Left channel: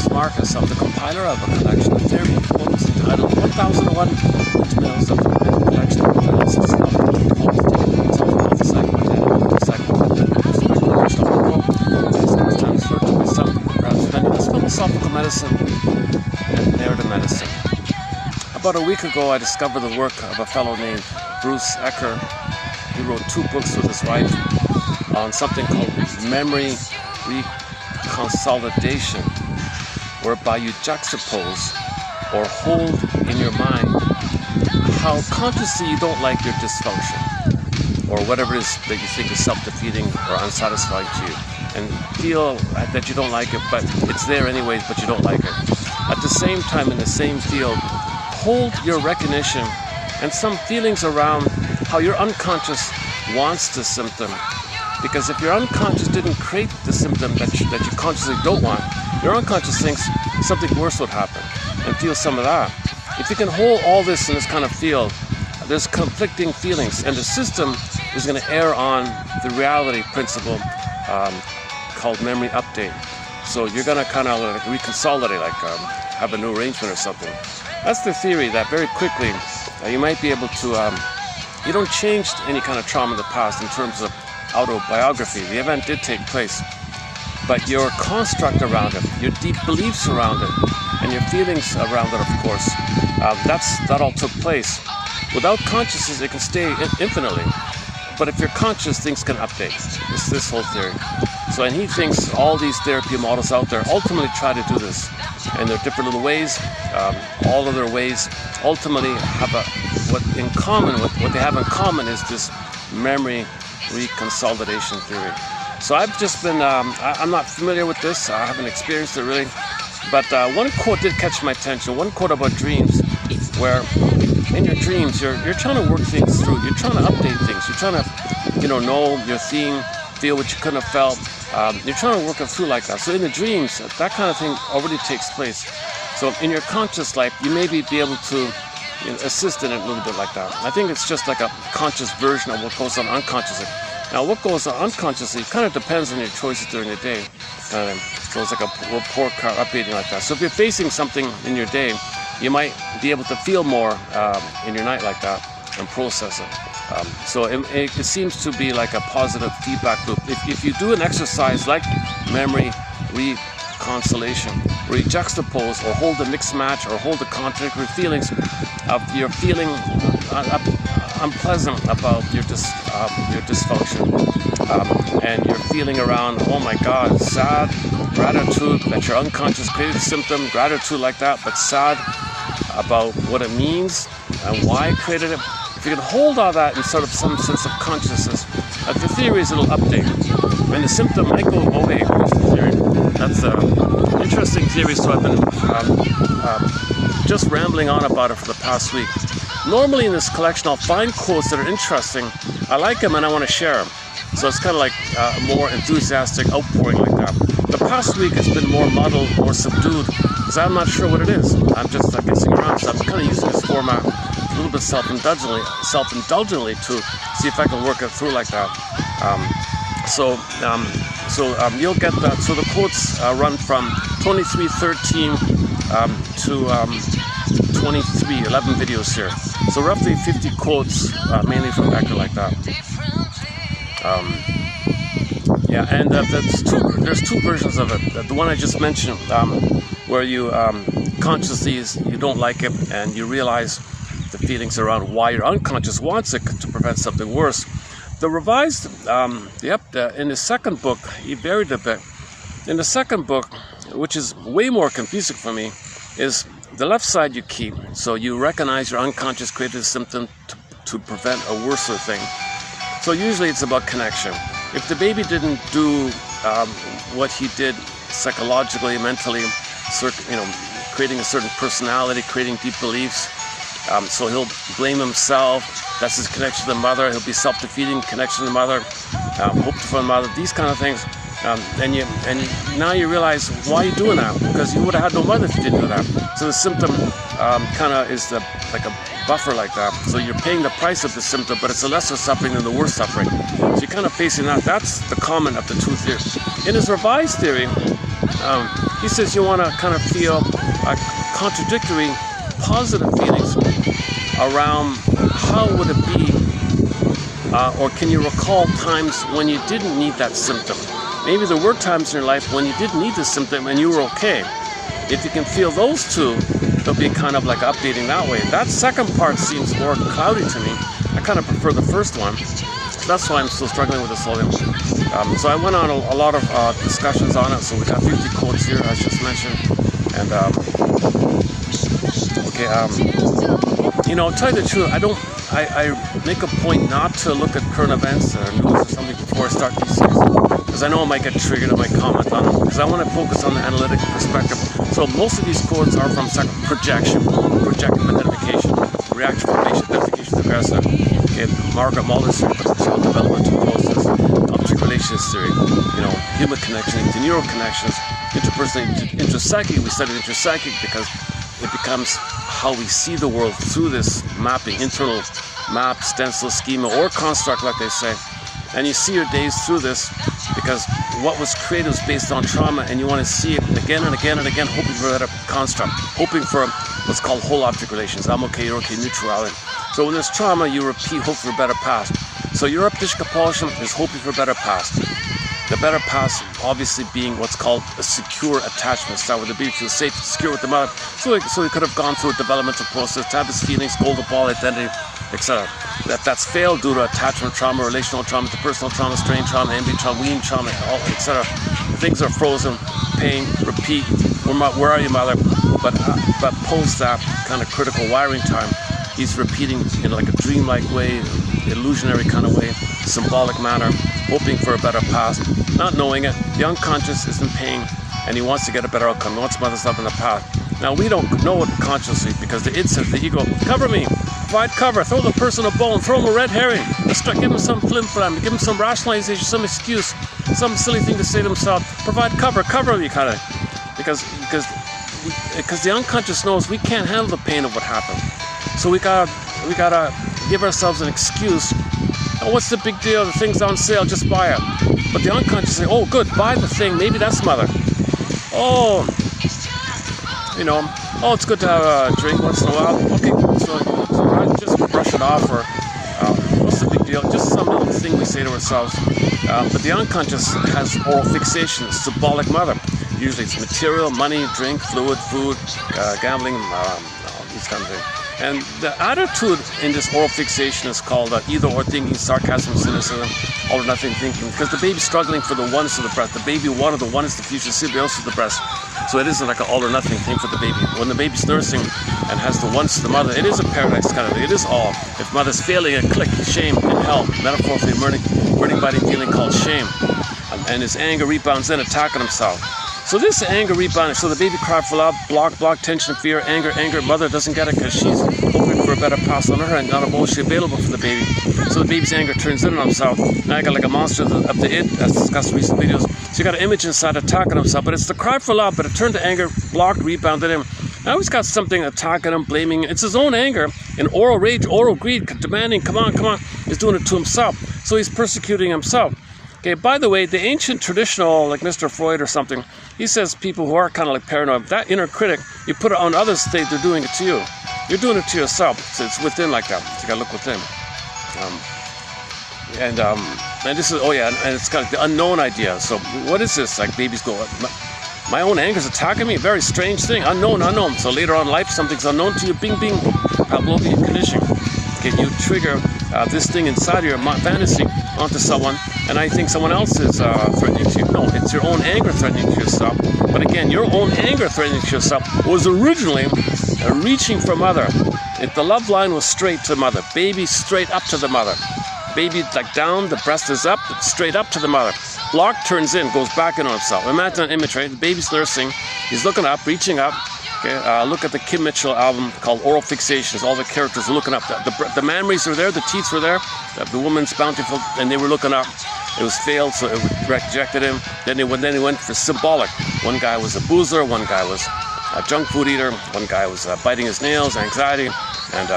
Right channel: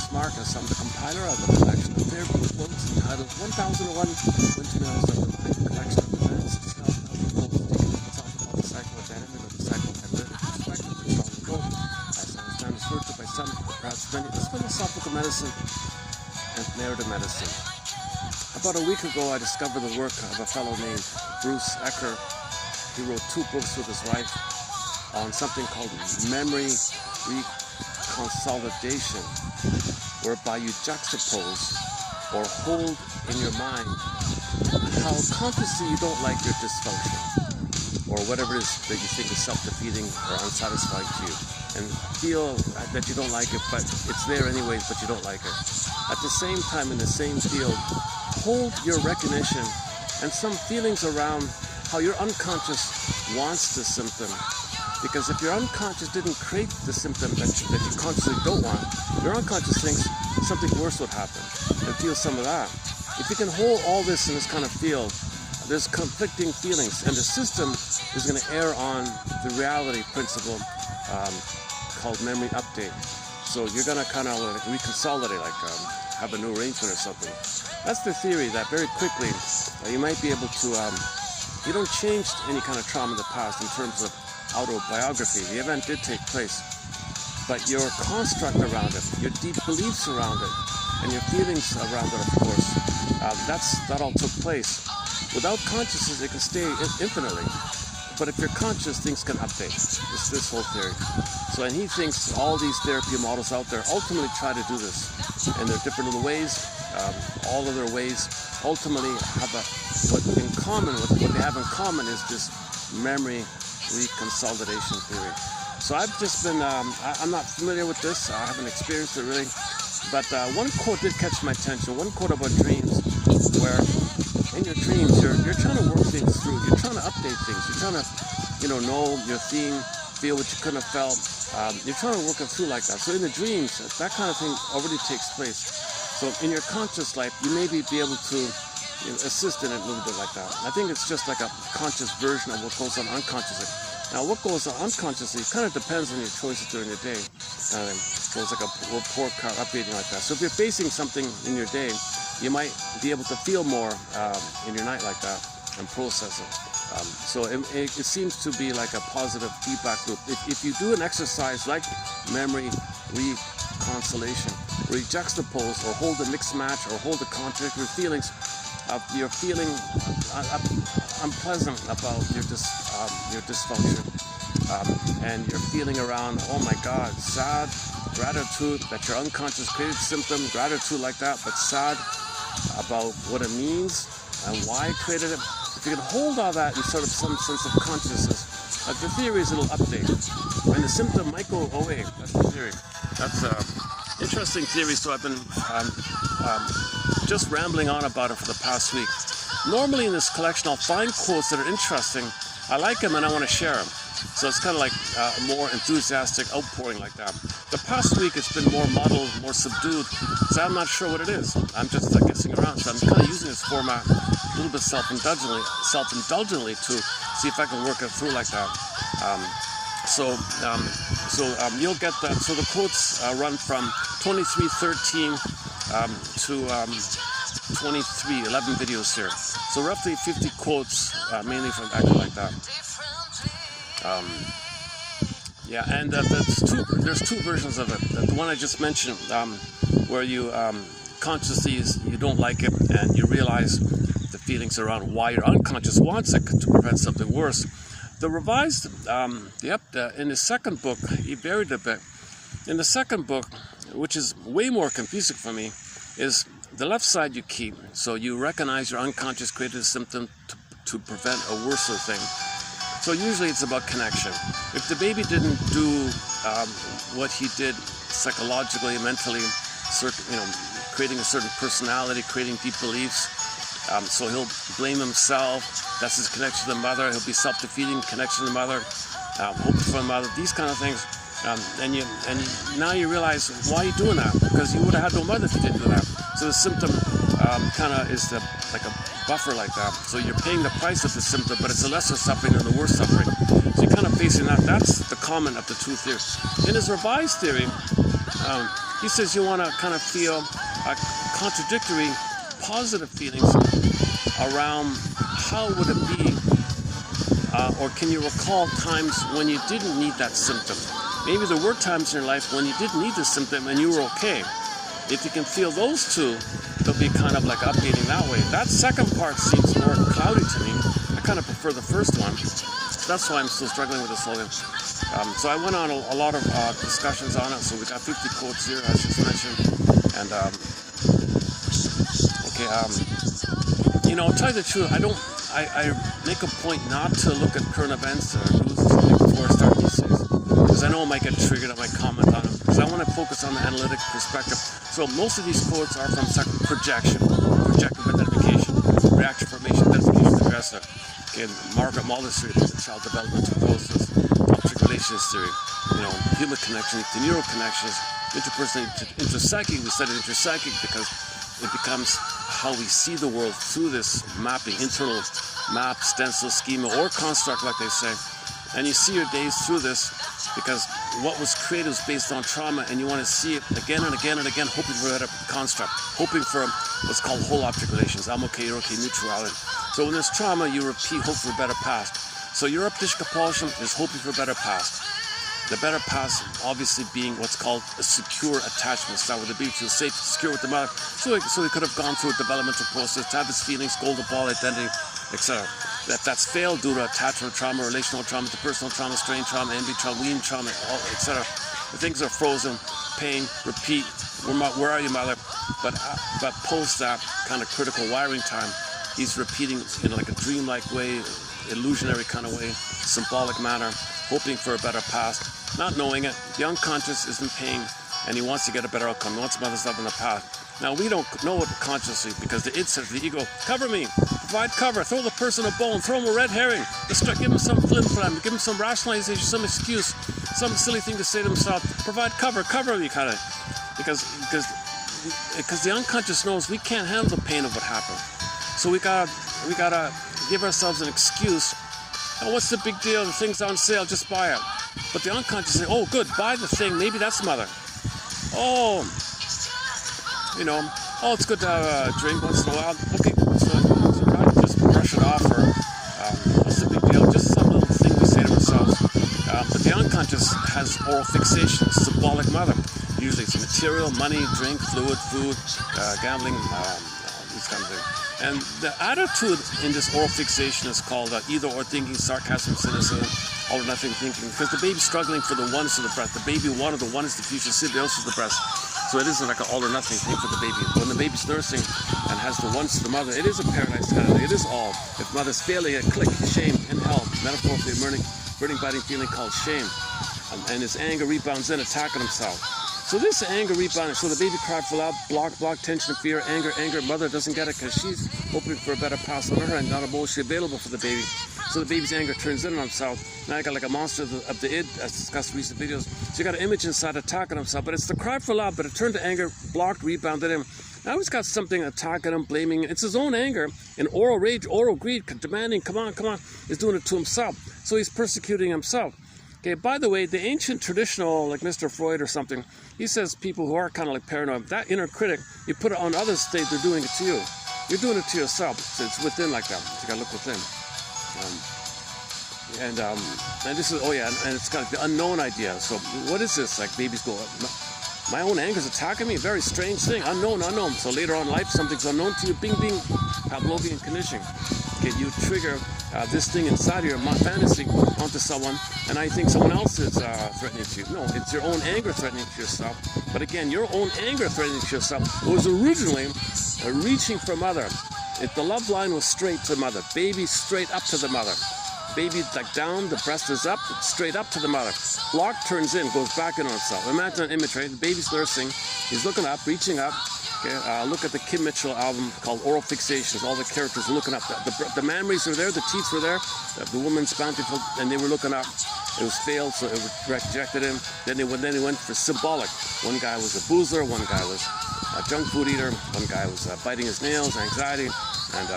is Marcus. I'm the compiler of a collection of theory books entitled 1001 Windmills of the collection of analysis of philosophical medicine and narrative medicine. About a week ago, I discovered the work of a fellow named Bruce Ecker. He wrote 2 books with his wife on something called memory reconsolidation, whereby you juxtapose or hold in your mind how consciously you don't like your dysfunction or whatever it is that you think is self-defeating or unsatisfying to you, and feel that you don't like it, but it's there anyways, but you don't like it. At the same time, in the same field, hold your recognition and some feelings around how your unconscious wants the symptom. Because if your unconscious didn't create the symptom that you consciously don't want, your unconscious thinks something worse would happen, and feel some of that. If you can hold all this in this kind of field, there's conflicting feelings, and the system is going to err on the reality principle called memory update. So you're going to kind of like reconsolidate, like have a new arrangement or something. That's the theory, that very quickly you might be able to, you don't change any kind of trauma in the past in terms of autobiography. The event did take place, but your construct around it, your deep beliefs around it, and your feelings around it, of course, that all took place. Without consciousness, it can stay infinitely. But if you're conscious, things can update. It's this whole theory. So, and he thinks all these therapy models out there ultimately try to do this. And there are different little ways. All of their ways ultimately have what they have in common is this memory reconsolidation theory. So I've just been, I'm not familiar with this. I haven't experienced it really. But one quote did catch my attention. One quote about dreams, where in your dreams, you're trying to work things through. You're trying to update things. You're trying to, know your theme, feel what you couldn't have felt. You're trying to work it through like that. So in the dreams, that kind of thing already takes place. So in your conscious life, you may be able to assist in it a little bit like that. I think it's just like a conscious version of what goes on unconsciously. Now, what goes on unconsciously kind of depends on your choices during the day. So it's like a report card updating like that. So if you're facing something in your day, you might be able to feel more in your night like that and process it. So it seems to be like a positive feedback loop. If you do an exercise like memory reconciliation, where you juxtapose or hold a mixed match or hold the contradictory feelings of you're feeling unpleasant about your dysfunction, and you're feeling around, oh my God, sad, gratitude that your unconscious created a symptom, gratitude like that, but sad about what it means and why it created it. If you can hold all that in sort of some sense of consciousness, the theory is it'll update, and the symptom might go away. That's an interesting theory, so I've been just rambling on about it for the past week. Normally in this collection, I'll find quotes that are interesting. I like them and I want to share them. So it's kind of like a more enthusiastic outpouring like that. The past week it's been more muddled, more subdued, because I'm not sure what it is. I'm just guessing around. So I'm kind of using this format a little bit self-indulgently to see if I can work it through like that. So you'll get that. So the quotes run from 23:13 to 23:11 videos here. So roughly 50 quotes, mainly from Ecker like that. And there's 2 versions of it. The one I just mentioned, where you consciously you don't like it, and you realize the feelings around why your unconscious wants it to prevent something worse. The revised, in the second book, he varied a bit. In the second book, which is way more confusing for me, is the left side you keep. So you recognize your unconscious created a symptom to prevent a worser thing. So usually it's about connection. If the baby didn't do what he did psychologically, mentally, creating a certain personality, creating deep beliefs, so he'll blame himself. That's his connection to the mother. He'll be self-defeating, connection to the mother, hope for the mother, these kind of things. Now you realize why you're doing that, because you would have had no mother if you didn't do that. So the symptom kind of is like a buffer like that. So you're paying the price of the symptom, but it's a lesser suffering than the worst suffering. So you're kind of facing that. That's the common of the two theories. In his revised theory, he says you want to kind of feel contradictory positive feelings around how would it be, or can you recall times when you didn't need that symptom? Maybe there were times in your life when you didn't need the symptom and you were okay. If you can feel those two, they'll be kind of like updating that way. That second part seems more cloudy to me. I kind of prefer the first one. That's why I'm still struggling with this whole thing. So I went on a lot of discussions on it. So we got 50 quotes here, as just mentioned. And you know, I'll tell you the truth. I make a point not to look at current events or news or something before I start these series, because I know I might get triggered, I might comment on it, because I want to focus on the analytic perspective. So most of these quotes are from projection, projective identification, reaction formation, identification, aggressor. Okay, Margaret Mulder's theory, child developmental process, object relations theory, you know, human connection into neural connections, interpersonal, intrapsychic. We studied intrapsychic because it becomes how we see the world through this mapping, internal map, stencil, schema, or construct, like they say. And you see your days through this because what was created was based on trauma, and you want to see it again and again and again, hoping for that construct, hoping for what's called whole object relations. I'm okay, you're okay, neutrality. So when there's trauma, you repeat, hope for a better past. So your updish compulsion is hoping for a better past. The better past obviously being what's called a secure attachment style, where the baby feels safe, secure with the mother. So he could have gone through a developmental process to have his feelings, golden ball, identity, etc. That's failed due to attachment trauma, relational trauma, interpersonal trauma, strain trauma, envy trauma, wean trauma, etc. Things are frozen, pain, repeat. Where are you, mother? But post that kind of critical wiring time, he's repeating in like a dreamlike way, illusionary kind of way, symbolic manner, hoping for a better past, not knowing it. The unconscious is in pain, and he wants to get a better outcome. He wants mother's love in the past. Now, we don't know it consciously because the id says, the ego, cover me, provide cover, throw the person a bone, throw him a red herring, give him some flim-flam, give him some rationalization, some excuse, some silly thing to say to himself, provide cover me, kind of, because the unconscious knows we can't handle the pain of what happened. So we gotta give ourselves an excuse. Oh, what's the big deal? The thing's on sale, just buy it. But the unconscious say, oh, good, buy the thing. Maybe that's mother. Oh, you know, oh, it's good to have a drink once in a while. Okay, so right, just brush it off, or what's the big deal? Just some little thing we say to ourselves. But the unconscious has oral fixation, symbolic mother. Usually it's material, money, drink, fluid, food, gambling, these kind of things. And the attitude in this oral fixation is called either-or thinking, sarcasm, cynicism, all or nothing thinking, because the baby's struggling for the oneness of the breast. The baby wanted the oneness, the future, symbiosis of the breast. So it isn't like an all or nothing thing for the baby. When the baby's nursing and has the oneness of the mother, it is a paradise kind of thing. It is all. If mother's failing, a click, shame, and hell, metaphorically burning body feeling called shame. And his anger rebounds in, attacking himself. So this anger rebounding, so the baby cried for love, block, tension, fear, anger, mother doesn't get it because she's hoping for a better pass on her and not emotionally available for the baby. So the baby's anger turns in on himself. Now I got like a monster of the id, as discussed in recent videos. So you got an image inside attacking himself, but it's the cry for love, but it turned to anger, blocked, rebounded him. Now he's got something attacking him, blaming. It's his own anger, and oral rage, oral greed, demanding, come on, he's doing it to himself. So he's persecuting himself. Okay, by the way, the ancient traditional, like Mr. Freud or something, he says people who are kind of like paranoid, that inner critic, you put it on others, they're doing it to you. You're doing it to yourself, so it's within like that. So you gotta look within. And this is, oh yeah, and it's kind of the unknown idea. So what is this? Like babies go, my own anger's attacking me, very strange thing, unknown. So later on in life, something's unknown to you, bing, Pavlovian conditioning. Okay, you trigger this thing inside your fantasy onto someone, and I think someone else is threatening to you. No, it's your own anger threatening to yourself. But again, your own anger threatening to yourself was originally reaching for mother. If the love line was straight to mother, baby straight up to the mother. Baby like down, the breast is up, it's straight up to the mother. Block turns in, goes back in on himself. Imagine an image, right? The baby's nursing, he's looking up, reaching up. Okay, look at the Kim Mitchell album called Oral Fixations. All the characters are looking up. The memories are there, the teeth were there, the woman's bountiful, and they were looking up. It was failed, so it rejected him. Then he went for symbolic. One guy was a boozer, one guy was a junk food eater, one guy was biting his nails, anxiety. and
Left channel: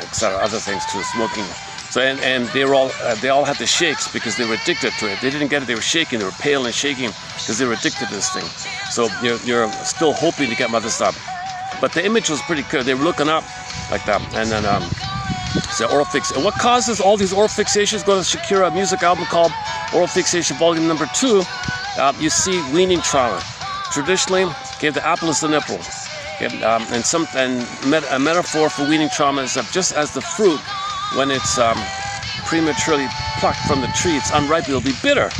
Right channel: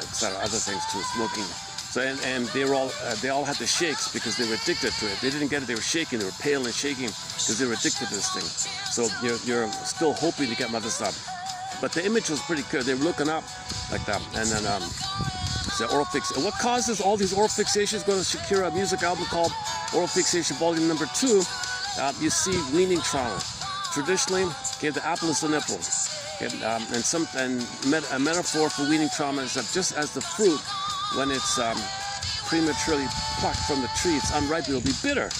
etc. Other things too, smoking. So and they all had the shakes because they were addicted to it. They didn't get it; they were shaking. They were pale and shaking because they were addicted to this thing. So you're still hoping to get mother stuff. But the image was pretty clear. They were looking up like that, and then so oral fix. And what causes all these oral fixations? Go to Shakira music album called Oral Fixation Volume Number 2. You see weaning trauma. Traditionally, the apple is the nipple. A metaphor for weaning trauma is that just as the fruit, when it's prematurely plucked from the tree, it's unripe, it'll be bitter.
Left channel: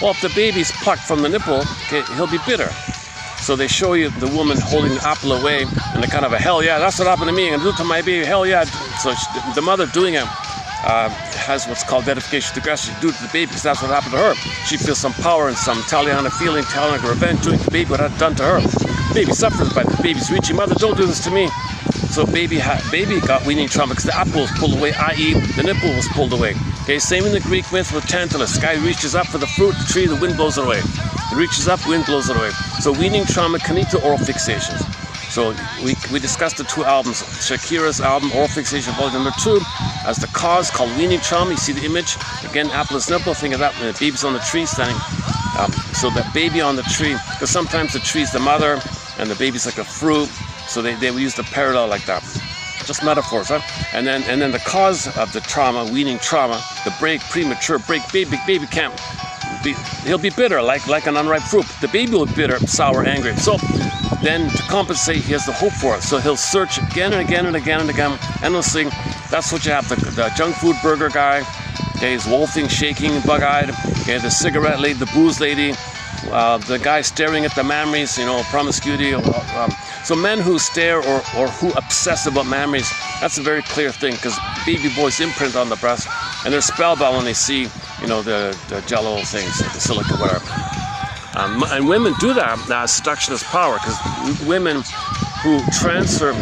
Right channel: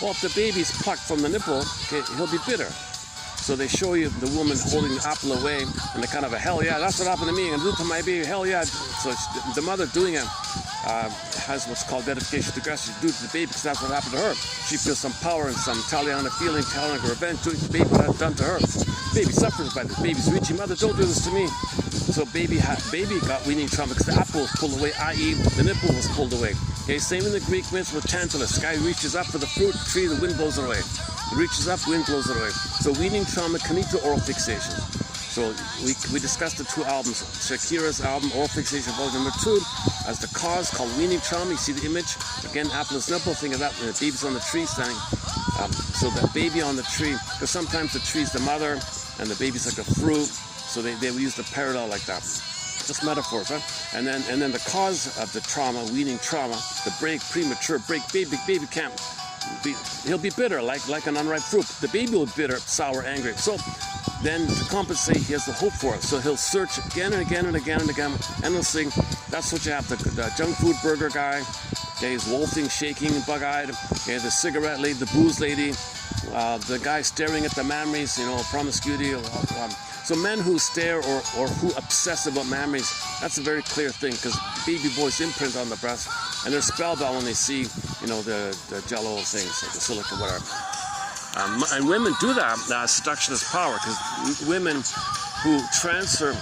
Well, if the baby's plucked from the nipple, he'll be bitter. So they show you the woman holding the apple away, and they're kind of a hell yeah, that's what happened to me, I'm doing it to my baby, hell yeah. So the mother doing it has what's called dedication to aggression. She do it to the baby because that's what happened to her. She feels some power and some Taliana feeling, Taliana revenge, doing to the baby what had done to her. Baby suffers by the baby's reaching, mother, don't do this to me. So baby got weaning trauma because the apple was pulled away, i.e. the nipple was pulled away. Okay, same in the Greek myth with Tantalus. The guy reaches up for the fruit, the tree, the wind blows it away. He reaches up, wind blows it away. So weaning trauma can lead to oral fixation. So we discussed the 2 albums, Shakira's album, Oral Fixation Volume Number 2, as the cause called weaning trauma. You see the image, again, apple is nipple, think of that, and the baby's on the tree standing. So the baby on the tree, because sometimes the tree's the mother, and the baby's like a fruit, so they use the parallel like that. Just metaphors, huh? And then the cause of the trauma, weaning trauma, the premature break, baby can't, he'll be bitter, like an unripe fruit. The baby will be bitter, sour, angry. So then to compensate, he has the hope for it. So he'll search again and again and again and again, endlessly. That's what you have, the junk food burger guy, okay, he's wolfing, shaking, bug-eyed, okay, the cigarette lady, the booze lady, the guy staring at the memories, promiscuity. So men who stare or who obsess about memories, that's a very clear thing, because baby boys imprint on the breast, and they're spellbound when they see, the jello things, the silica, whatever. And women do that, seductionist power, because women who transfer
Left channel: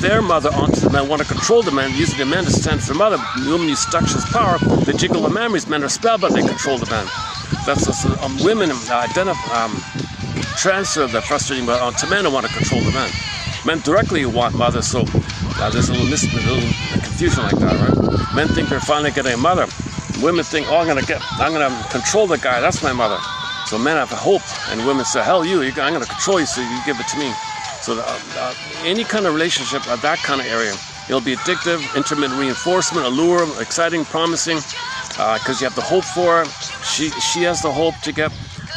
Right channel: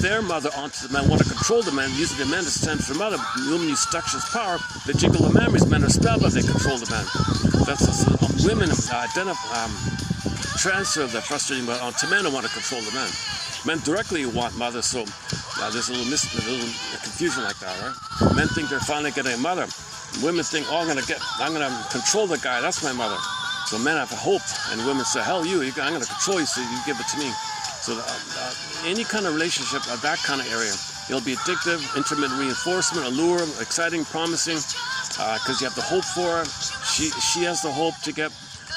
their mother onto the men want to control the men, using the men to stand for mother. Women use seductionist power, they jiggle the memories, men are spellbound, they control the men. That's women transfer the frustrating onto men who want to control the men. Men directly want mother, so there's a little confusion like that, right? Men think they're finally getting a mother. Women think, oh, I'm gonna control the guy, that's my mother. So men have hope, and women say, hell you, I'm gonna control you, so you give it to me. So any kind of relationship at that kind of area, it'll be addictive, intermittent reinforcement, allure, exciting, promising, because you have the hope for her. She has the hope to get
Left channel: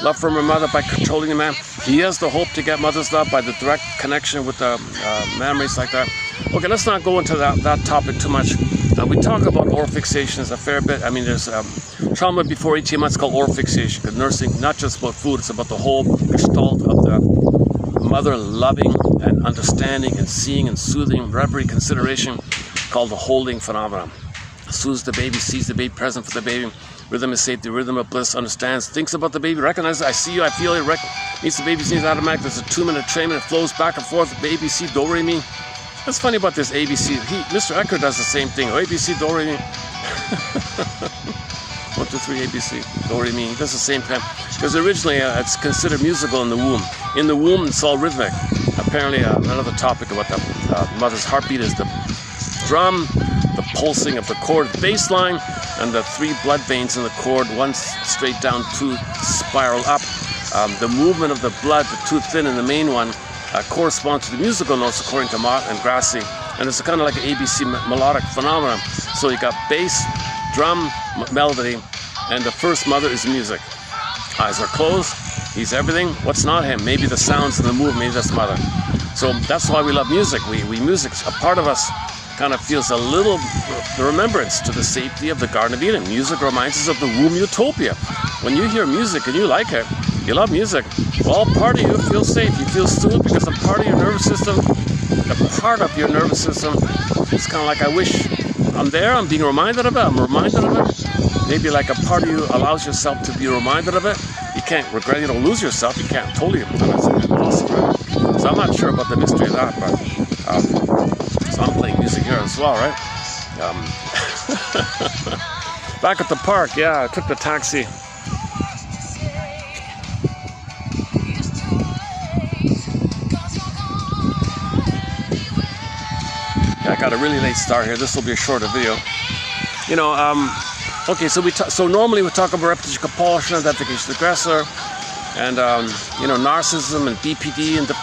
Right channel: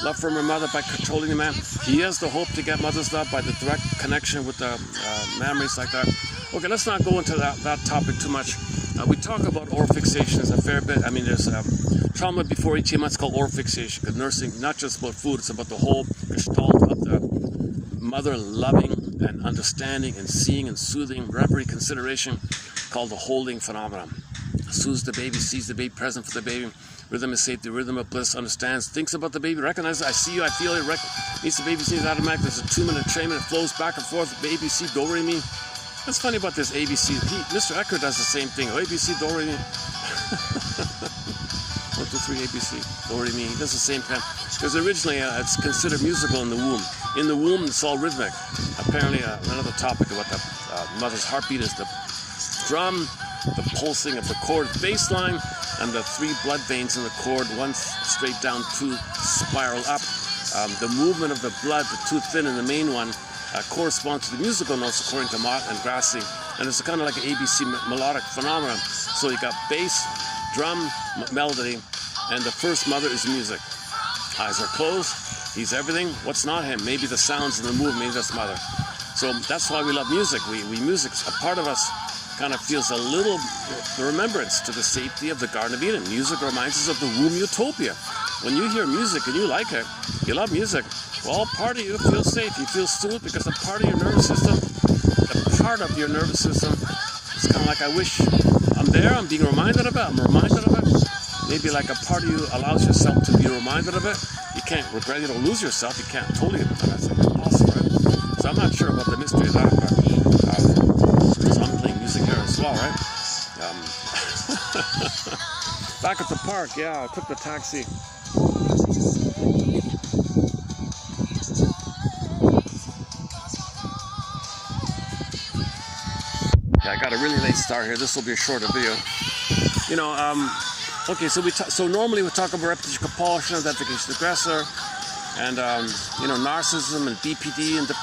love from her mother by controlling the man. He has the hope to get mother's love by the direct connection with the memories like that. Okay, let's not go into that topic too much. We talk about oral fixations a fair bit. I mean, there's trauma before 18 months called oral fixation, because nursing, not just about food, it's about the whole gestalt of the mother loving and understanding and seeing and soothing, reverie, consideration, called the holding phenomenon. Soothes the baby, sees the baby, present for the baby. Rhythm is safety, rhythm of bliss, understands, thinks about the baby, recognizes, I see you, I feel you, meets the baby's needs automatic. There's a 2-minute entrainment, it flows back and forth, ABC, do, re, mi. That's funny about this ABC. Mr. Ecker does the same thing. Oh, ABC, do, re, mi. 1, 2, 3, ABC, do, re, mi. He does the same time. Because originally it's considered musical in the womb. In the womb, it's all rhythmic. Apparently, another topic about the mother's heartbeat is the drum, the pulsing of the cord bass line, and the 3 blood veins in the cord, 1 straight down, 2 spiral up. The movement of the blood, the 2 thin and the main one, corresponds to the musical notes according to Mott and Grassi, and it's kind of like an ABC melodic phenomenon. So you got bass, drum, melody, and the first mother is music. Eyes are closed, he's everything. What's not him? Maybe the sounds and the movement, maybe that's mother. So that's why we love music. Music's a part of us. Kind of feels a little the remembrance to the safety of the Garden of Eden. Music reminds us of the womb utopia. When you hear music and you like it, you love music, well, part of you feels safe. You feel soothed because a part of your nervous system, it's kind of like, I wish I'm there, I'm being reminded of it, I'm reminded of it. Maybe like a part of you allows yourself to be reminded of it. You can't regret, you don't lose yourself, you can't totally, it's impossible, right? So I'm not sure about the mystery of that, but so I'm playing music here as well, right? Back at the park, yeah, I took the taxi. Yeah, I got a really late start here. This will be a shorter video. You know, okay, so normally we talk about repetition, compulsion, identification, aggressor, and you know, narcissism and BPD and the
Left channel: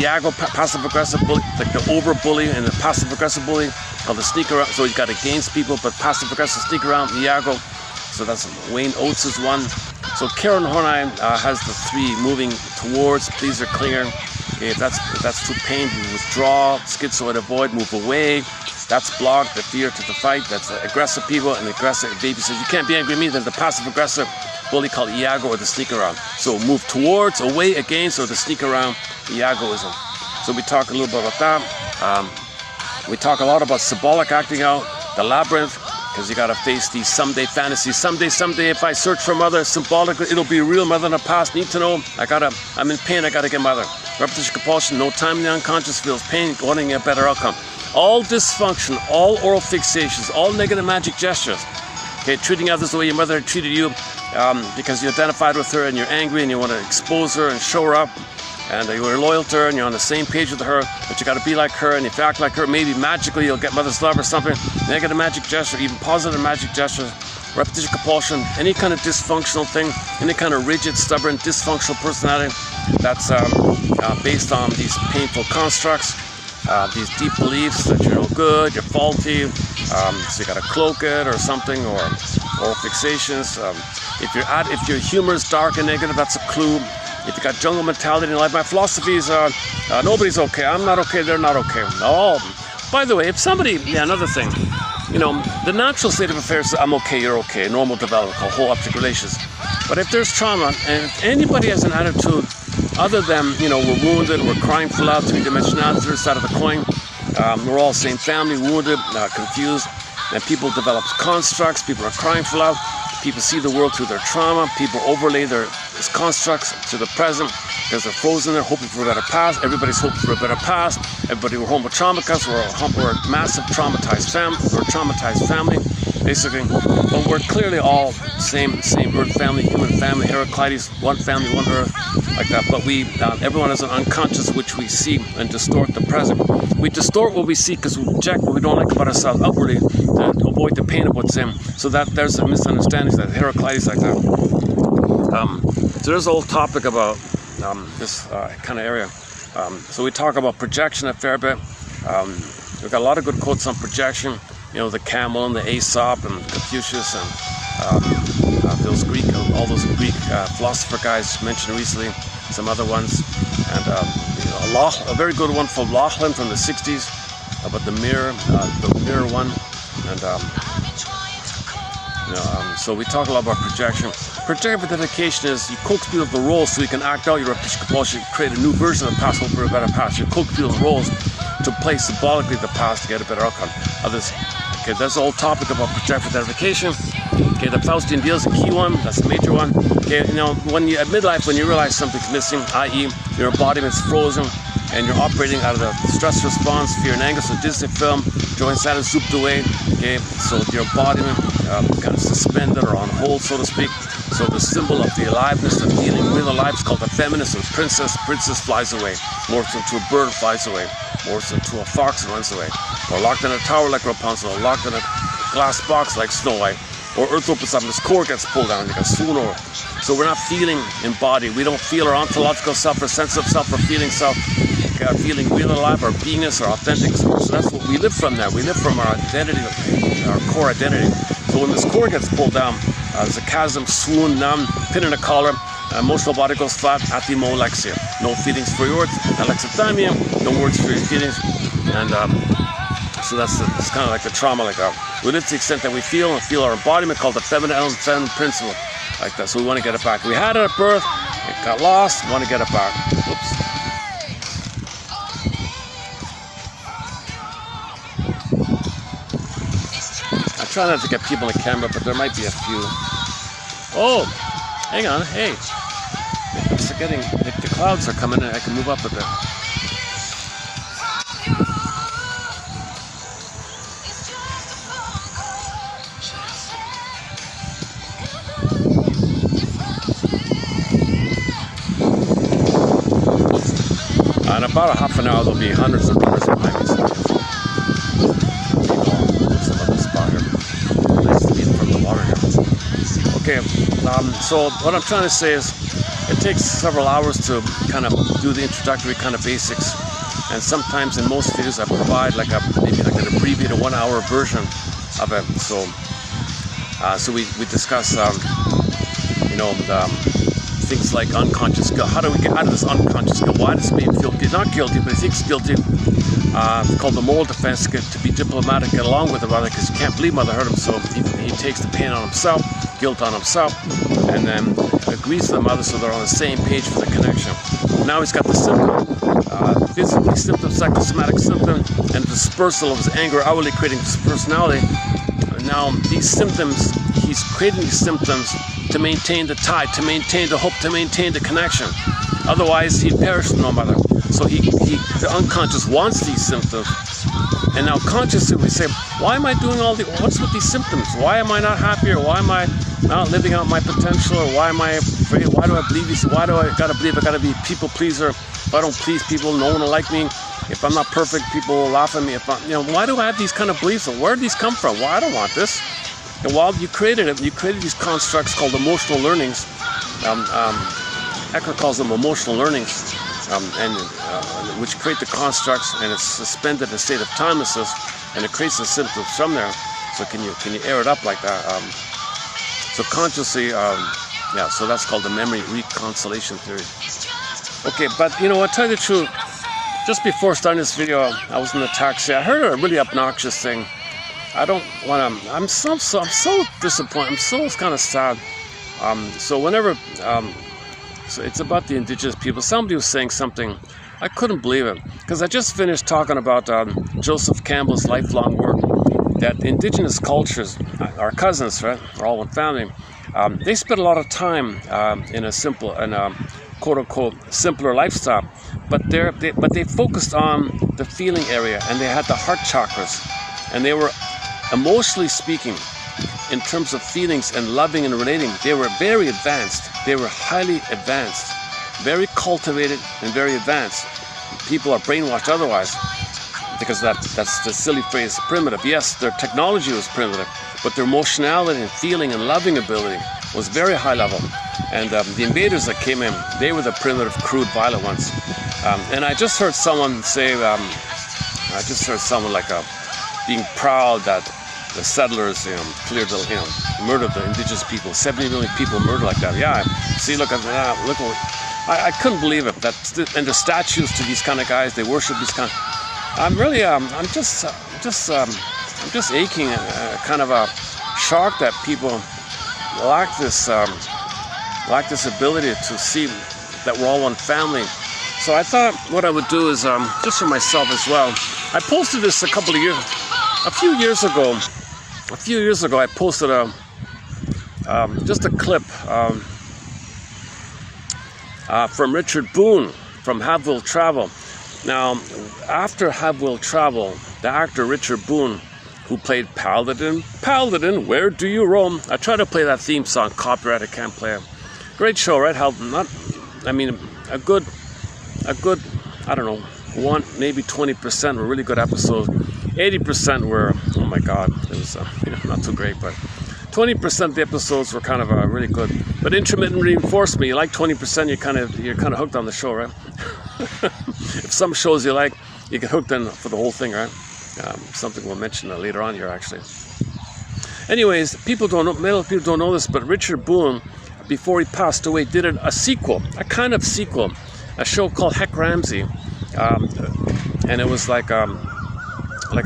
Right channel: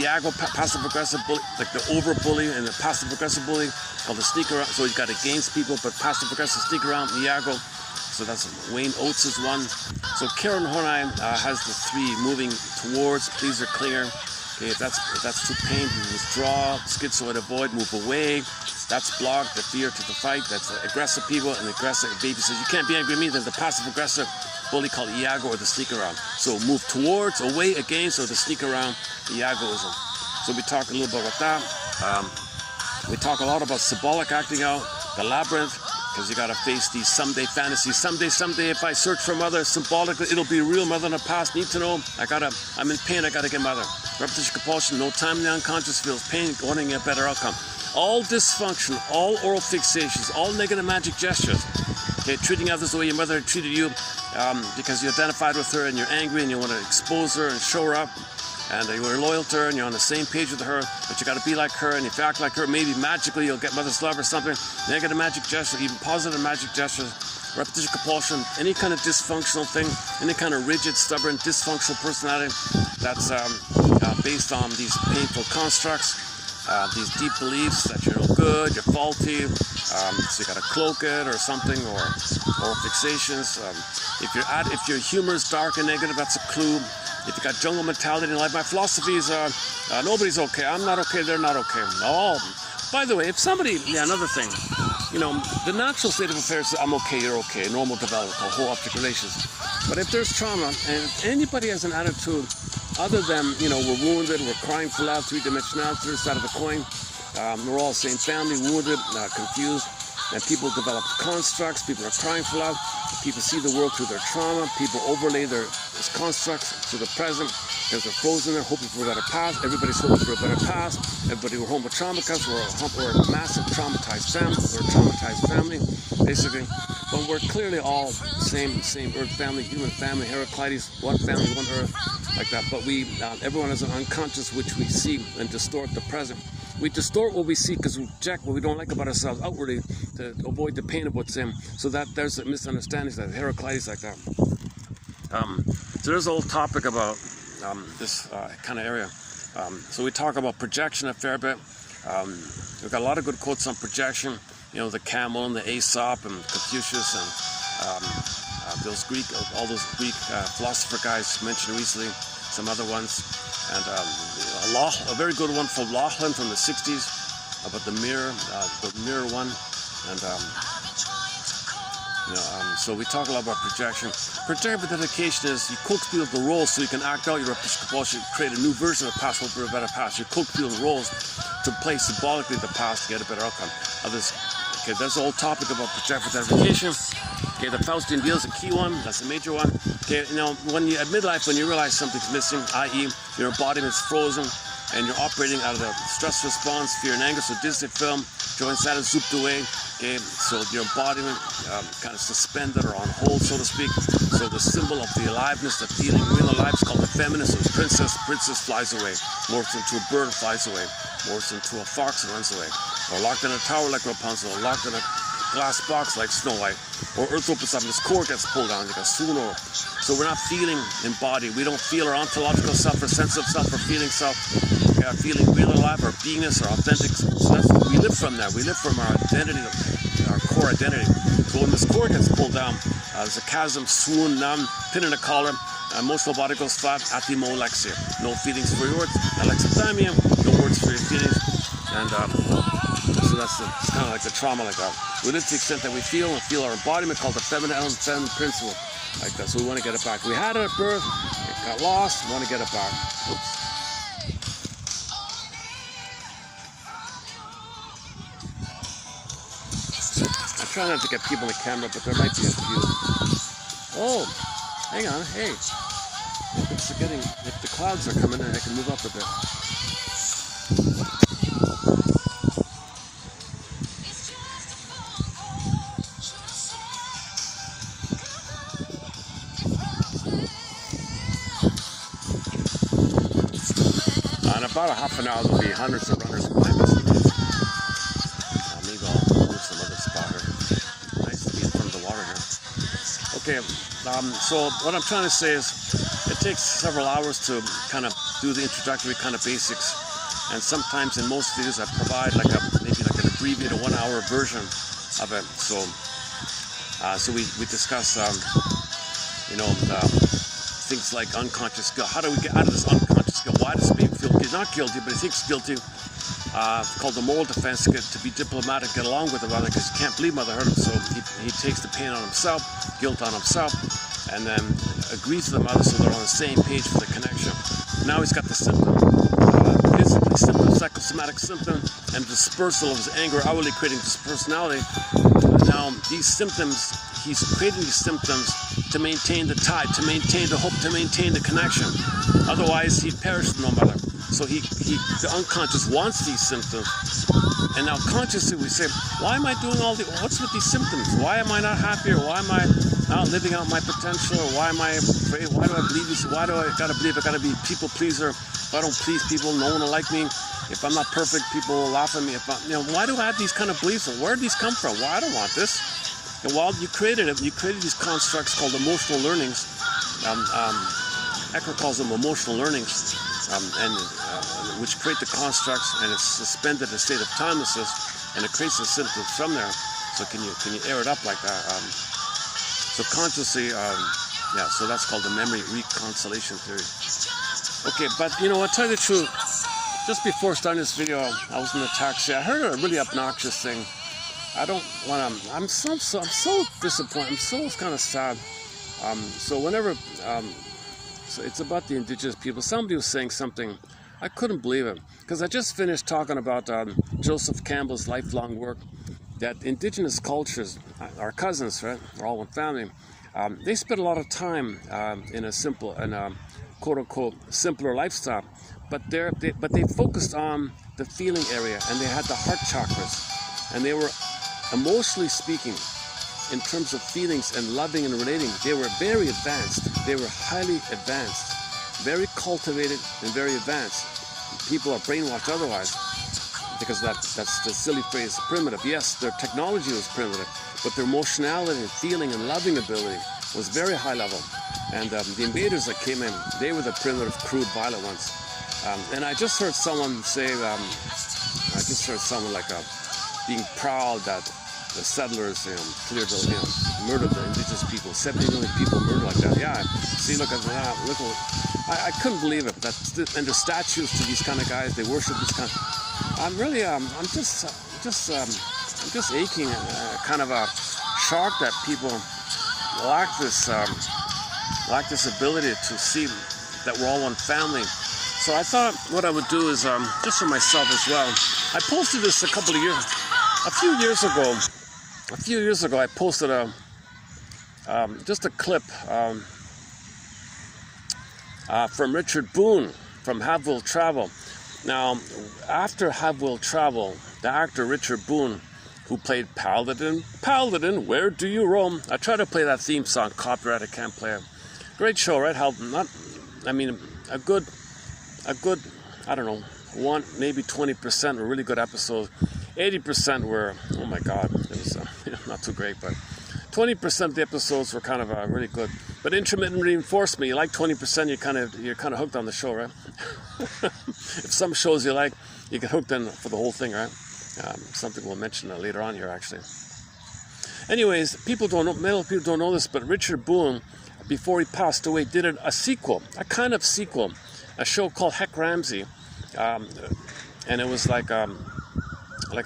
Iago, passive aggressive bully, like the over bully and the passive aggressive bully, or the sneak around. So you got against people, but passive aggressive sneak around, Iago. So that's Wayne Oates' one. So Karen Hornheim has the 3 moving towards, please are clear. Okay, if that's too pain, you withdraw, schizoid avoid, move away. That's block, the fear to the fight. That's aggressive people and aggressive baby says you can't be angry at me. Then the passive aggressive bully called Iago or the sneak around. So move towards, away, against, or the sneak around, Iagoism. So we talk a little bit about that. We talk a lot about symbolic acting out, the labyrinth, because you gotta face these someday fantasies. Someday, if I search for mother symbolically, it'll be real. Mother in the past, need to know. I'm in pain, I gotta get mother. Repetition, compulsion, no time in the unconscious feels pain, wanting a better outcome. All dysfunction, all oral fixations, all negative magic gestures. Okay, treating others the way your mother treated you because you identified with her and you're angry and you want to expose her and show her up. And you were loyal to her and you're on the same page with her, but you got to be like her, and if you act like her, maybe magically you'll get mother's love or something. Negative magic gesture, even positive magic gestures, repetition, compulsion, any kind of dysfunctional thing, any kind of rigid, stubborn, dysfunctional personality that's based on these painful constructs, these deep beliefs that you're no good, you're faulty, so you got to cloak it or something, or fixations. If your humor is dark and negative, that's a clue. If you got jungle mentality in life, my philosophy is nobody's okay. I'm not okay. They're not okay. Oh, by the way, if somebody, another thing, you know, the natural state of affairs is I'm okay, you're okay, normal development, whole object relations. But if there's trauma, and if anybody has an attitude other than, you know, we're wounded, we're crying for love, 3-dimensionality, third side of the coin, we're all same family, wounded, confused, and people develop constructs, people are crying for love. People see the world through their trauma. People overlay their constructs to the present because they're frozen there, hoping for a better past. Everybody's hoping for a better past. Everybody, we're home with trauma because we're a massive traumatized family. We're a traumatized family, basically. But we're clearly all same Earth family, human family, Heraclides, one family, one Earth, like that. But everyone has an unconscious which we see and distort the present. We distort what we see because we reject what we don't like about ourselves outwardly to avoid the pain of what's in. So that there's a misunderstanding that Heraclides like that. So there's a whole topic about this kind of area. So we talk about projection a fair bit. We've got a lot of good quotes on projection. You know, the camel and the Aesop and Confucius and those Greek, all those Greek philosopher guys mentioned recently. Some other ones, and you know, a very good one from Laughlin from the 60s about the mirror one, and so we talk a lot about projection. Projective identification is you coax people the roles so you can act out your repetition compulsion, create a new version of the past, hope for a better past. You coax people the roles to play symbolically the past to get a better outcome. Okay, that's the whole topic about projective identification. Okay, the Faustian deal is a key one, that's a major one. Okay, you know, when you at midlife, when you realize something's missing, i.e. your embodiment's frozen, and you're operating out of the stress response, fear and anger, so Disney film, Joe Santa zooped away, okay, so your embodiment kind of suspended or on hold, so to speak. So the symbol of the aliveness, the feeling real alive is called the feminine, so princess flies away, morphs into a bird, flies away, morphs into a fox and runs away, or locked in a tower like Rapunzel, or locked in a glass box like Snow White, or Earth opens up and this core gets pulled down, like a swoon, or so we're not feeling embodied. We don't feel our ontological self, our sense of self, our feeling self, our feeling real alive, our beingness, our authentic self. So that's what we live from there. We live from our identity, our core identity. So when this core gets pulled down, there's a chasm, swoon, numb, pin in a collar, emotional body goes flat, athemolexia. No feelings for yours, alexithymia, no words for your feelings. And so it's kind of like the trauma, like we live to the extent that we feel our embodiment called the feminine element, feminine principle, like that. So we want to get it back. We had it at birth, it got lost, we want to get it back. Oops. I try not to get people on the camera, but there might be a few. Oh, hang on, hey. It's getting, the clouds are coming in, I can move up a bit. In about a half an hour, there'll be hundreds of cars behind me. So what I'm trying to say is, it takes several hours to kind of do the introductory kind of basics, and sometimes in most videos I provide maybe an abbreviated 1 hour version of it. So we discuss things like unconscious guilt. How do we get out of this unconscious guilt? Why does he feel not guilty, but he thinks guilty? It's called the moral defense, to be diplomatic, get along with the mother, because he can't believe mother hurt him, so he takes the pain on himself, guilt on himself, and then agrees with the mother so they're on the same page for the connection. Now he's got the symptom, physically symptom, psychosomatic symptom, and dispersal of his anger, outwardly creating this personality. Now these symptoms, he's creating these symptoms to maintain the tie, to maintain the hope, to maintain the connection. Otherwise, he'd perish with no mother. So the unconscious wants these symptoms. And now consciously we say, why am I doing what's with these symptoms? Why am I not happy? Or why am I not living out my potential? Or why am I afraid? Why do I believe these? Why do I gotta believe I gotta be a people pleaser? If I don't please people, no one will like me. If I'm not perfect, people will laugh at me. Why do I have these kind of beliefs? Where do these come from? Well, I don't want this. And while you created these constructs called emotional learnings. Ecker calls them emotional learnings, which create the constructs, and it's suspended in a state of timelessness, and it creates the symptoms from there. So can you air it up like that? So consciously, so that's called the memory reconciliation theory. Okay, but I'll tell you the truth. Just before starting this video, I was in the taxi. I heard a really obnoxious thing. I don't want to. I'm so disappointed. I'm so kind of sad. So whenever. So it's about the indigenous people. Somebody was saying something. I couldn't believe it, because I just finished talking about Joseph Campbell's lifelong work, that indigenous cultures, our cousins, right, we're all one family, they spent a lot of time in a quote-unquote simpler lifestyle, but they focused on the feeling area, and they had the heart chakras, and they were, emotionally speaking, in terms of feelings and loving and relating, they were very advanced. They were highly advanced, very cultivated and very advanced. People are brainwashed otherwise, because that's the silly phrase, primitive. Yes, their technology was primitive, but their emotionality and feeling and loving ability was very high level. And the invaders that came in, they were the primitive, crude, violent ones. And I just heard someone say, being proud that the settlers, cleared murdered the indigenous people. 70 million people murdered like that. Yeah, see, look at that. Look what I couldn't believe it. And the statues to these kind of guys, they worship these kind. I'm just aching, kind of a shock that people lack this ability to see that we're all one family. So I thought what I would do is, just for myself as well. I posted this a few years ago. A few years ago, I posted just a clip from Richard Boone from Have Will Travel. Now, after Have Will Travel, the actor Richard Boone, who played Paladin, where do you roam? I tried to play that theme song, copyright, I can't play it. Great show, right? A good, I don't know, maybe 20% were really good episodes. 80% were, oh my God, it was not too great, but 20% of the episodes were kind of really good. But intermittent reinforcement, you like 20%, you're kind of hooked on the show, right? If some shows you like, you get hooked in for the whole thing, right? Something we'll mention later on here, actually. Anyways, many people don't know this, but Richard Boone, before he passed away, did a sequel, a kind of sequel, a show called Heck Ramsey, and it was like an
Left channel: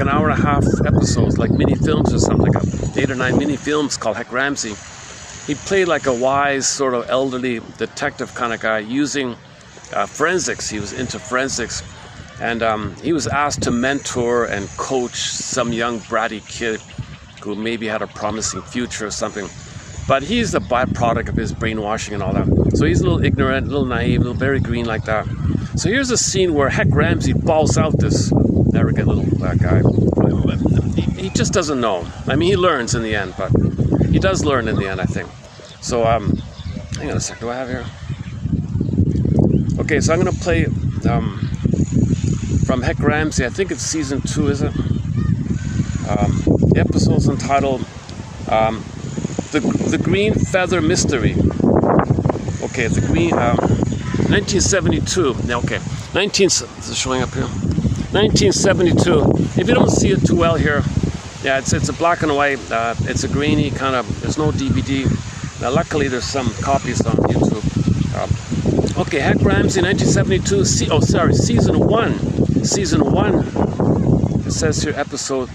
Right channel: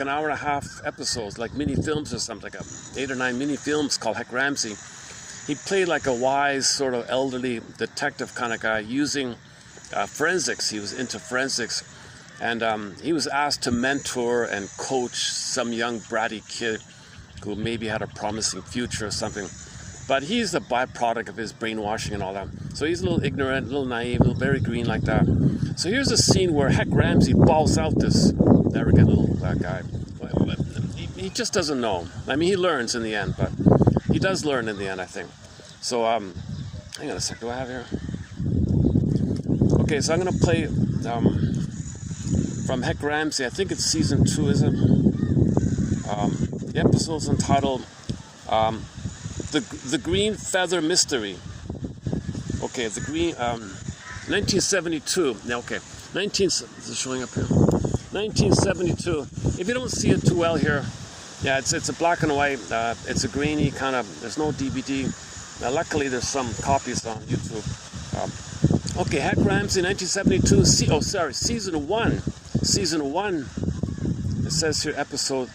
hour and a half episodes, like mini films or something, like 8 or 9 mini films called Heck Ramsey. He played like a wise, sort of elderly detective kind of guy using forensics. He was into forensics, and he was asked to mentor and coach some young bratty kid who maybe had a promising future or something. But he's the byproduct of his brainwashing and all that. So he's a little ignorant, a little naive, a little very green like that. So here's a scene where Heck Ramsey balls out this arrogant little guy. He just doesn't know. I mean, he learns in the end, but he does learn in the end, I think. So, hang on a sec, do I have here? Okay, so I'm going to play from Heck Ramsey. I think it's season 2, is it? The episode's entitled the green feather mystery. Okay, the green, 1972. Now, okay, is it showing up here? 1972. If you don't see it too well here, yeah, it's a black and white. It's a greeny kind of. There's no DVD. Now, luckily, there's some copies on YouTube. Okay, Heck Ramsey, 1972. Season 1. Season 1. It says here episode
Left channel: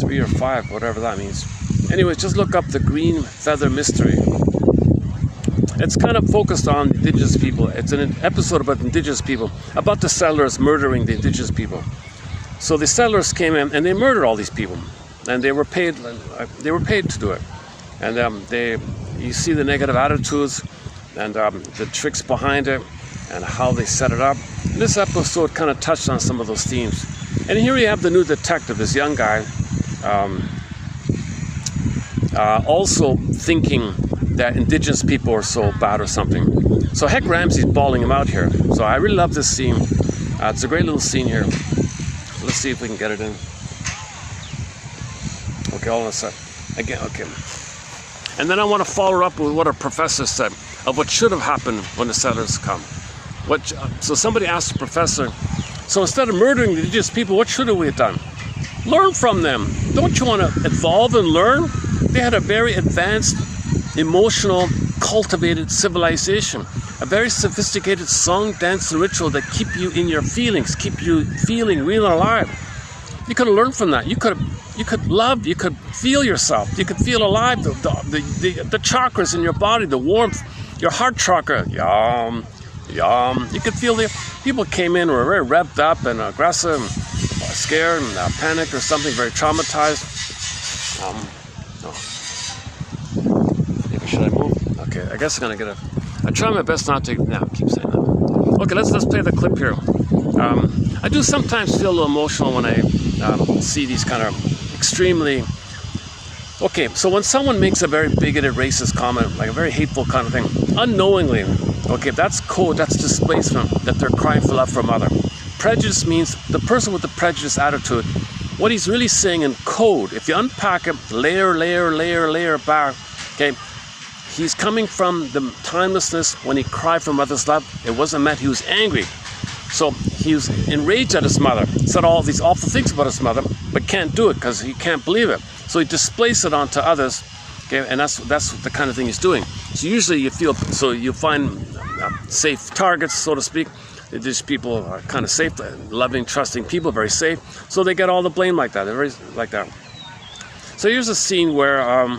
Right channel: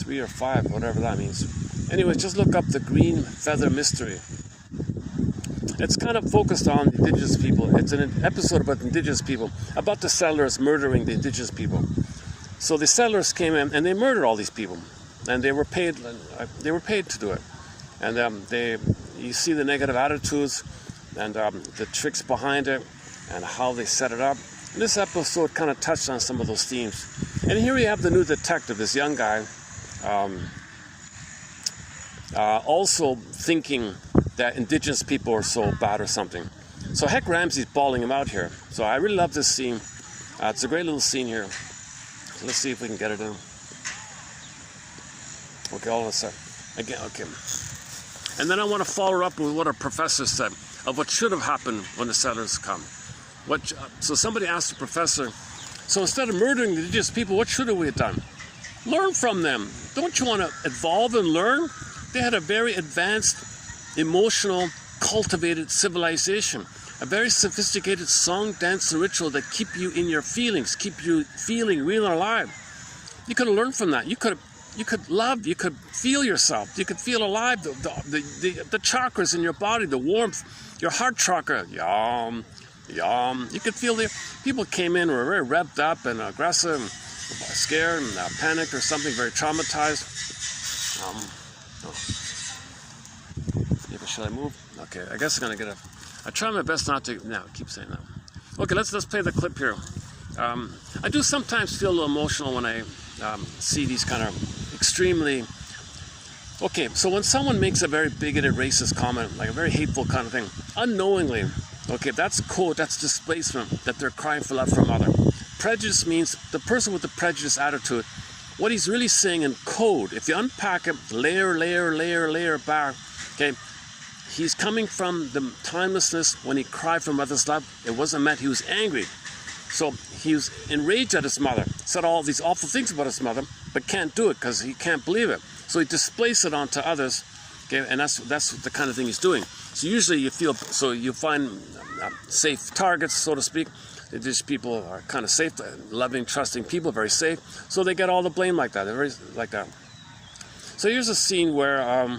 3 or 5, whatever that means. Anyways, just look up the green feather mystery. It's kind of focused on indigenous people. It's an episode about indigenous people, about the settlers murdering the indigenous people. So the settlers came in and they murdered all these people, and they were paid. To do it. And you see the negative attitudes and the tricks behind it and how they set it up. And this episode kind of touched on some of those themes. And here you have the new detective, this young guy, also thinking that indigenous people are so bad or something. So Heck Ramsey's bawling him out here. So I really love this scene. It's a great little scene here. Let's see if we can get it in. Okay, hold on a sec. Again, okay. And then I want to follow up with what a professor said of what should have happened when the settlers come. So somebody asked the professor, so instead of murdering the indigenous people, what should we have done? Learn from them. Don't you want to evolve and learn? They had a very advanced, emotional, cultivated civilization. A very sophisticated song, dance, and ritual that keep you in your feelings, keep you feeling real and alive. You could have learned from that. You could love, you could feel yourself, you could feel alive, the chakras in your body, the warmth, your heart chakra, yum. You could feel the people came in, were very revved up and aggressive, and scared and panicked or something, very traumatized. Maybe should I move? Okay, I guess I'm gonna get I try my best not to. Now, keep saying that. Okay, let's play the clip here. I do sometimes feel a little emotional when I see these kind of extremely. Okay, so when someone makes a very bigoted, racist comment, like a very hateful kind of thing, unknowingly, okay, that's code, that's displacement, that they're crying for love from other. Prejudice means the person with the prejudice attitude, what he's really saying in code, if you unpack it, layer back, okay, he's coming from the timelessness when he cried for mother's love. It wasn't meant he was angry. So he was enraged at his mother, said all these awful things about his mother, but can't do it because he can't believe it. So he displaced it onto others, okay, and that's the kind of thing he's doing. So usually you find safe targets, so to speak. These people are kind of safe, loving, trusting people, very safe. So they get all the blame like that. They're very like that. So here's a scene where I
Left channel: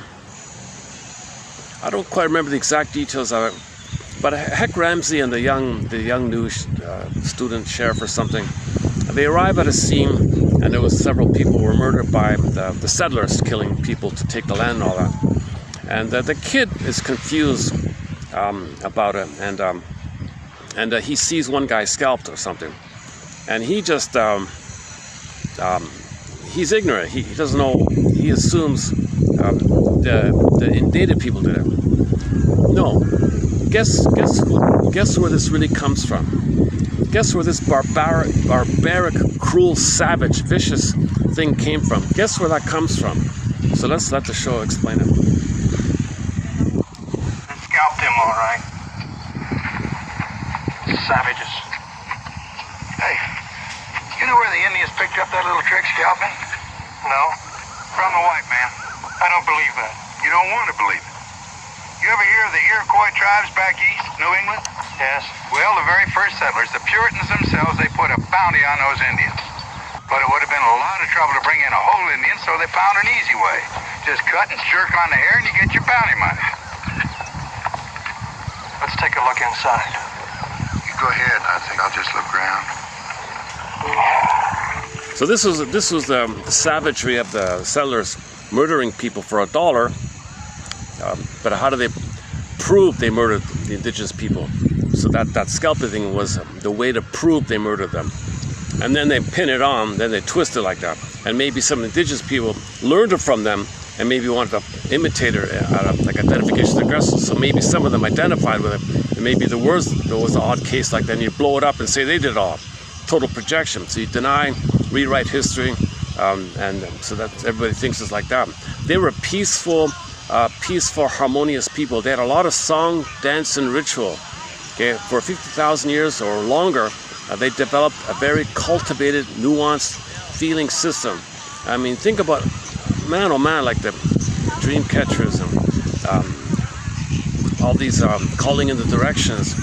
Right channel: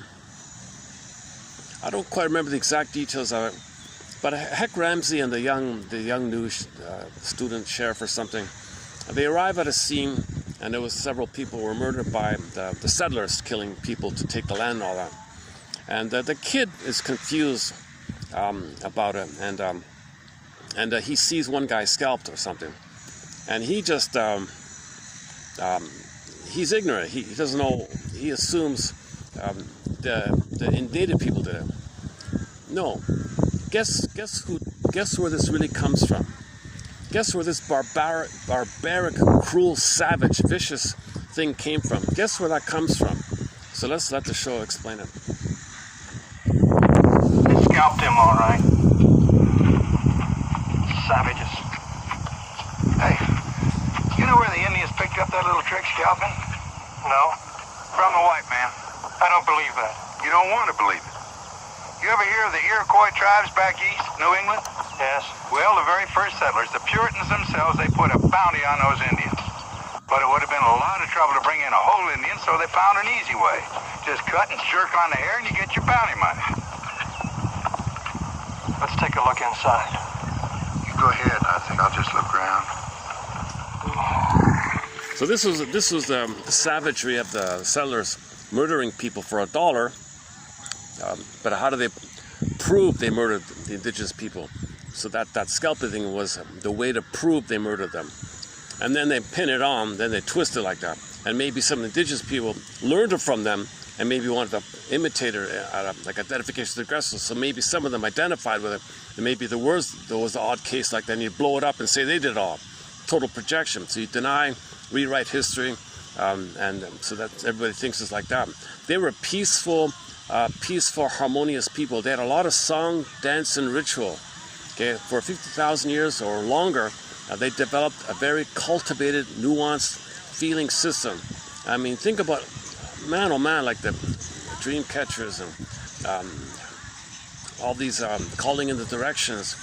don't quite remember the exact details of it, but Heck Ramsey and the young new student sheriff or something, they arrive at a scene, and there was several people who were murdered by the settlers killing people to take the land and all that. And the kid is confused about it, and he sees one guy scalped or something, and he just he's ignorant. He doesn't know. He assumes the indicted people did it. No. Guess where this really comes from? Guess where this barbaric, cruel, savage, vicious thing came from? Guess where that comes from? So let's let the show explain it. They scalped him, all right. Savages. Hey, you know where the Indians picked up that little trick scalping? No. From a white man. I don't believe that. You don't want to believe it. You ever hear of the Iroquois tribes back east, New England? Yes. Well, the very first settlers, the Puritans themselves, they put a bounty on those Indians. But it would have been a lot of trouble to bring in a whole Indian, so they found an easy way. Just cut and jerk on the hair and you get your bounty money. Let's take a look inside. You go ahead, I think I'll just look around. So this was the savagery of the settlers murdering people for $1. But how do they prove they murdered the indigenous people? So that scalping thing was the way to prove they murdered them. And then they pin it on, then they twist it like that. And maybe some indigenous people learned it from them and maybe wanted to imitate it, like identification of aggressors. So maybe some of them identified with it. And maybe there was an odd case like that, and you blow it up and say they did it all. Total projection. So you deny, rewrite history, and so that everybody thinks it's like that. They were peaceful, harmonious people. They had a lot of song, dance, and ritual. Okay, for 50,000 years or longer, they developed a very cultivated, nuanced feeling system. I mean, think about, man, oh man, like the dream catchers and all these calling in the directions,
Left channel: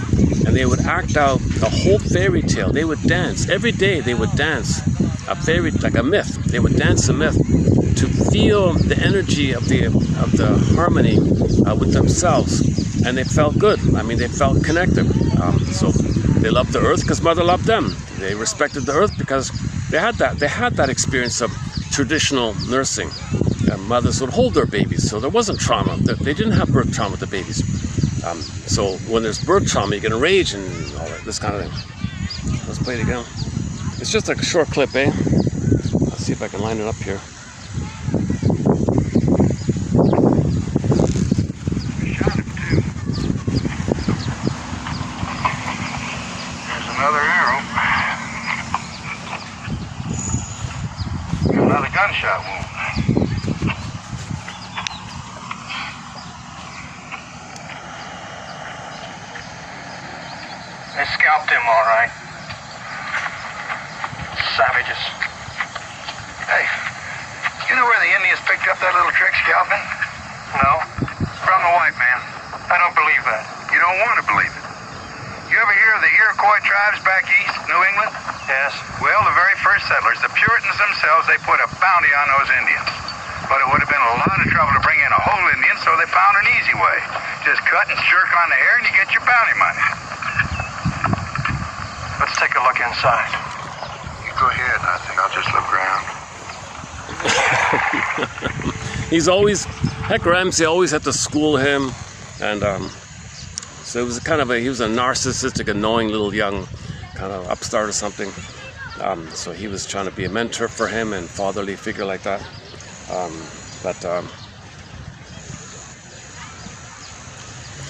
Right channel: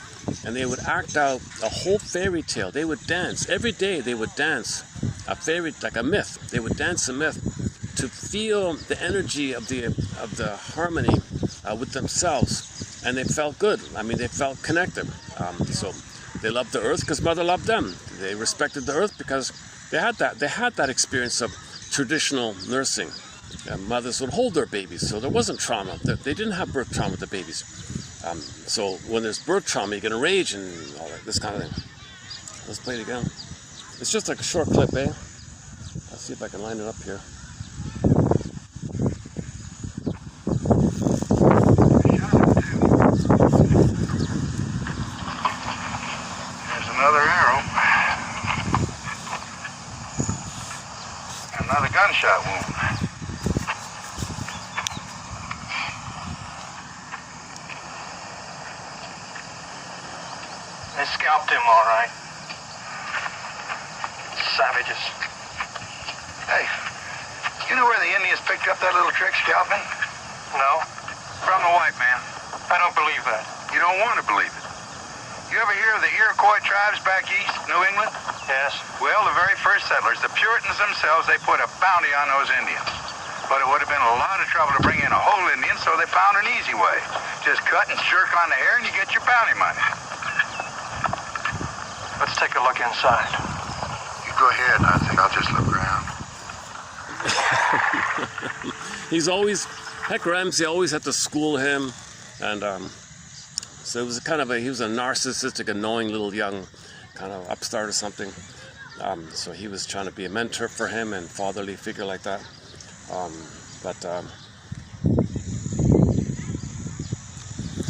and they would act out the whole fairy tale. They would dance every day. They would dance a fairy, like a myth. They would dance a myth to feel the energy of the harmony with themselves, and they felt good. I mean, they felt connected. So they loved the earth because Mother loved them. They respected the earth because they had that experience of traditional nursing. Mothers would hold their babies, so there wasn't trauma. They didn't have birth trauma with the babies. So when there's birth trauma, you get a rage and all that, this kind of thing. Let's play it again. It's just like a short clip, eh? Let's see if I can line it up here. There's another arrow. Another gunshot wound. They scalped him, all right. Savages. Hey, you know where the Indians picked up that little trick scalping? No. From the white man. I don't believe that. You don't want to believe it. You ever hear of the Iroquois tribes back east, New England? Yes. Well, the very first settlers, the Puritans themselves, they put a bounty on those Indians. But it would have been a lot of trouble to bring in a whole Indian, so they found an easy way. Just cut and jerk on the hair and you get your bounty money. Let's take a look inside. You go ahead, I think I'll just look around. He's always, Heck Ramsey always had to school him, and so it was kind of he was a narcissistic, annoying little young kind of upstart or something. So he was trying to be a mentor for him and fatherly figure like that.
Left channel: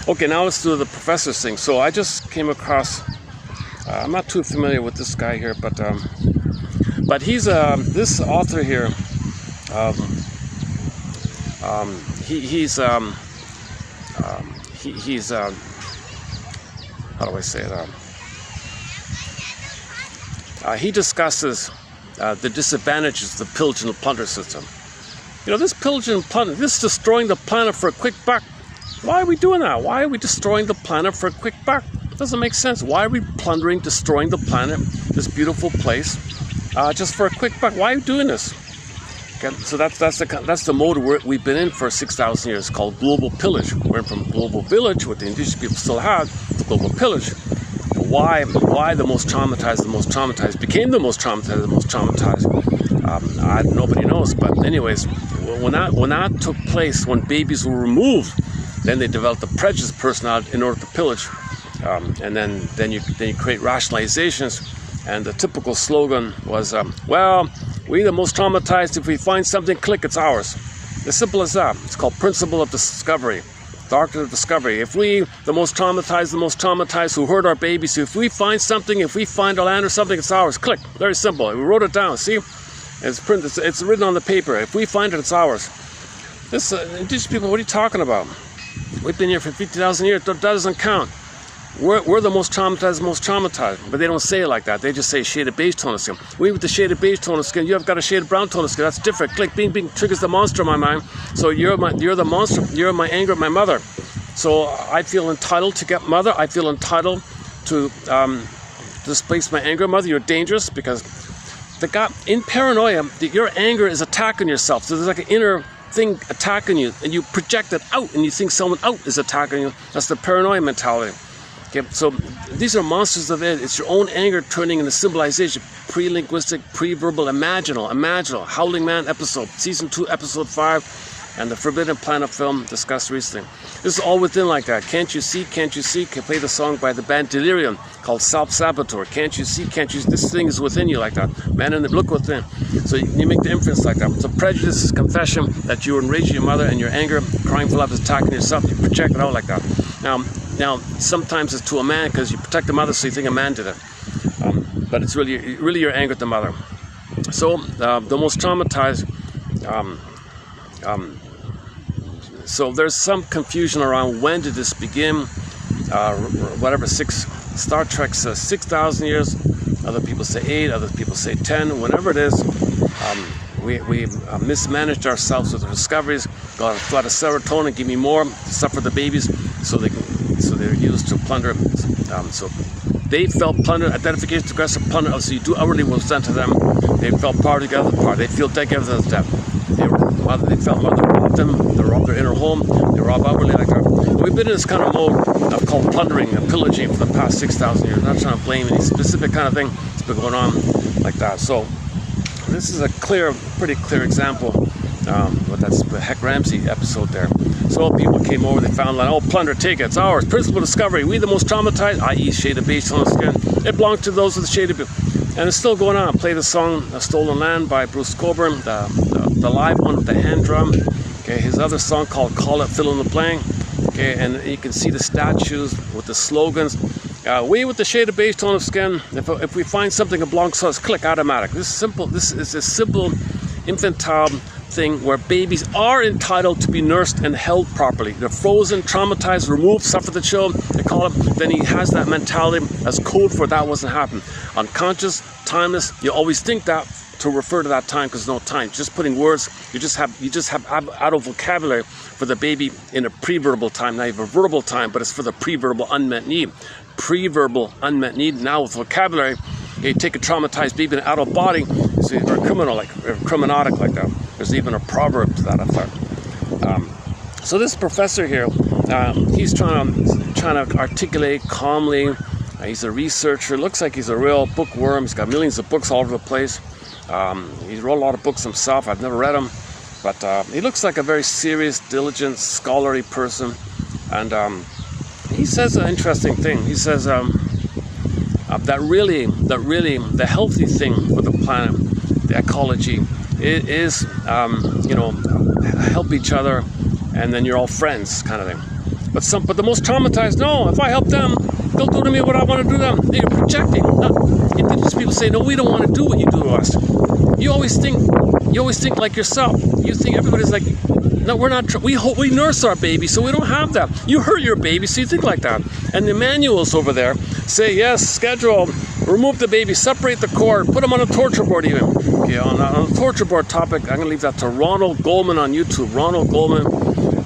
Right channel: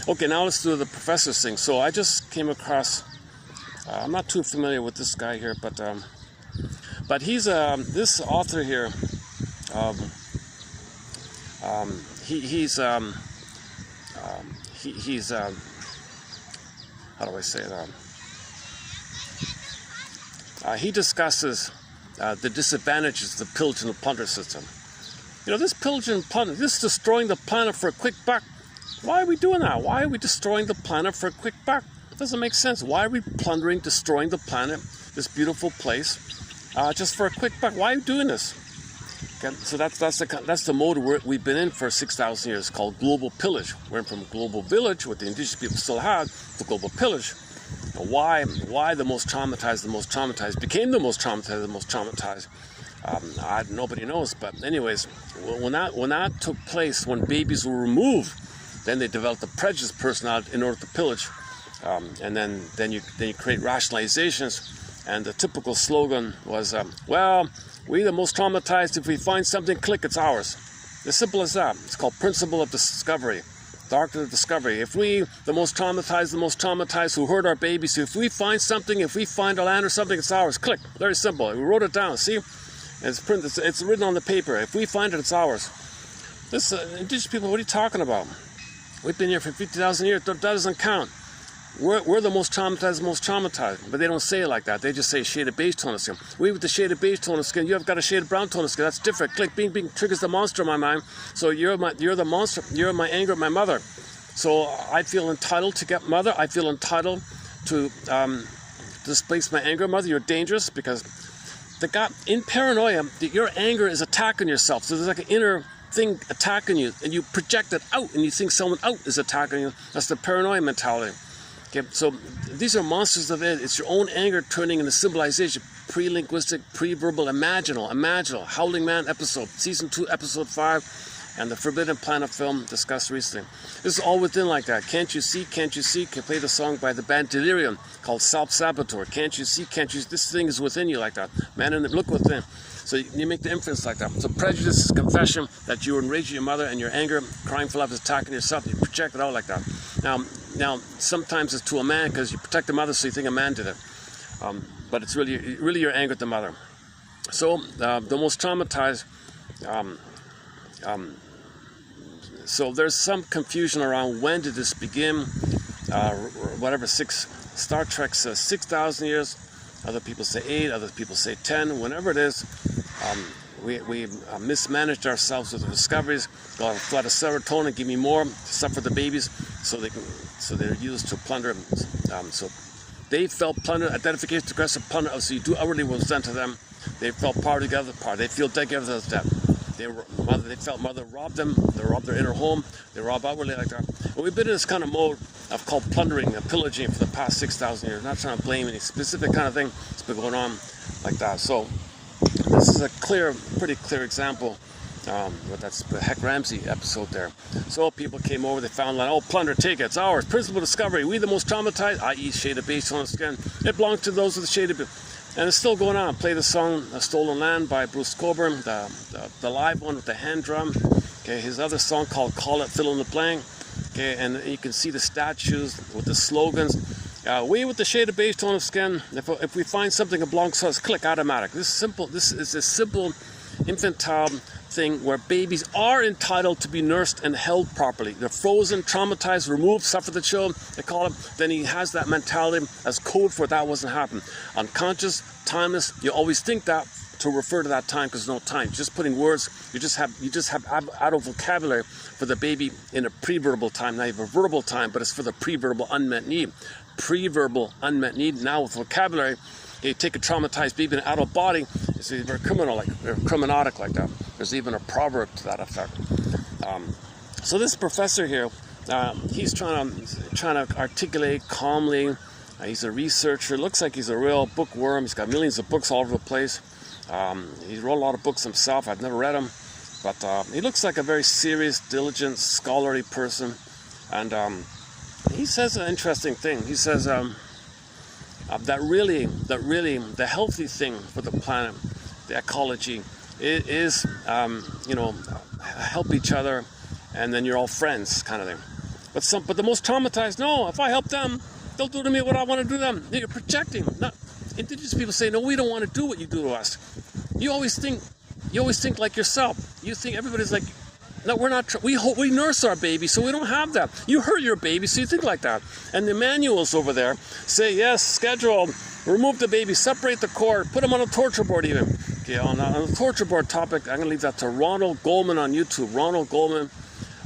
Okay, now let's do the professor's thing. So I just came across, I'm not too familiar with this guy here, but he's this author here. He's how do I say it? He discusses the disadvantages of the pillage and plunder system. You know, this pillage and plunder, this destroying the planet for a quick buck. Why are we doing that? Why are we destroying the planet for a quick buck? Doesn't make sense. Why are we plundering, destroying the planet, this beautiful place, just for a quick buck? Why are we doing this? Okay, so that's the mode we've been in for 6,000 years, called global pillage. We went from global village, what the indigenous people still had, to global pillage. Why the most traumatized became the most traumatized, nobody knows. But anyways, when that took place, when babies were removed, then they developed a prejudiced personality in order to pillage, and then you create rationalizations, and the typical slogan was, well, we're the most traumatized. If we find something, click, it's ours. As simple as that. It's called principle of discovery, doctrine of discovery. If we, the most traumatized who hurt our babies, if we find something, if we find a land or something, it's ours. Click. Very simple. We wrote it down. See, it's written on the paper. If we find it, it's ours. This indigenous people, what are you talking about? We've been here for 50,000 years. That doesn't count. We're the most traumatized, but they don't say it like that. They just say shaded beige tone of skin. We with the shaded beige tone of skin, you have got a shaded brown tone of skin. That's different. Click, bing, bing, triggers the monster in my mind. So you're the monster. You're my anger at my mother. So I feel entitled to get mother. I feel entitled to displace my anger, mother. You're dangerous because in paranoia, your anger is attacking yourself. So there's like an inner thing attacking you, and you project it out, and you think someone out is attacking you. That's the paranoia mentality. Okay, so these are monsters of it. It's your own anger turning into symbolization. Pre-linguistic, pre-verbal, imaginal. Howling Man episode, season 2, episode 5, and the Forbidden Planet film discussed recently. This is all within like that. Can't you see? Can play the song by the band Delirium called Self-Saboteur. Can't you see? This thing is within you like that. Man in the look within. So you make the inference like that. So prejudice is confession that you were enraging your mother, and your anger, crying for love, is attacking yourself. You project it out like that. Now, sometimes it's to a man because you protect the mother, so you think a man did it. But it's really your anger at the mother. So the most traumatized, so there's some confusion around when did this begin. Whatever, Star Trek says 6,000 years, other people say 8, other people say 10, whatever it is. We mismanaged ourselves with the discoveries. Got a flood of serotonin, give me more, suffer the babies, so they're used to plunder. So they felt plundered, identification, aggressive plunder. So you do outwardly what was done to them. They felt part of the other part. They feel dead together as death. They felt mother robbed them. They robbed their inner home. They robbed outwardly like that. We've been in this kind of mode called plundering and pillaging for the past 6,000 years. I'm not trying to blame any specific kind of thing. It's been going on like that. So this is a pretty clear example. But that's the Heck Ramsey episode there. So people came over, they found like, oh, plunder, take it, it's ours. Principal discovery, we the most traumatized, i.e. shaded base on the skin. It belongs to those with the shaded base. And it's still going on. Play the song Stolen Land by Bruce Coburn, the live one with the hand drum. Okay, his other song called Call It Fill in the Blank. Okay, and you can see the statues with the slogans. We with the shaded base tone of skin, if we find something that belongs to us, click automatic. This is a simple infantile thing where babies are entitled to be nursed and held properly. They're frozen, traumatized, removed, suffer the chill, they call it. Then he has that mentality as code for that wasn't happening. Unconscious, timeless, you always think that to refer to that time because no time. Just putting words, you just have out of vocabulary for the baby in a pre-verbal time. Now you have a verbal time, but it's for the pre-verbal unmet need. Pre-verbal unmet need. Now with vocabulary, you take a traumatized baby in an adult body, or a criminal, like or criminodic like that. There's even a proverb to that effect. So this professor here, he's trying to articulate calmly. He's a researcher. Looks like he's a real bookworm. He's got millions of books all over the place. He wrote a lot of books himself. I've never read them, but he looks like a very serious, diligent, scholarly person. And he says an interesting thing. He says that really the healthy thing for the planet, the ecology, is help each other, and then you're all friends, kind of thing. But the most traumatized, no. If I help them, they'll do to me what I want to do to them. They're projecting. Indigenous people say, no, we don't want to do what you do to us. You always think like yourself. You think everybody's like, no, we're not. We nurse our baby, so we don't have that. You hurt your baby, so you think like that. And the manuals over there say, yes, schedule, remove the baby, separate the cord, put them on a torture board even. Okay, on the torture board topic, I'm going to leave that to Ronald Goldman on YouTube. Ronald Goldman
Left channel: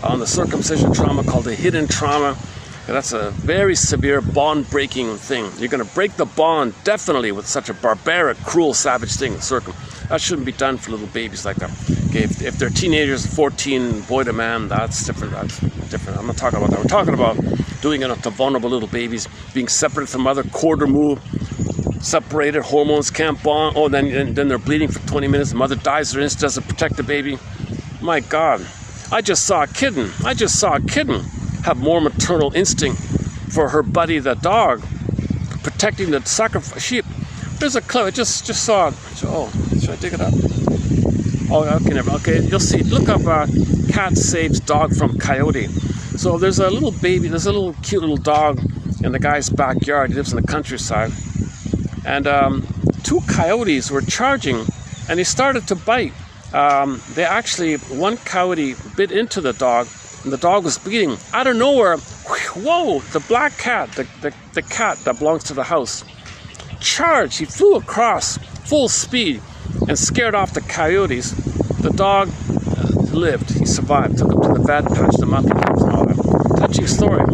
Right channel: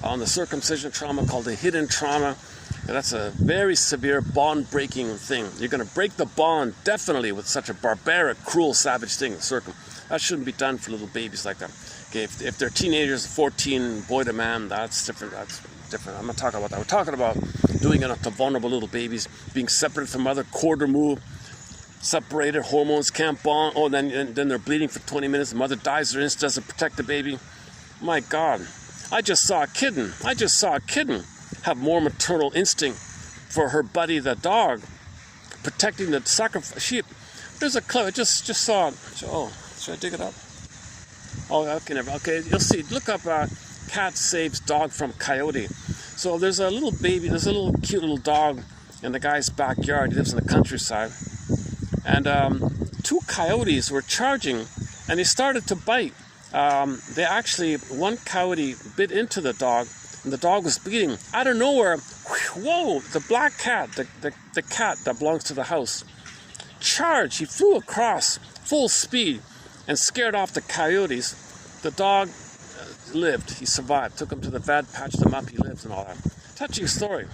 on the circumcision trauma called the hidden trauma. That's a very severe bond-breaking thing. You're going to break the bond, definitely, with such a barbaric, cruel, savage thing. That shouldn't be done for little babies like that. Okay, if they're teenagers, 14, boy to man, that's different. I'm not talking about that. We're talking about doing it to vulnerable little babies, being separated from mother, cord removed, separated, hormones can't bond. Oh, then they're bleeding for 20 minutes. The mother dies, her instinct doesn't protect the baby. My God, I just saw a kitten have more maternal instinct for her buddy, the dog, protecting the sacrifice sheep. There's a clip I just saw it. Oh, should I dig it up? Oh, okay, never. Okay, you'll see. Look up cat saves dog from coyote. So there's a little baby, there's a little cute little dog in the guy's backyard. He lives in the countryside. And 2 coyotes were charging, and they started to bite. One coyote bit into the dog, and the dog was bleeding. Out of nowhere, whoa, the black cat, the cat that belongs to the house, charged. He flew across full speed and scared off the coyotes. The dog lived. He survived. Took him to the vet, patched him up, and all that. Touching story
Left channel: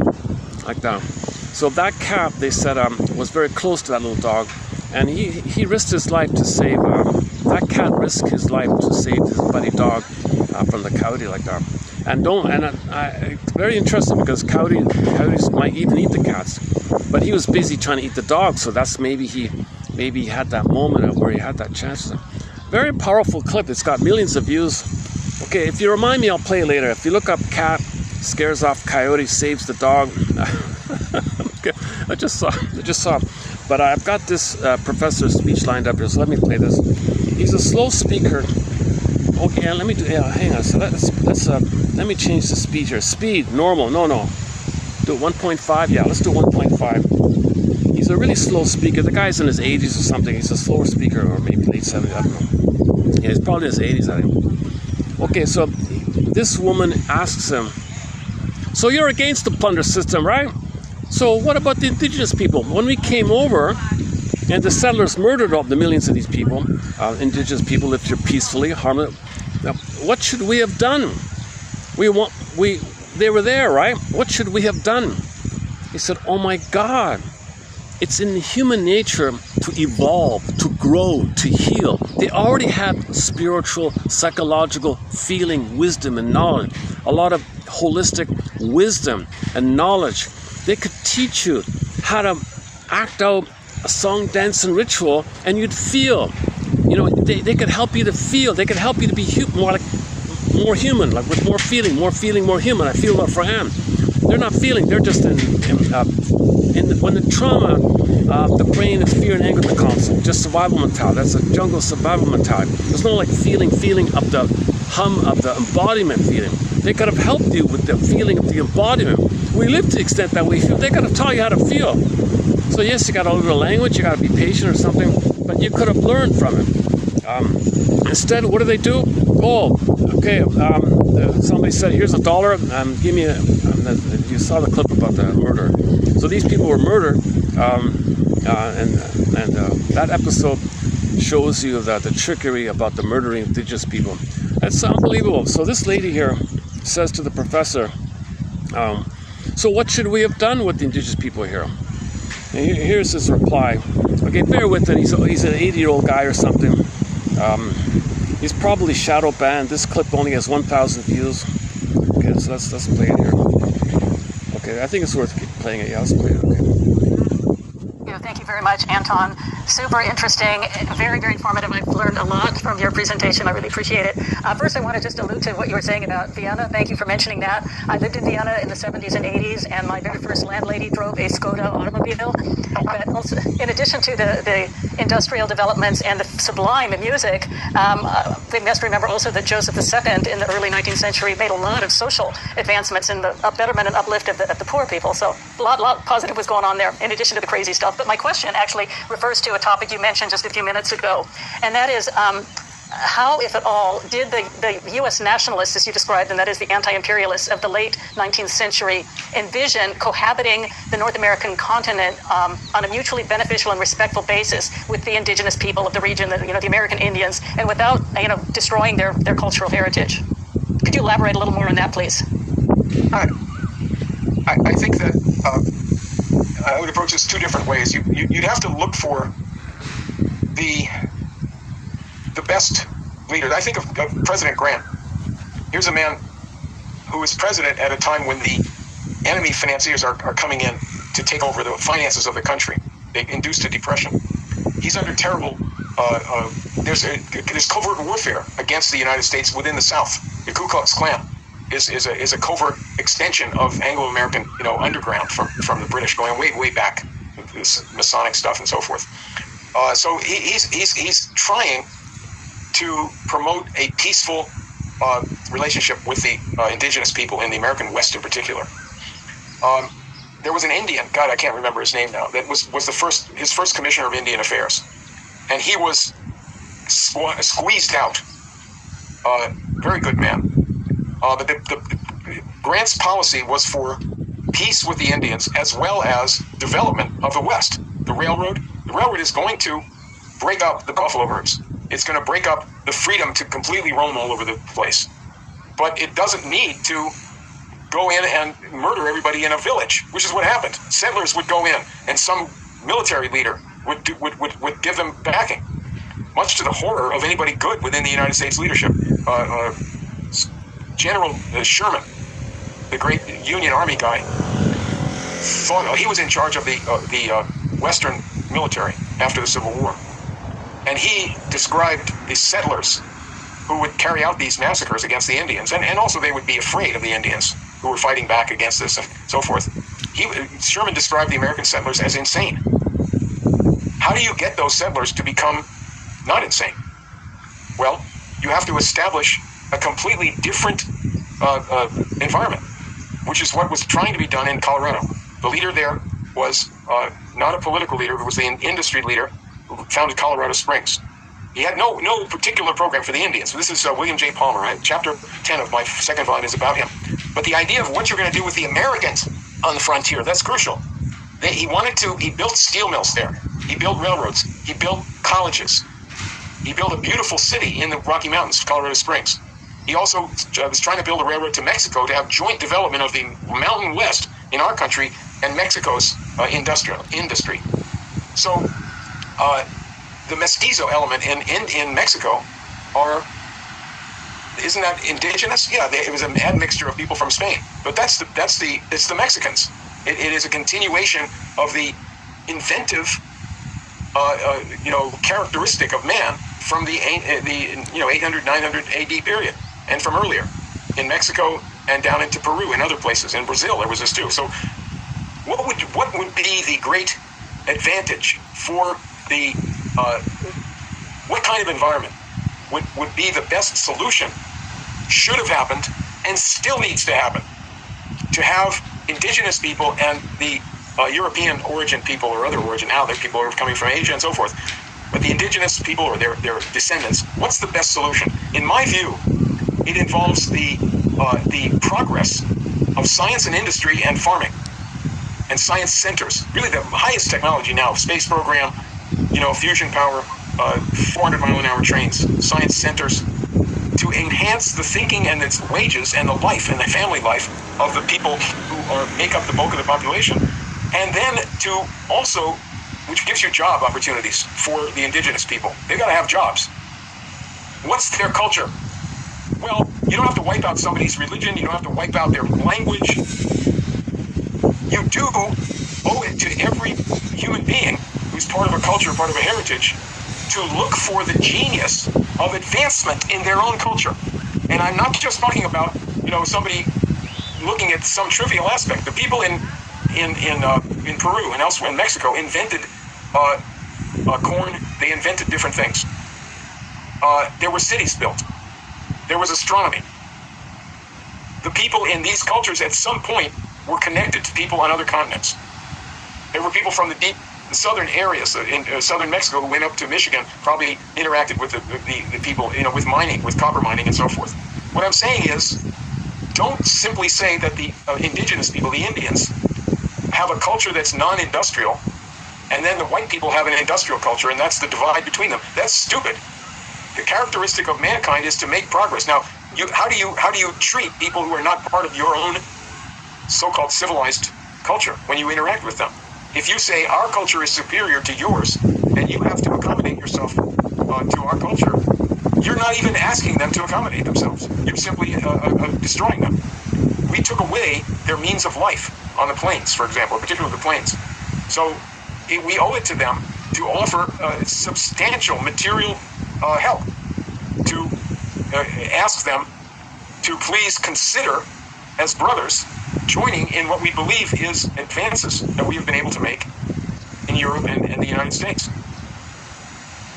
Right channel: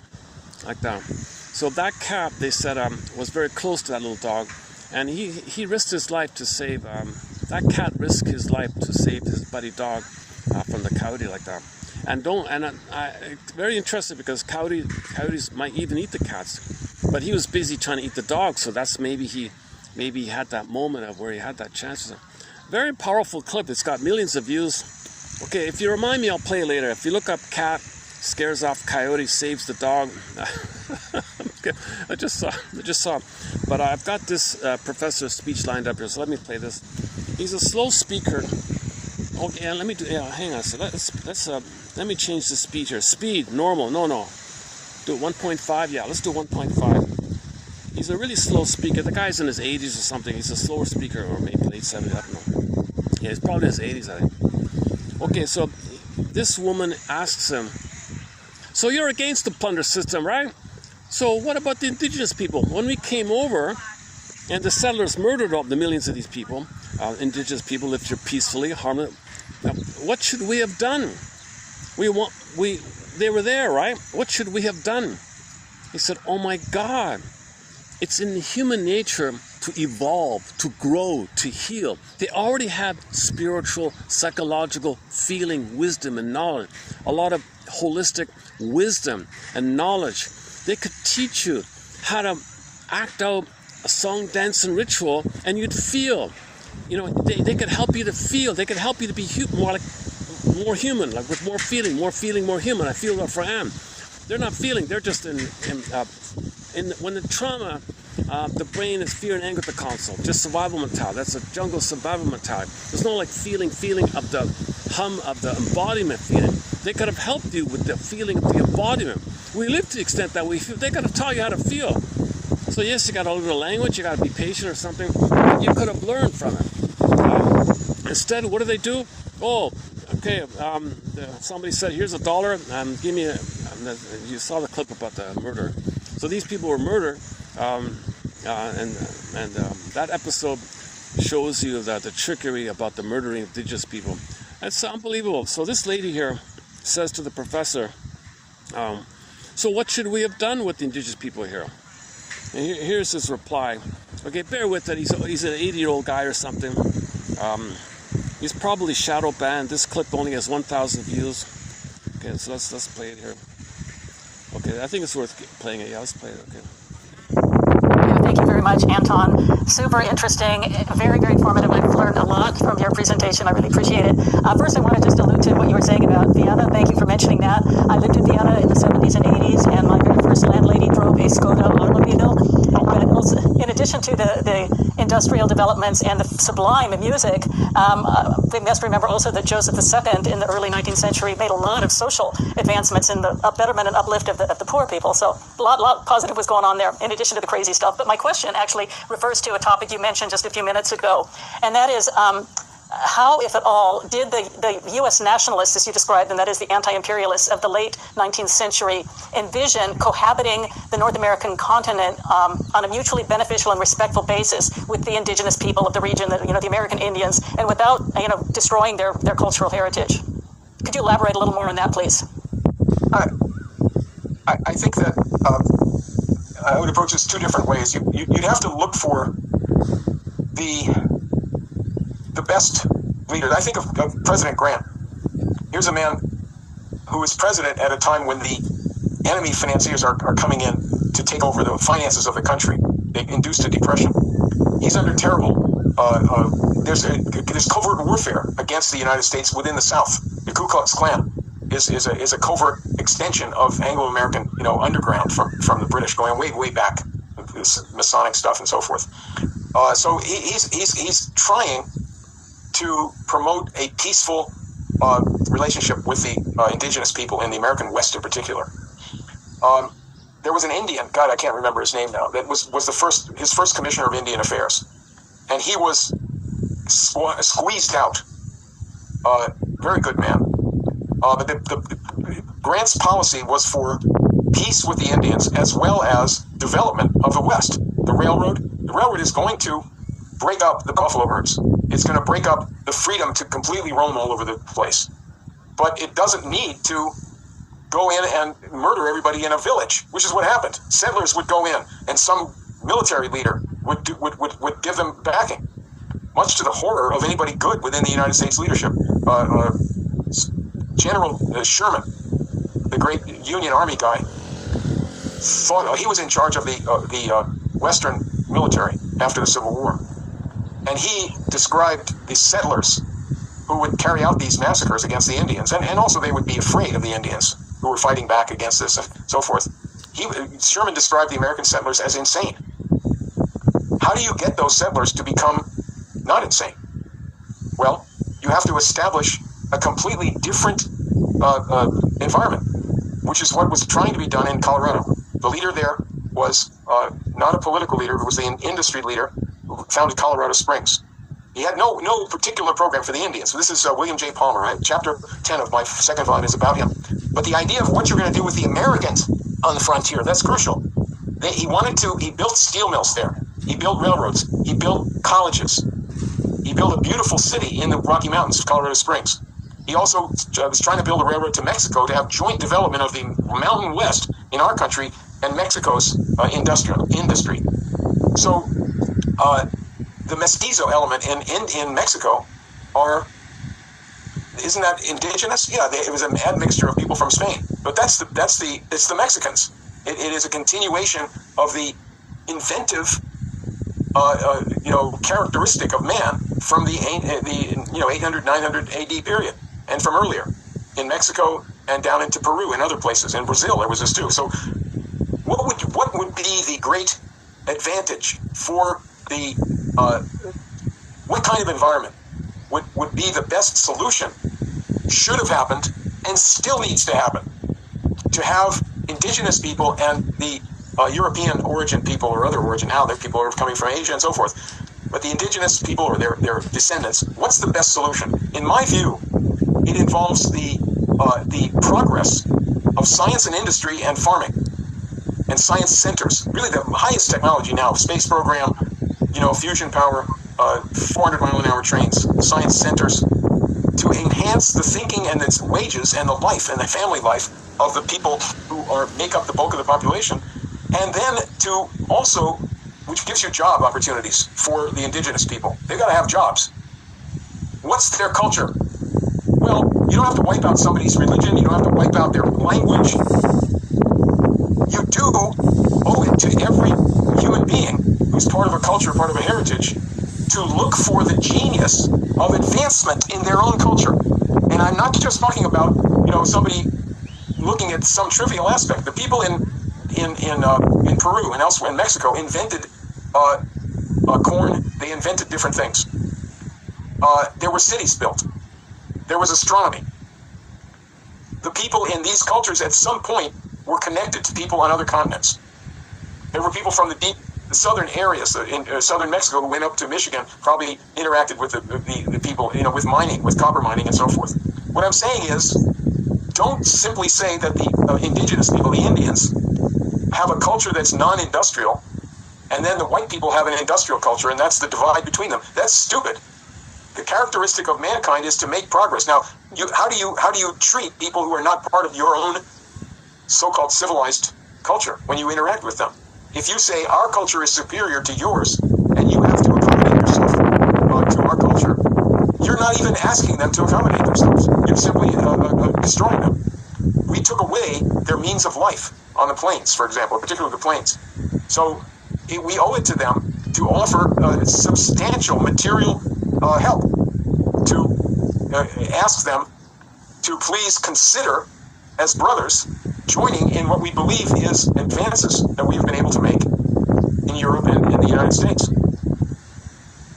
like that. So that cat, they said, was very close to that little dog, and he risked his life to save. That cat risked his life to save his buddy dog from the coyote like that. It's very interesting because coyotes might even eat the cats, but he was busy trying to eat the dog. So that's maybe he had that moment where he had that chance. Very powerful clip. It's got millions of views. Okay, if you remind me, I'll play it later. If you look up cat scares off coyote, saves the dog. Okay, I just saw. But I've got this professor's speech lined up here, so let me play this. He's a slow speaker. Okay, let me do. Yeah, hang on. So let me change the speed here. Speed normal. No. Do it 1.5. Yeah, let's do 1.5. He's a really slow speaker. The guy's in his 80s or something. He's a slower speaker, or maybe late 70s, I don't know. Yeah, he's probably in his 80s, I think. Okay, so this woman asks him, so you're against the plunder system, right? So what about the indigenous people? When we came over and the settlers murdered all the millions of these people, indigenous people lived here peacefully, harmless, what should we have done? They were there, right? What should we have done? He said, oh my God, it's in human nature to evolve, to grow, to heal. They already had spiritual, psychological feeling, wisdom, and knowledge. A lot of holistic wisdom and knowledge. They could teach you how to act out a song, dance, and ritual, and you'd feel. You know, they could help you to feel. They could help you to be more human, like with more feeling, more human. I feel that for Anne. They're not feeling. They're just when the trauma, the brain is fear and anger at the console, just survival mentality. That's a jungle survival mentality. There's no like feeling of the hum of the embodiment feeling. They could have helped you with the feeling of the embodiment. We live to the extent that we feel. They could have taught you how to feel. So yes, you got to learn a language. You got to be patient or something. You could have learned from it. Instead, what do? Oh, okay. Somebody said, "Here's $1. Give me a." You saw the clip about the murder. So these people were murdered, and that episode shows you that the trickery about the murdering indigenous people. That's unbelievable. So this lady here says to the professor, "So what should we have done with the indigenous people here?" And here's his reply. Okay, bear with it. He's an 80-year-old guy or something. He's probably shadow banned. This clip only has 1,000 views. Okay, so let's play it here. Okay, I think it's worth playing it. Yeah, let's play it. Okay. Yeah, thank you very much, Anton. Super interesting, very, very informative. I've learned a lot from your presentation. I really appreciate it. First, I want to just allude to what you were saying about Vienna. Thank you for mentioning that. I lived in Vienna in the 70s and 80s, and my very first landlady drove a Skoda automobile. But also, in addition to the industrial developments and the sublime music, we must remember also that Joseph II in the early 19th century made a lot of social advancements in the betterment and uplift of the poor people. So a lot positive was going on there, in addition to the crazy stuff. But my question actually refers to a topic you mentioned just a few minutes ago, and that is how, if at all, did the U.S. nationalists, as you described them, that is the anti-imperialists of the late 19th century, envision cohabiting the North American continent on a mutually beneficial and respectful basis with the indigenous people of the region, the American Indians, and without, destroying their cultural heritage? Could you elaborate a little more on that, please? I think that I would approach this two different ways. You'd have to look for the best leader. I think of President Grant. Here's a man who was president at a time when the enemy financiers are coming in to take over the finances of the country. They induced a depression. He's under terrible. There's covert warfare against the United States within the South. The Ku Klux Klan is a covert extension of Anglo-American, underground from the British, going way back, this Masonic stuff and so forth. So he's trying to promote a peaceful relationship with the indigenous people in the American West in particular. There was an Indian, God, I can't remember his name now, that was his first commissioner of Indian Affairs, and he was squeezed out. Very good man. But Grant's policy was for peace with the Indians as well as development of the West. The railroad is going to break up the buffalo herds. It's going to break up the freedom to completely roam all over the place. But it doesn't need to go in and murder everybody in a village, which is what happened. Settlers would go in, and some military leader would give them backing, much to the horror of anybody good within the United States leadership. General Sherman, the great Union Army guy, thought he was in charge of the Western military after the Civil War. And he described the settlers who would carry out these massacres against the Indians. And also they would be afraid of the Indians who were fighting back against this and so forth. Sherman described the American settlers as insane. How do you get those settlers to become not insane? Well, you have to establish a completely different environment, which is what was trying to be done in Colorado. The leader there was not a political leader, who was the industry leader who founded Colorado Springs. He had no particular program for the Indians. So this is William J. Palmer. Chapter 10 of my second volume is about him. But the idea of what you're going to do with the Americans on the frontier, that's crucial. He built steel mills there. He built railroads. He built colleges. He built a beautiful city in the Rocky Mountains of Colorado Springs. He also was trying to build a railroad to Mexico to have joint development of the Mountain West in our country and Mexico's industry. So the mestizo element in Mexico isn't that indigenous? Yeah, it was an admixture of people from Spain. But it's the Mexicans. It is a continuation of the inventive, characteristic of man from the 800, 900 AD period, and from earlier in Mexico and down into Peru and other places. In Brazil, there was this too. So, what would be the great advantage for the what kind of environment would be the best solution? Should have happened and still needs to happen to have indigenous people and the European origin people or other origin now, they're people who are coming from Asia and so forth, but the indigenous people or their descendants, what's the best solution? In my view, it involves the progress of science and industry and farming and science centers. Really the highest technology now, space program, fusion power, 400-mile-an-hour trains, science centers, to enhance the thinking and its wages and the life and the family life of the people who make up the bulk of the population. And then to also, which gives you job opportunities for the indigenous people. They've got to have jobs. What's their culture? Well, you don't have to wipe out somebody's religion. You don't have to wipe out their language. You do owe it to every human being who's part of a culture, part of a heritage, to look for the genius of advancement in their own culture. And I'm not just talking about, somebody looking at some trivial aspect. The people in Peru and elsewhere in Mexico invented corn. They invented different things. There were cities built. There was astronomy. The people in these cultures at some point were connected to people on other continents. There were people from the southern areas in southern Mexico who went up to Michigan, probably interacted with the people, with mining, with copper mining and so forth. What I'm saying is, don't simply say that the indigenous people, the Indians, have a culture that's non-industrial, and then the white people have an industrial culture, and that's the divide between them. That's stupid. The characteristic of mankind is to make progress. Now, how do you treat people who are not part of your own so-called civilized culture when you interact with them? If you say our culture is superior to yours, and you have to accommodate yourself to our culture, you're not even asking them to accommodate themselves. You're simply destroying them. We took away their means of life on the plains, for example, particularly the plains. So we owe it to them to offer substantial material help, to ask them to please consider, as brothers, joining in what we believe is advances that we've been able to make in Europe and in the United States.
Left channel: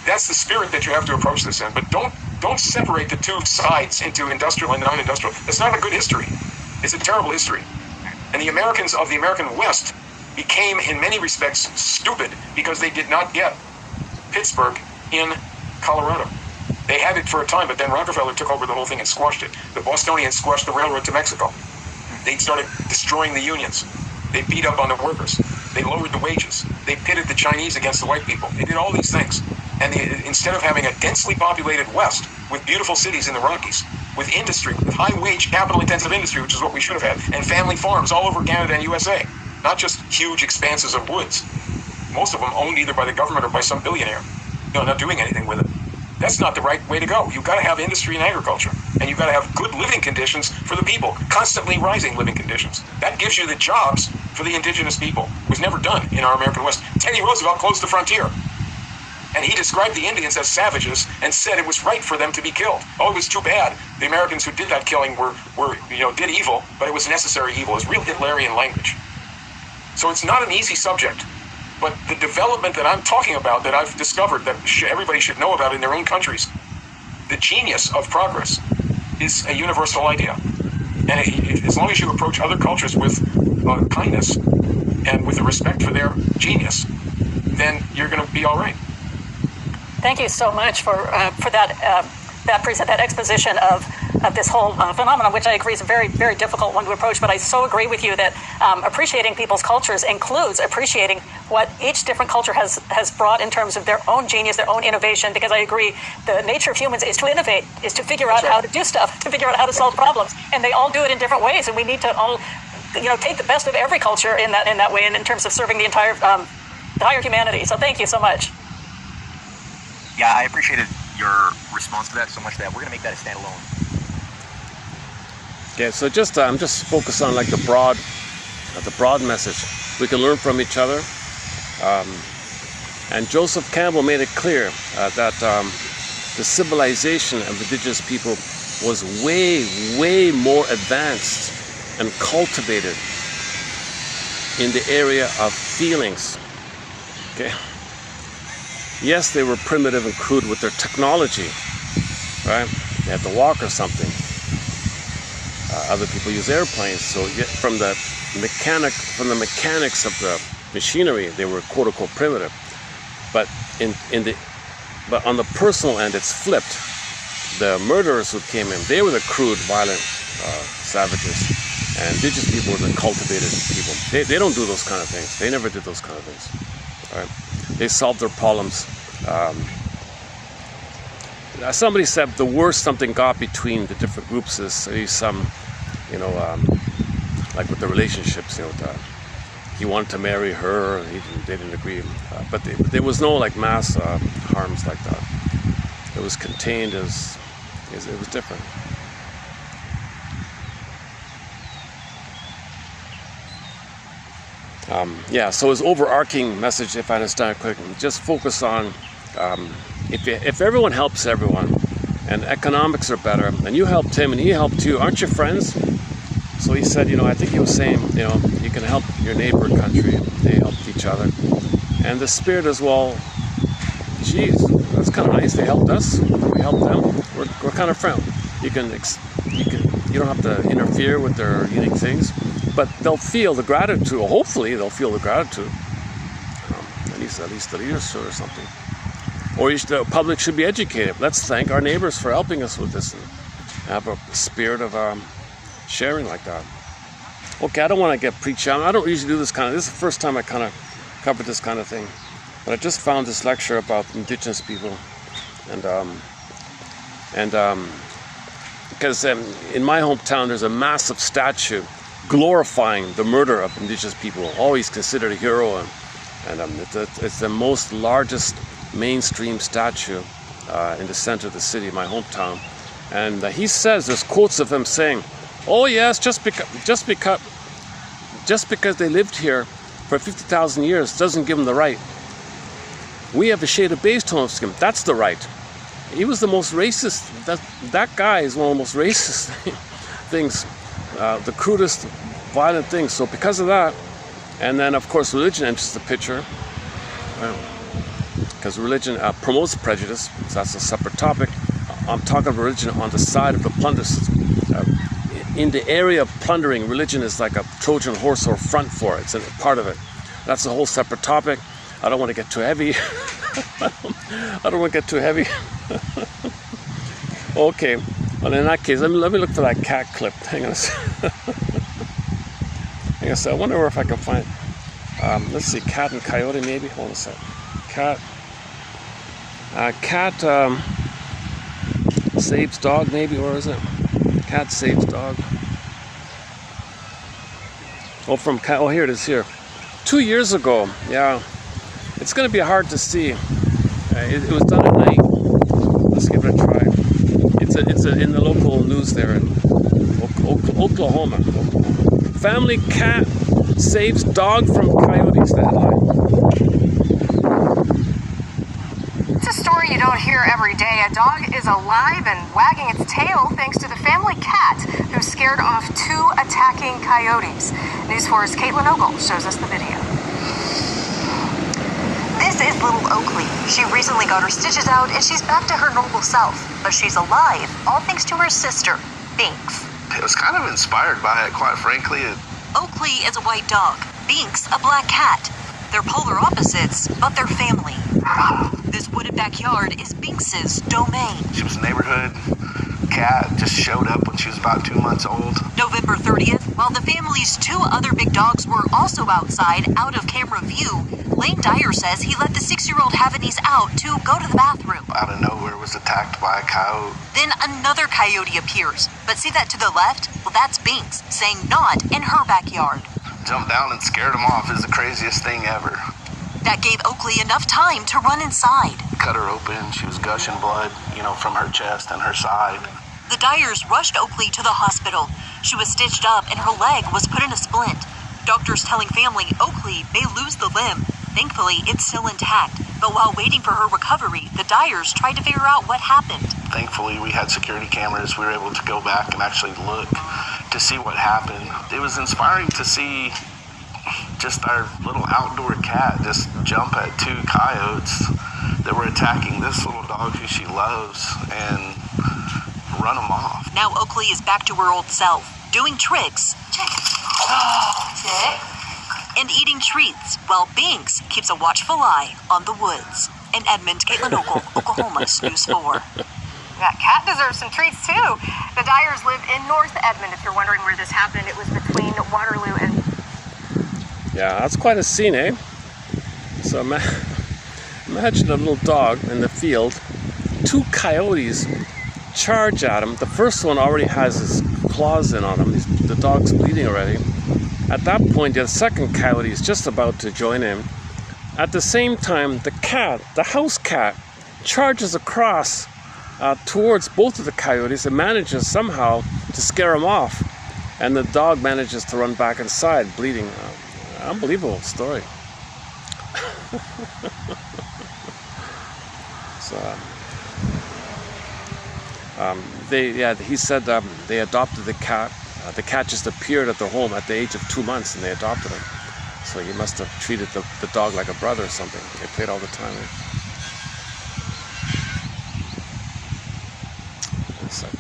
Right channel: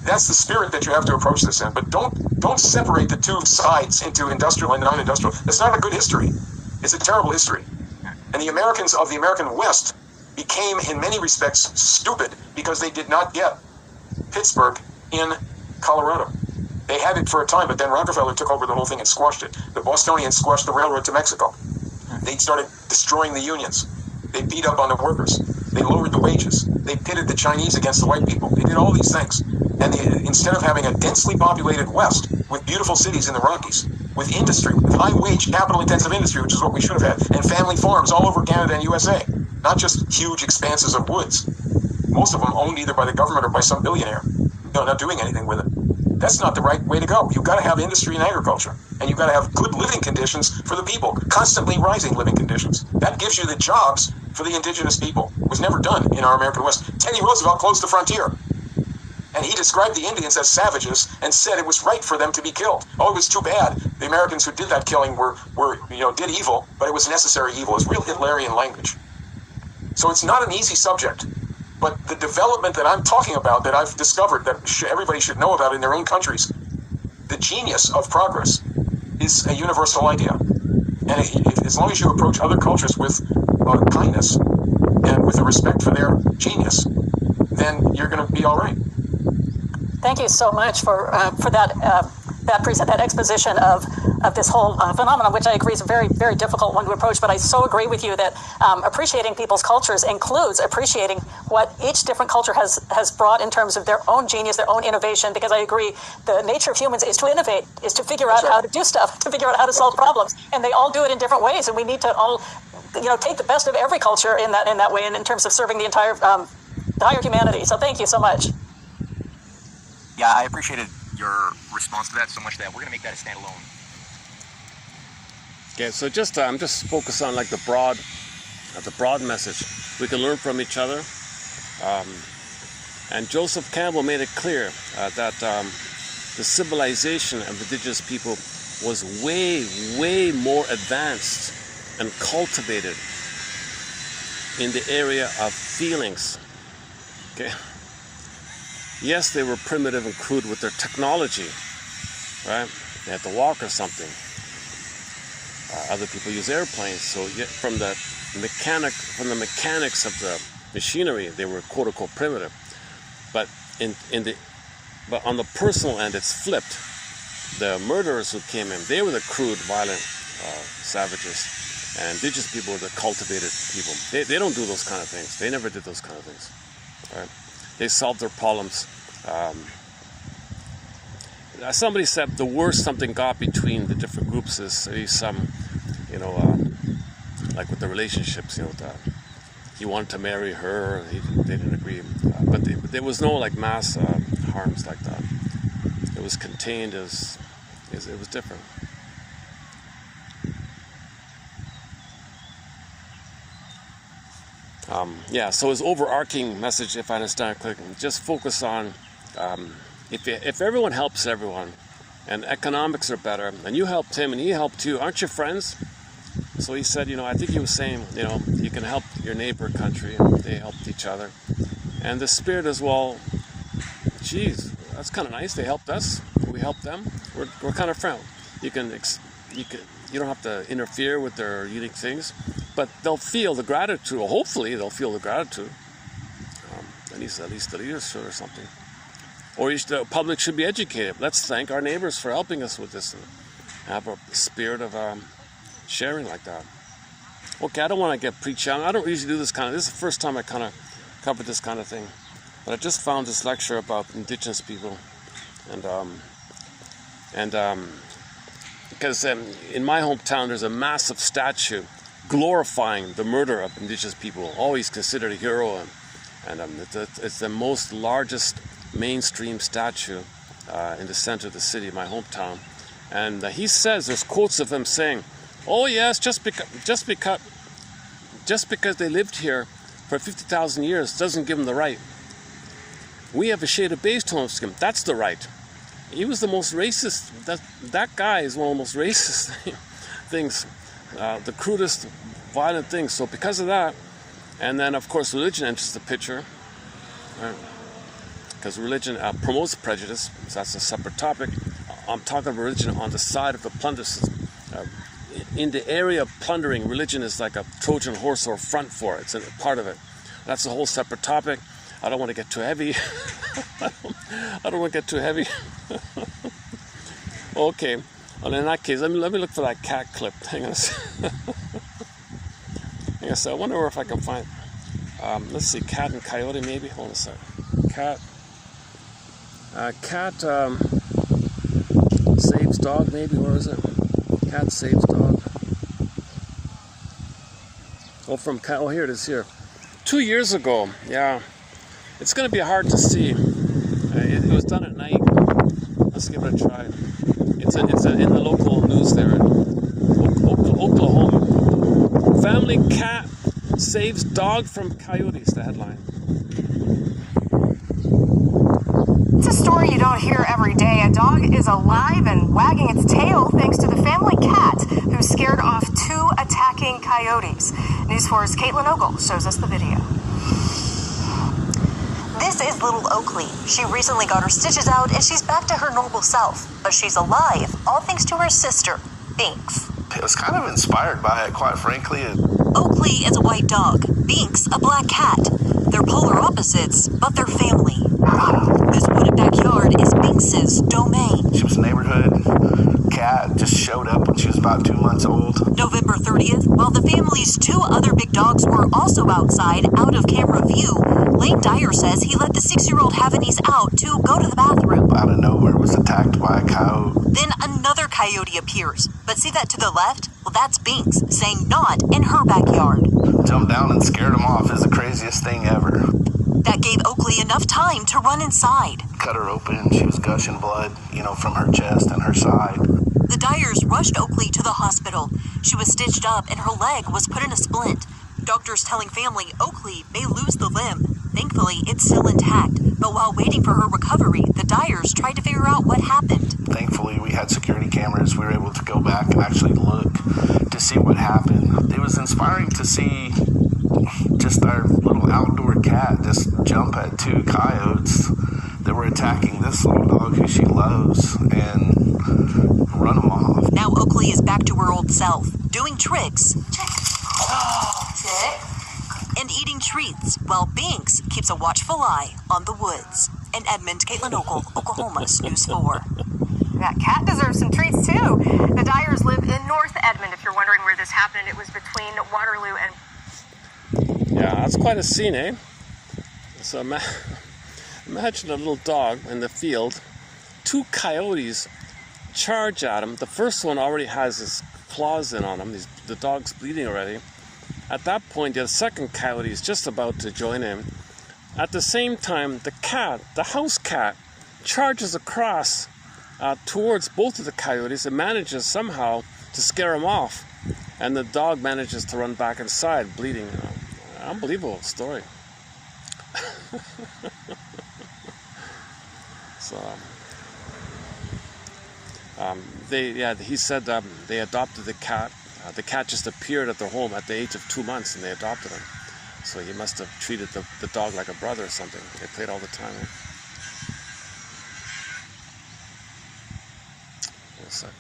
That's the spirit that you have to approach this in. But don't separate the two sides into industrial and non-industrial. That's not a good history. It's a terrible history. And the Americans of the American West became, in many respects, stupid because they did not get Pittsburgh in Colorado. They had it for a time, but then Rockefeller took over the whole thing and squashed it. The Bostonians squashed the railroad to Mexico. They started destroying the unions. They beat up on the workers. They lowered the wages. They pitted the Chinese against the white people. They did all these things. And instead of having a densely populated West with beautiful cities in the Rockies, with industry, with high-wage, capital-intensive industry, which is what we should have had, and family farms all over Canada and USA, not just huge expanses of woods, most of them owned either by the government or by some billionaire, not doing anything with it. That's not the right way to go. You've got to have industry and agriculture, and you've got to have good living conditions for the people, constantly rising living conditions. That gives you the jobs for the indigenous people. It was never done in our American West. Teddy Roosevelt closed the frontier, and he described the Indians as savages and said it was right for them to be killed. Oh, it was too bad. The Americans who did that killing did evil, but it was necessary evil. It was real Hitlerian language. So it's not an easy subject. But the development that I'm talking about, that I've discovered, that everybody should know about in their own countries, the genius of progress is a universal idea. And as long as you approach other cultures with kindness and with a respect for their genius, then you're going to be all right. Thank you so much for that exposition of this whole phenomenon, which I agree is a very, very difficult one to approach. But I so agree with you that appreciating people's cultures includes appreciating what each different culture has brought in terms of their own genius, their own innovation. Because I agree, the nature of humans is to innovate, is to figure out how to do stuff, to figure out how to solve problems, and they all do it in different ways. And we need to all, take the best of every culture in that way, and in terms of serving the entire humanity. So thank you so much. Yeah, I appreciated your response to that so much that we're going to make that a standalone. Yeah, so I'm just focused on like the broad message. We can learn from each other. And Joseph Campbell made it clear that the civilization of indigenous people was way, way more advanced and cultivated in the area of feelings. Okay. Yes, they were primitive and crude with their technology, right? They had to walk or something. Other people use airplanes, so from the mechanics of the machinery, they were quote unquote primitive. But but on the personal end, it's flipped. The murderers who came in, they were the crude, violent savages, and indigenous people were the cultivated people. They don't do those kind of things. They never did those kind of things. Right? They solved their problems. Somebody said the worst something got between the different groups is some, like with the relationships. He wanted to marry her. They didn't agree, but there was no like mass harms like that. It was contained it was different. So his overarching message, if I understand it correctly, just focus on if everyone helps everyone and economics are better, and you helped him and he helped you, aren't you friends? So he said, I think he was saying, you can help your neighbor country, and they helped each other. And the spirit as well, geez, that's kind of nice. They helped us, we helped them. We're kind of friends. You don't have to interfere with their unique things. But they'll feel the gratitude, hopefully they'll feel the gratitude. At least the leaders or something. Or the public should be educated. Let's thank our neighbors for helping us with this and have a spirit of sharing like that. Okay, I don't want to get preachy. I don't usually do this is the first time I kind of covered this kind of thing. But I just found this lecture about indigenous people. Because in my hometown there's a massive statue glorifying the murder of indigenous people, always considered a hero, and it's the largest mainstream statue in the center of the city, my hometown. And he says, there's quotes of him saying, "Oh yes, just because they lived here for 50,000 years doesn't give them the right. We have a shade of beige tone skin. That's the right." He was the most racist. That guy is one of the most racist things. The crudest, violent things. So because of that, and then of course religion enters the picture, because religion promotes prejudice. So that's a separate topic. I'm talking about religion on the side of the plunder system. In the area of plundering, religion is like a Trojan horse or front for it. It's a part of it. That's a whole separate topic. I don't want to get too heavy. I don't want to get too heavy. Okay. Well, in that case, let me look for that cat clip. Hang on a second. I wonder if I can find. Let's see, cat and coyote maybe. Hold on a second. Cat saves dog maybe. Where is it? Cat saves dog. Oh, from cat. Oh, here it is. Here. 2 years ago. Yeah. It's going to be hard to see. It was done at night. Let's give it a try. It's in the local news there in Oklahoma. Family cat saves dog from coyotes. The headline. It's a story you don't hear every day. A dog is alive and wagging its tail thanks to the family cat who scared off 2 attacking coyotes. News 4's Caitlin Ogle shows us the video. This is little Oakley. She recently got her stitches out and she's back to her normal self. But she's alive, all thanks to her sister, Binks. It was kind of inspired by it, quite frankly. Oakley is a white dog. Binks, a black cat. They're polar opposites, but they're family. This wooded backyard is Binks's domain. She was a neighborhood cat, just showed up when she was about 2 months old. November 30th, while the family's 2 other big dogs were also outside, out of camera view, Lane Dyer says he let the 6-year-old have an ease out to go to the bathroom. Out of nowhere was attacked by a coyote. Then another coyote appears. But see that to the left? Well, that's Binks, saying not in her backyard. Jumped down and scared him off is the craziest thing ever. That gave Oakley enough time to run inside. Cut her open, she was gushing blood, from her chest and her side. The Dyers rushed Oakley to the hospital. She was stitched up and her leg was put in a splint. Doctors telling family Oakley may lose the limb. Thankfully, it's still intact. But while waiting for her recovery, the Dyers tried to figure out what happened. Thankfully, we had security cameras. We were able to go back and actually look to see what happened. It was inspiring to see just our little outdoor cat just jump at 2 coyotes that were attacking this little dog who she loves and run them off. Now Oakley is back to her old self, doing tricks and eating treats, while Binks keeps a watchful eye on the woods. In Edmond, Caitlin Ogle, Oklahoma's News 4. That cat deserves some treats, too. The Dyers live in North Edmond. If you're wondering where this happened, it was between Waterloo and... Yeah, that's quite a scene, eh? So imagine a little dog in the field. 2 coyotes charge at him. The first one already has his claws in on him. The dog's bleeding already. At that point, the second coyote is just about to join him. At the same time, the cat, the house cat, charges across towards both of the coyotes and manages somehow to scare them off. And the dog manages to run back inside, bleeding. Unbelievable story. So, he said they adopted the cat. The cat just appeared at their home at the age of 2 months, and they adopted him. So he must have treated the dog like a brother or something. They played all the time. One second.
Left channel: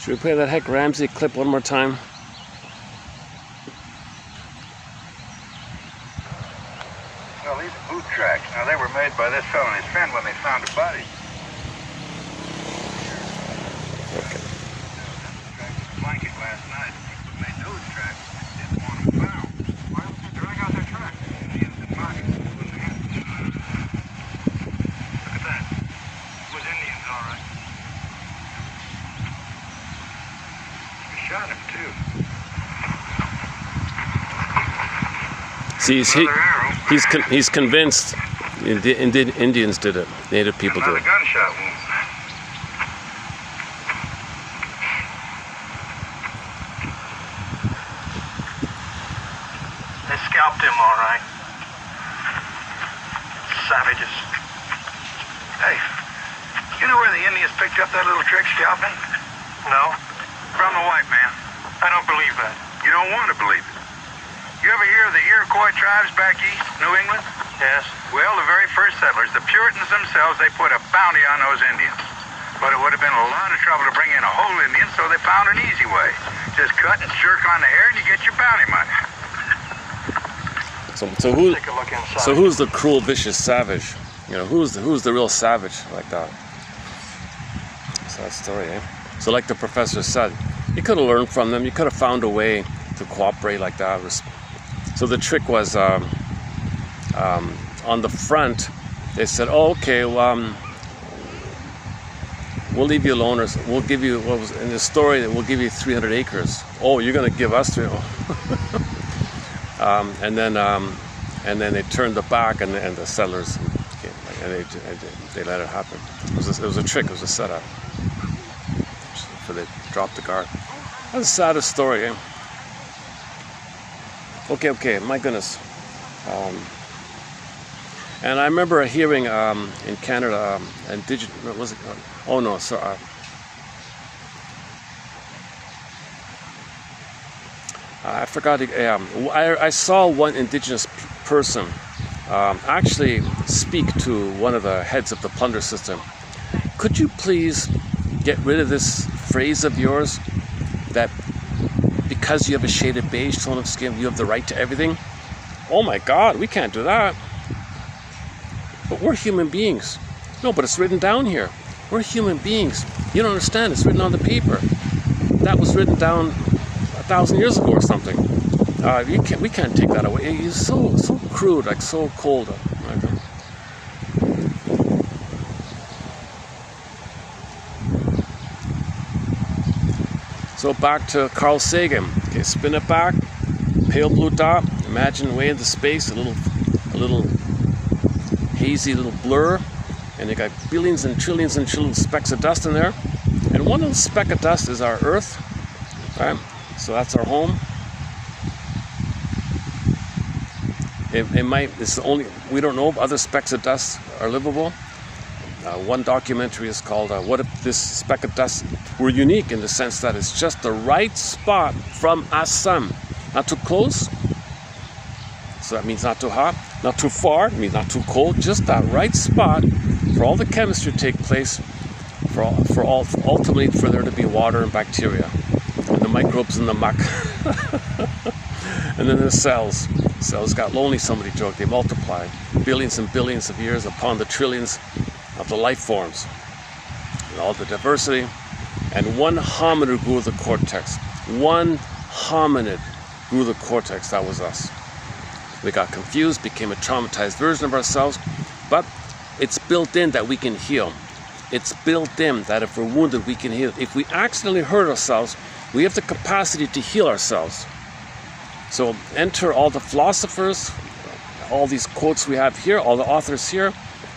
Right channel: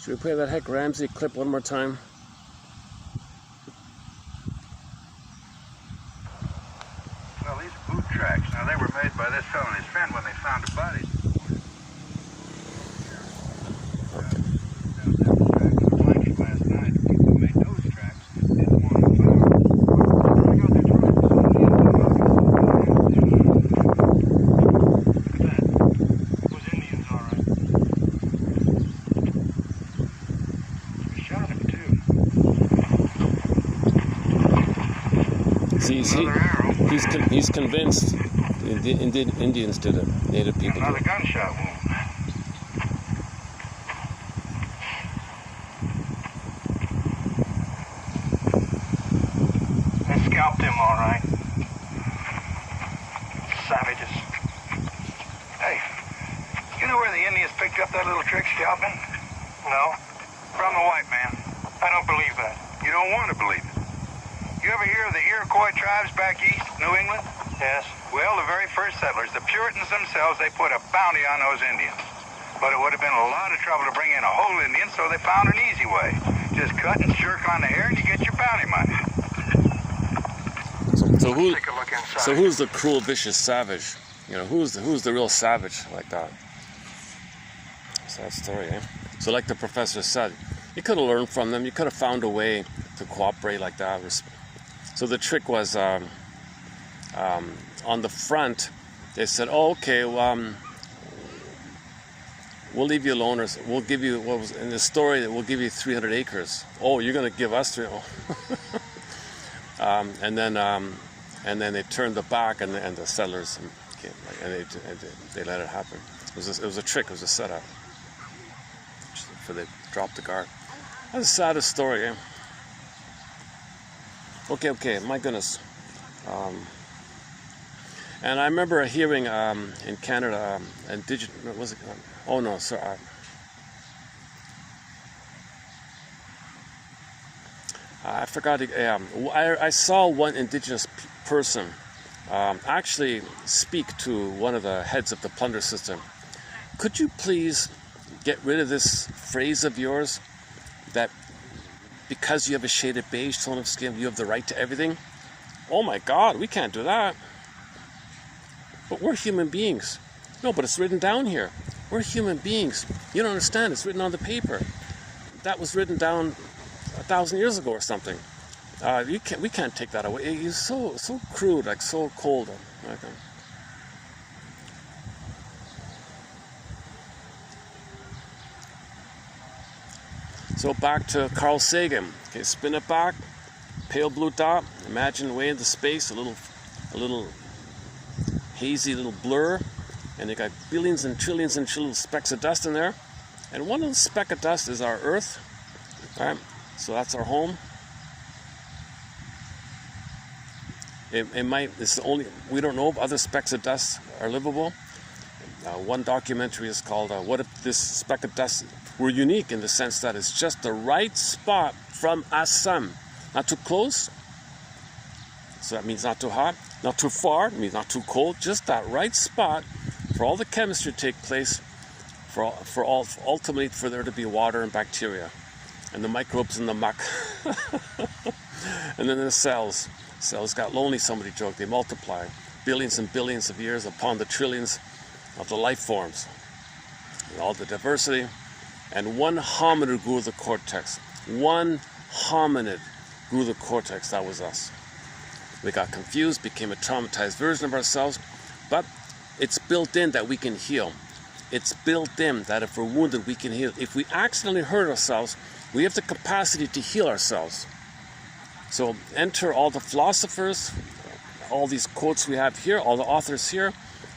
Should we play that Heck Ramsey clip one more time? Well, these are boot tracks. Now, they were made by this fellow and his friend when they found a body. Blanket last night. People made those tracks. Did the morning found. Well, drag out their tracks. See if the market. Look at that. It was Indians, all right. We shot him, too. See, he's convinced the Indians did it. Native people did it. Another gunshot wound. They scalped him, all right. Savages. Hey, you know where the Indians picked up that little trick scalping? No. From the white man. I don't believe that. You don't want to believe it. You ever hear of the Iroquois tribes back east, New England? Yes. Well, the very first settlers, the Puritans themselves, they put a bounty on those Indians. But it would have been a lot of trouble to bring in a whole Indian, so they found an easy way. Just cut and jerk on the hair and you get your bounty money. So who's the cruel, vicious savage? Who's the real savage like that? Sad story, eh? So like the professor said, you could have learned from them. You could have found a way to cooperate like that. So the trick was on the front. They said, "Oh, okay, well, we'll leave you alone, or we'll give you what was in the story that we'll give you 300 acres. Oh, you're going to give us 300." And then they turned the back, and the settlers came, and they let it happen. It was a trick. It was a setup. So they dropped the guard. That's the saddest story, eh? Okay, my goodness. And I remember hearing in Canada, indigenous, was it? Oh no, sorry. I forgot. I saw one indigenous person actually speak to one of the heads of the plunder system, could you please get rid of this phrase of yours that because you have a shaded beige tone of skin, you have the right to everything? Oh my God, we can't do that. But we're human beings. No, but it's written down here. We're human beings. You don't understand, it's written on the paper. That was written down 1,000 years ago or something. We can't take that away. It's so crude, like so cold. So back to Carl Sagan. Okay, spin it back. Pale blue dot. Imagine way into space, a little hazy little blur, and you got billions and trillions of specks of dust in there. And one little speck of dust is our Earth. Right? So that's our home. It's the only, we don't know if other specks of dust are livable. One documentary is called What If This Speck of Dust Were Unique, in the sense that it's just the right spot from our sun. Not too close, so that means not too hot. Not too far, it means not too cold. Just that right spot for all the chemistry to take place, ultimately for there to be water and bacteria, and the microbes in the muck. And then the cells. Cells got lonely, somebody joked. They multiplied billions and billions of years upon the trillions of the life forms and all the diversity. And one hominid grew the cortex. One hominid grew the cortex. That was us. We got confused, became a traumatized version of ourselves, but it's built in that we can heal. It's built in that if we're wounded, we can heal. If we accidentally hurt ourselves, we have the capacity to heal ourselves. So enter all the philosophers, all these quotes we have here, all the authors here,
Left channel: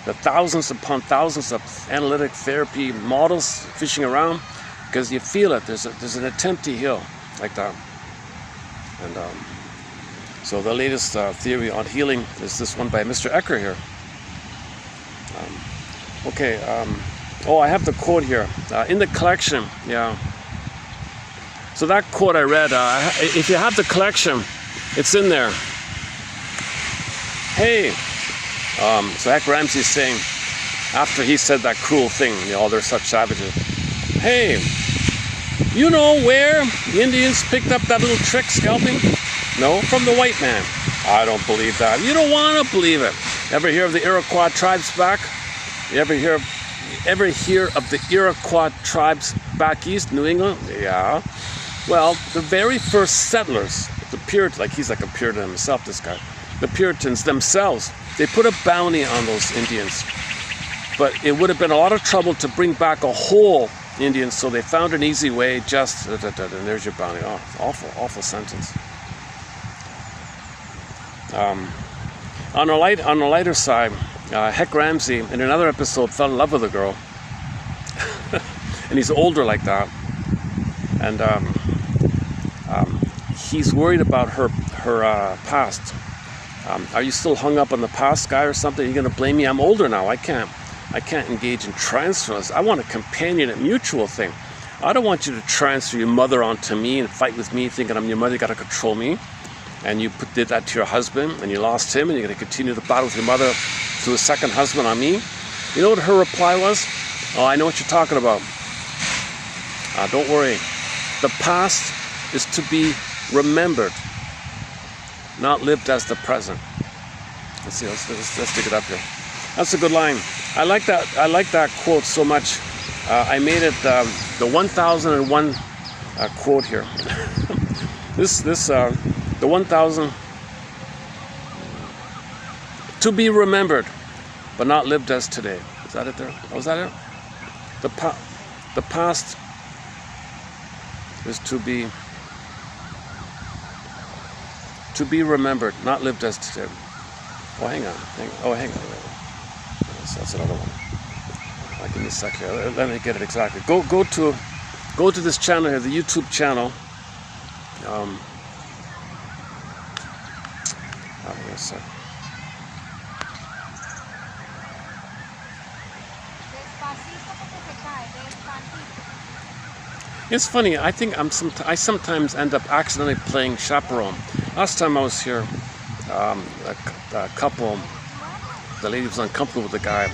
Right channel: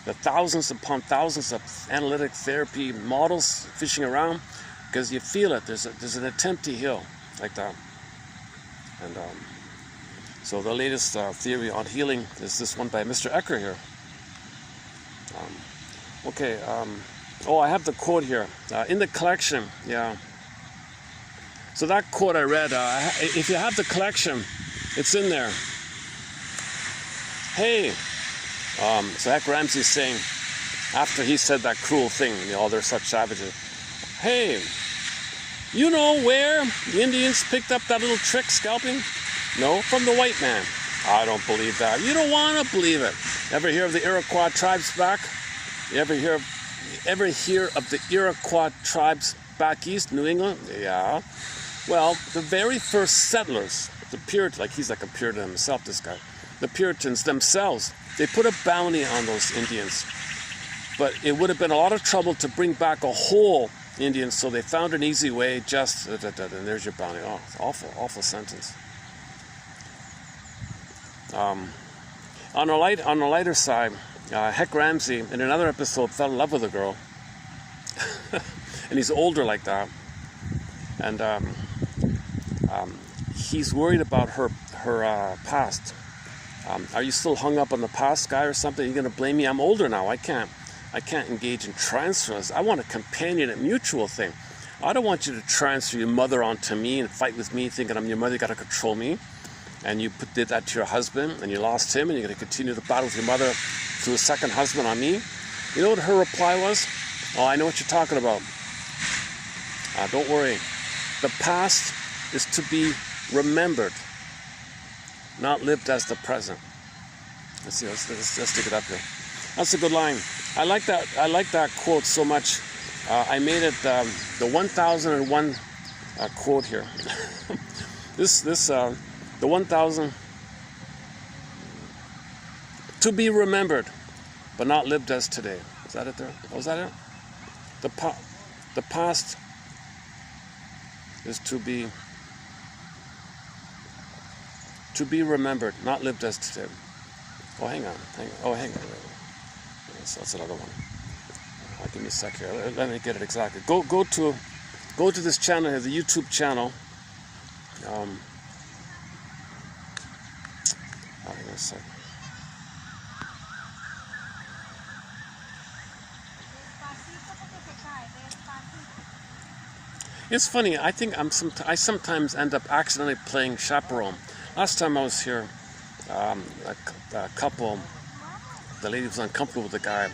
the thousands upon thousands of analytic therapy models fishing around, because you feel it. There's an attempt to heal like that. And so the latest theory on healing is this one by Mr. Ecker here. Oh, I have the quote here in the collection. Yeah. So that quote I read, if you have the collection, it's in there. Hey, so Heck Ramsey's saying, after he said that cruel thing, they're such savages. Hey, you know where the Indians picked up that little trick scalping? No, from the white man. I don't believe that. You don't want to believe it. Ever hear of the Iroquois tribes back? You ever hear of the Iroquois tribes back east, New England? Yeah. Well, the very first settlers, the Puritans, like he's like a Puritan himself, this guy. The Puritans themselves, they put a bounty on those Indians. But it would have been a lot of trouble to bring back a whole Indian, so they found an easy way, just, and there's your bounty. Oh, awful, awful sentence. On a lighter side, Heck Ramsey, in another episode, fell in love with a girl. And he's older like that. And he's worried about her past. Are you still hung up on the past, guy, or something? Are you going to blame me? I'm older now. I can't engage in transfers. I want a companionate, mutual thing. I don't want you to transfer your mother onto me and fight with me, thinking I'm your mother, you got to control me. And you did that to your husband, and you lost him, and you're going to continue the battle with your mother through a second husband on me. You know what her reply was? Oh, I know what you're talking about. Don't worry. The past is to be remembered, not lived as the present. Let's see. Let's dig it up here. That's a good line. I like that quote so much. I made it the 1001 quote here. The 1000 to be remembered, but not lived as today. Is that it there? Was that it? The past is to be remembered, not lived as today. Oh, hang on. Oh, hang on. That's another one. Give me a sec here. Let me get it exactly. Go to this channel here, the YouTube channel. Give me a sec. It's funny. I think I sometimes end up accidentally playing chaperone. Last time I was here, a couple, the lady was uncomfortable with the guy,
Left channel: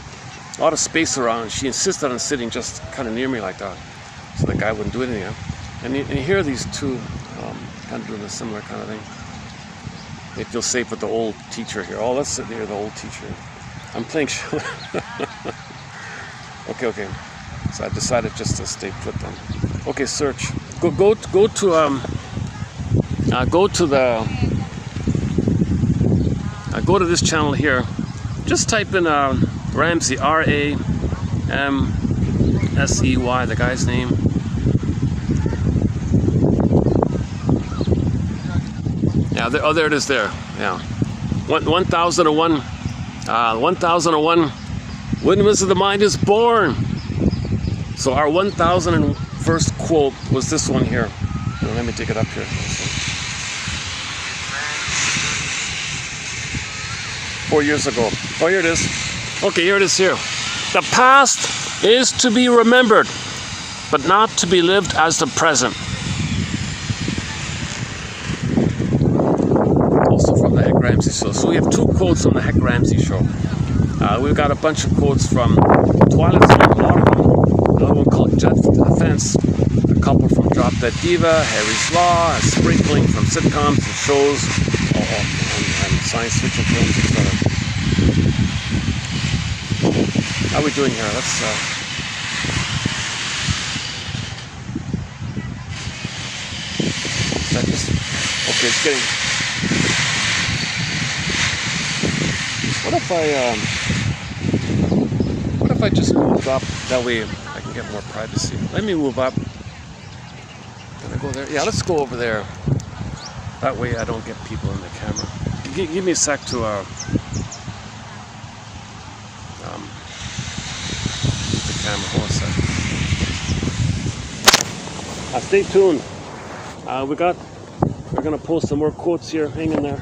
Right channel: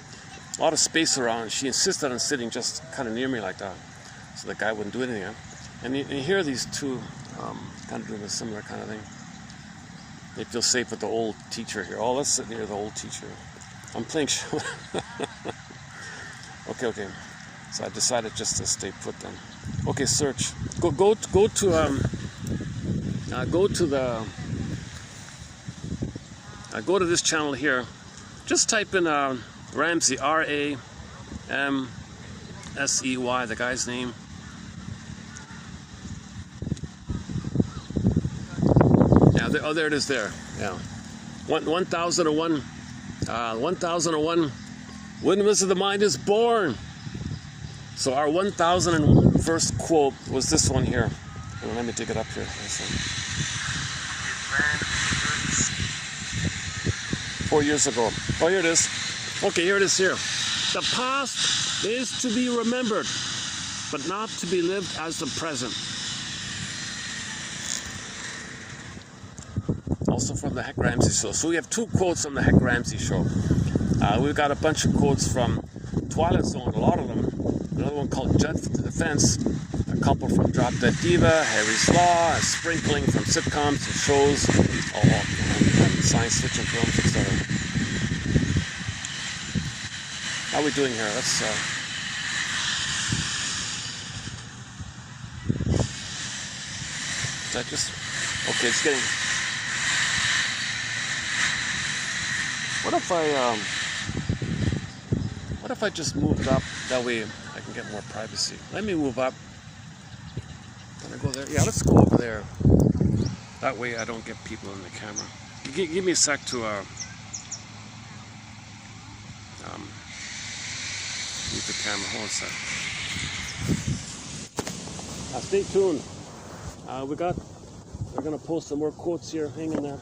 a lot of space around. She insisted on sitting just kind of near me like that, so the guy wouldn't do anything. And you hear these two kind of doing a similar kind of thing. They feel safe with the old teacher here. Oh, let's sit near the old teacher. I'm playing Okay. So I decided just to stay put then. Okay, search. Go to this channel here. Just type in Ramsey, Ramsey, the guy's name. Yeah, there it is there. Yeah. 1001. 1001. Windmills of the Mind is born. So our 1001st quote was this one here. Let me take it up here. 4 years ago. Oh, here it is. Okay, here it is here. The past is to be remembered, but not to be lived as the present. Also from the Heck Ramsey Show. So we have 2 quotes from the Heck Ramsey Show. We've got a bunch of quotes from Twilight Zone, another one called Jet Defense, a couple from Drop Dead Diva, Harry's Law, a sprinkling from sitcoms and shows, and science fiction films, etc. How are we doing here? Let's okay, it's getting. What if I just moved up? That way I can get more privacy. Let me move up. Can I go there? Yeah, let's go over there. That way I don't get people in the camera. Give me a sec to move the camera. Hold on a sec. Stay tuned. We're gonna post some more quotes here. Hang in there.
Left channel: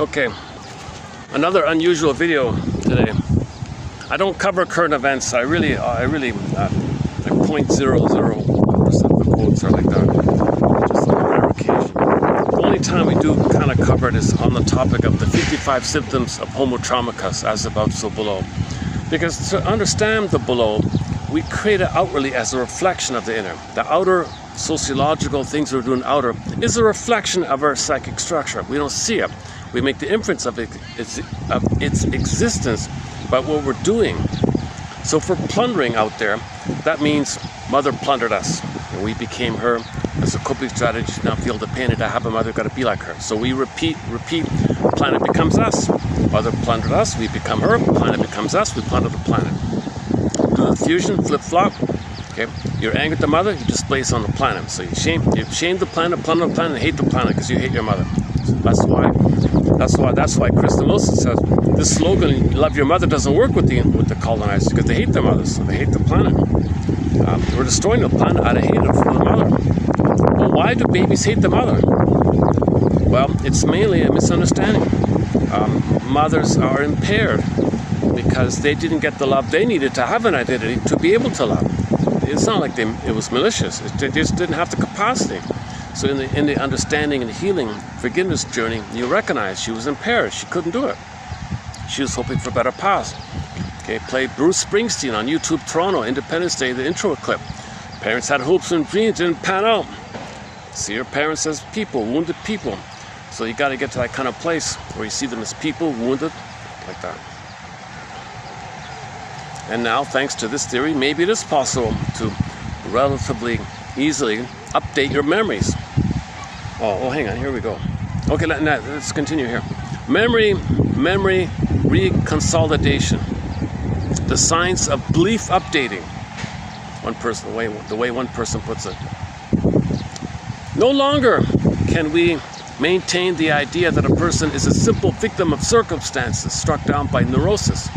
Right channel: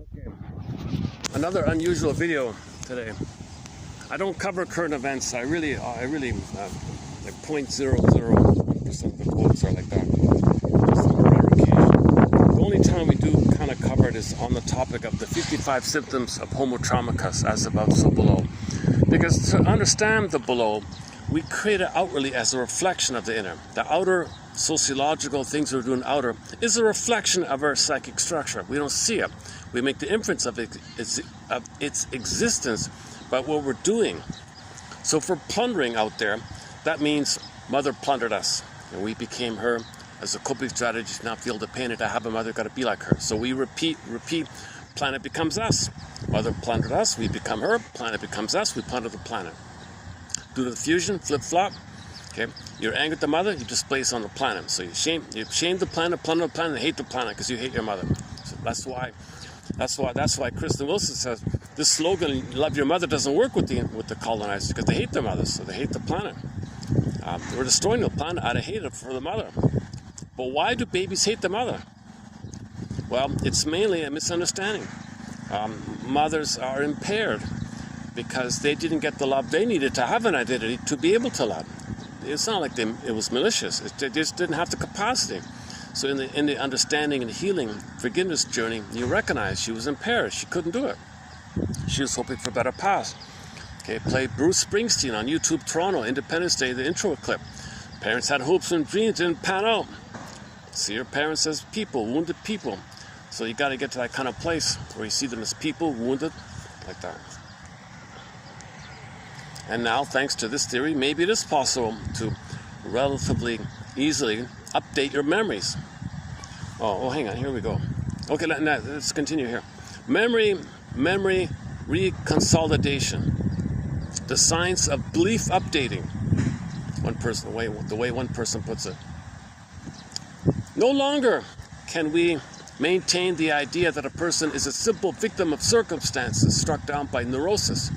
Okay, another unusual video today. I don't cover current events. I really like 0.00% of the quotes are like that. Just on a rare occasion. The only time we do kind of cover it is on the topic of the 55 symptoms of Homo traumicus, as above, so below. Because to understand the below, we create it outwardly as a reflection of the inner. The outer sociological things we're doing outer is a reflection of our psychic structure. We don't see it. We make the inference of its existence by what we're doing. So if we're plundering out there, that means mother plundered us and we became her. As a coping strategy to not feel the pain to have a mother, got to be like her. So we repeat, planet becomes us. Mother plundered us, we become her. Planet becomes us, we plunder the planet. Do the fusion, flip-flop. Okay, you're angry at the mother, you displace on the planet. So you shame the planet, plunder the planet, and hate the planet because you hate your mother. So that's why Krista Wilson says this slogan, "Love your mother," doesn't work with the colonizers because they hate their mothers, so they hate the planet. We're destroying the planet out of hate for the mother. Well, why do babies hate the mother? Well, it's mainly a misunderstanding. Mothers are impaired because they didn't get the love they needed to have an identity to be able to love. It's not like it was malicious. They just didn't have the capacity. So in the understanding and healing forgiveness journey, you recognize she was impaired. She couldn't do it. She was hoping for a better past. Okay, played Bruce Springsteen on YouTube Toronto, Independence Day, the intro clip. Parents had hopes and dreams, didn't pan out. See your parents as people, wounded people. So you got to get to that kind of place where you see them as people, wounded, like that. And now, thanks to this theory, maybe it is possible to relatively easily update your memories. Oh, hang on, here we go. Okay, let's continue here. Memory reconsolidation. The science of belief updating. The way one person puts it. No longer can we maintain the idea that a person is a simple victim of circumstances struck down by neurosis.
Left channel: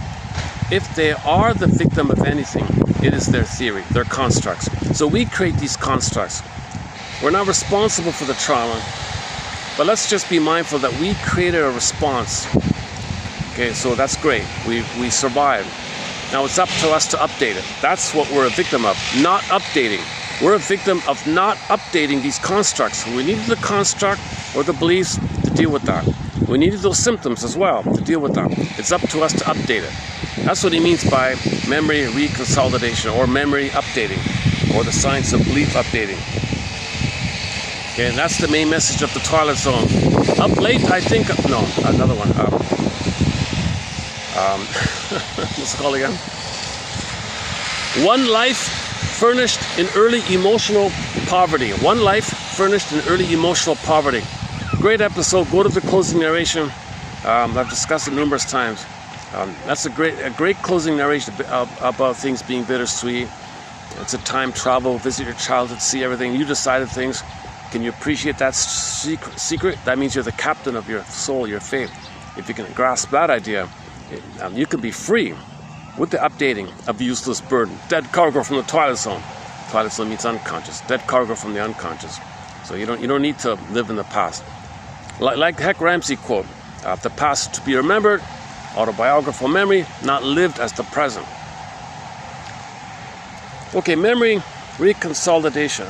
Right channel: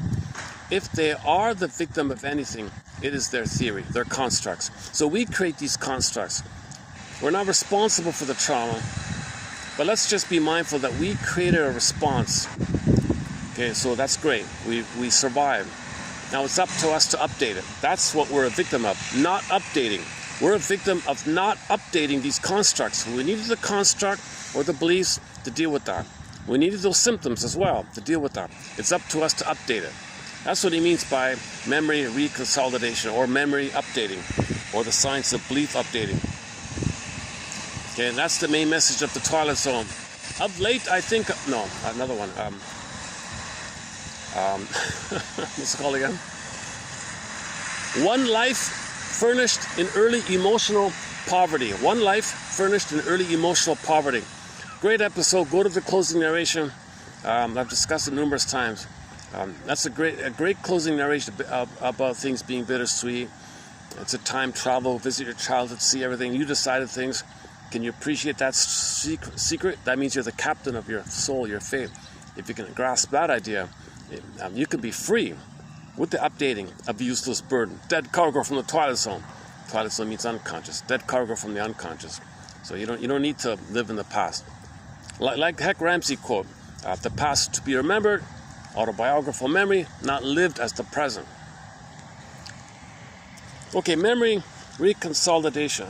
If they are the victim of anything, it is their theory, their constructs. So we create these constructs. We're not responsible for the trauma, but let's just be mindful that we created a response. Okay, so that's great. We survived. Now it's up to us to update it. That's what we're a victim of, not updating. We're a victim of not updating these constructs. We needed the construct or the beliefs to deal with that. We needed those symptoms as well to deal with that. It's up to us to update it. That's what he means by memory reconsolidation or memory updating or the science of belief updating. Okay, and that's the main message of the Twilight Zone. Up late, I think, no, another one. What's it called again? One life furnished in early emotional poverty. One life furnished in early emotional poverty. Great episode. Go to the closing narration. I've discussed it numerous times. That's a great closing narration about things being bittersweet. It's a time travel. Visit your childhood, see everything. You decided things. Can you appreciate that secret? That means you're the captain of your soul, your faith. If you can grasp that idea, you can be free with the updating of the useless burden. Dead cargo from the Twilight Zone. Twilight Zone means unconscious. Dead cargo from the unconscious. So you don't need to live in the past. Like Heck Ramsey quote, the past to be remembered, autobiographical memory, not lived as the present. Okay, memory reconsolidation.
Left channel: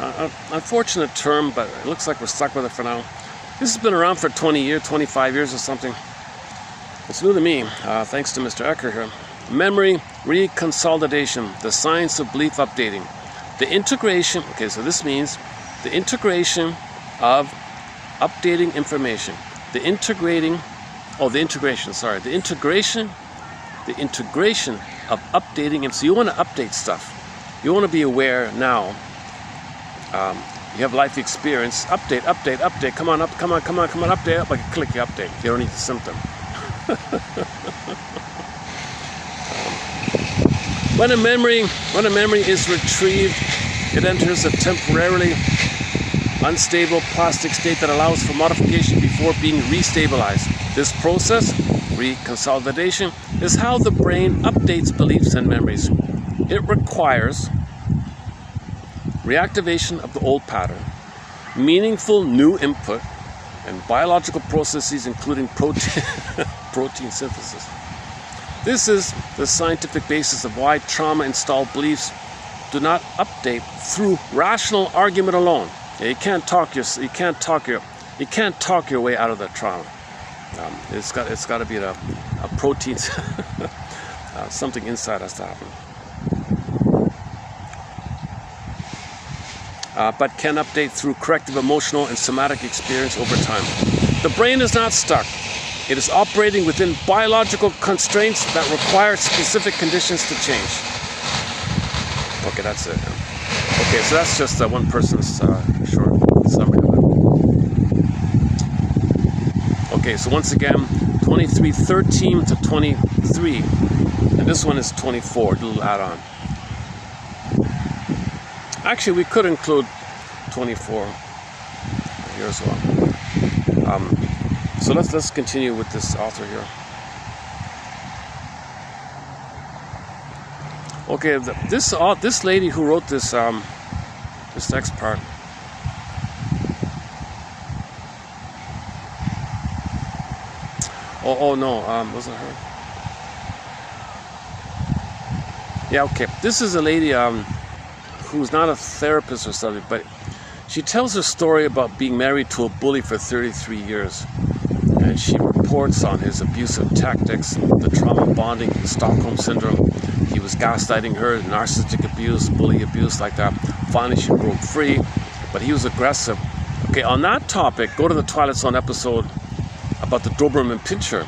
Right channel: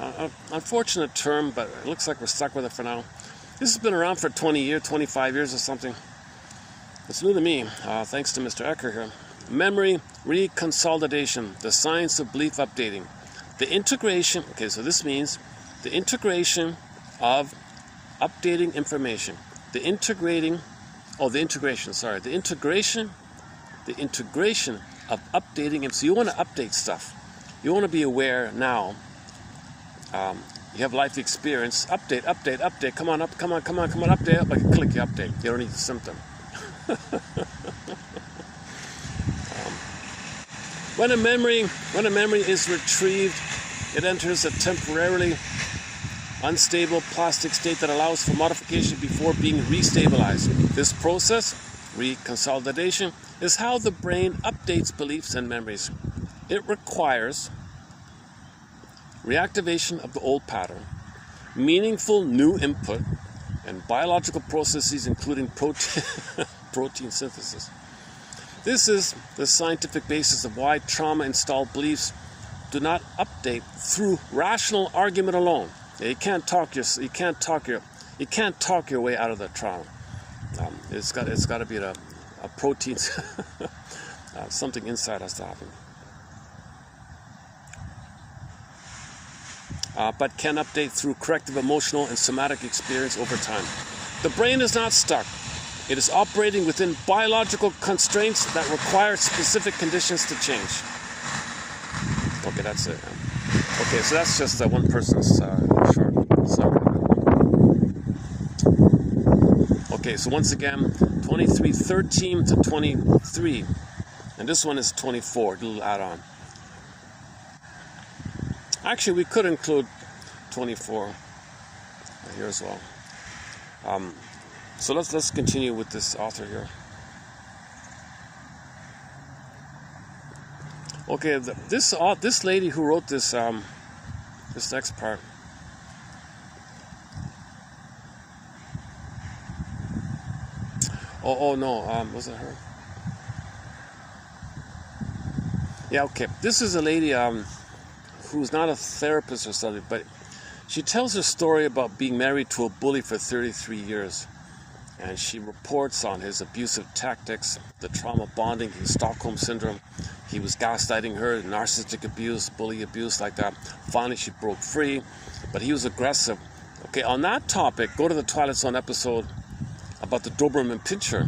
Unfortunate term, but it looks like we're stuck with it for now. This has been around for 20 years, 25 years or something. It's new to me, thanks to Mr. Ecker here. Memory reconsolidation, the science of belief updating. The integration, okay, so this means the integration of updating information. The integration of updating. So you want to update stuff. You want to be aware now. You have life experience. Update. Come on, update up. I can click your update. You don't need the symptom. When a memory is retrieved, it enters a temporarily unstable plastic state that allows for modification before being restabilized. This process, reconsolidation, is how the brain updates beliefs and memories. It requires reactivation of the old pattern, meaningful new input, and biological processes including protein synthesis. This is the scientific basis of why trauma-installed beliefs do not update through rational argument alone. You can't talk your way out of that trauma. It's got to be a protein, something inside has to happen. But can update through corrective emotional and somatic experience over time. The brain is not stuck. It is operating within biological constraints that require specific conditions to change. Okay, that's it. Okay, so that's just one person's short summary. Okay, so once again, 23:13 to 23, and this one is 24, a little add-on. Actually, we could include 24 here as well. So let's continue with this author here. Okay, this lady who wrote this this next part. Oh no, was it her? Yeah, okay. This is a lady who's not a therapist or something, but she tells her story about being married to a bully for 33 years. And she reports on his abusive tactics, the trauma bonding, the Stockholm syndrome. He was gaslighting her, narcissistic abuse, bully abuse, like that. Finally, she broke free, but he was aggressive. Okay, on that topic, go to the Twilight Zone episode about the Doberman Pinscher.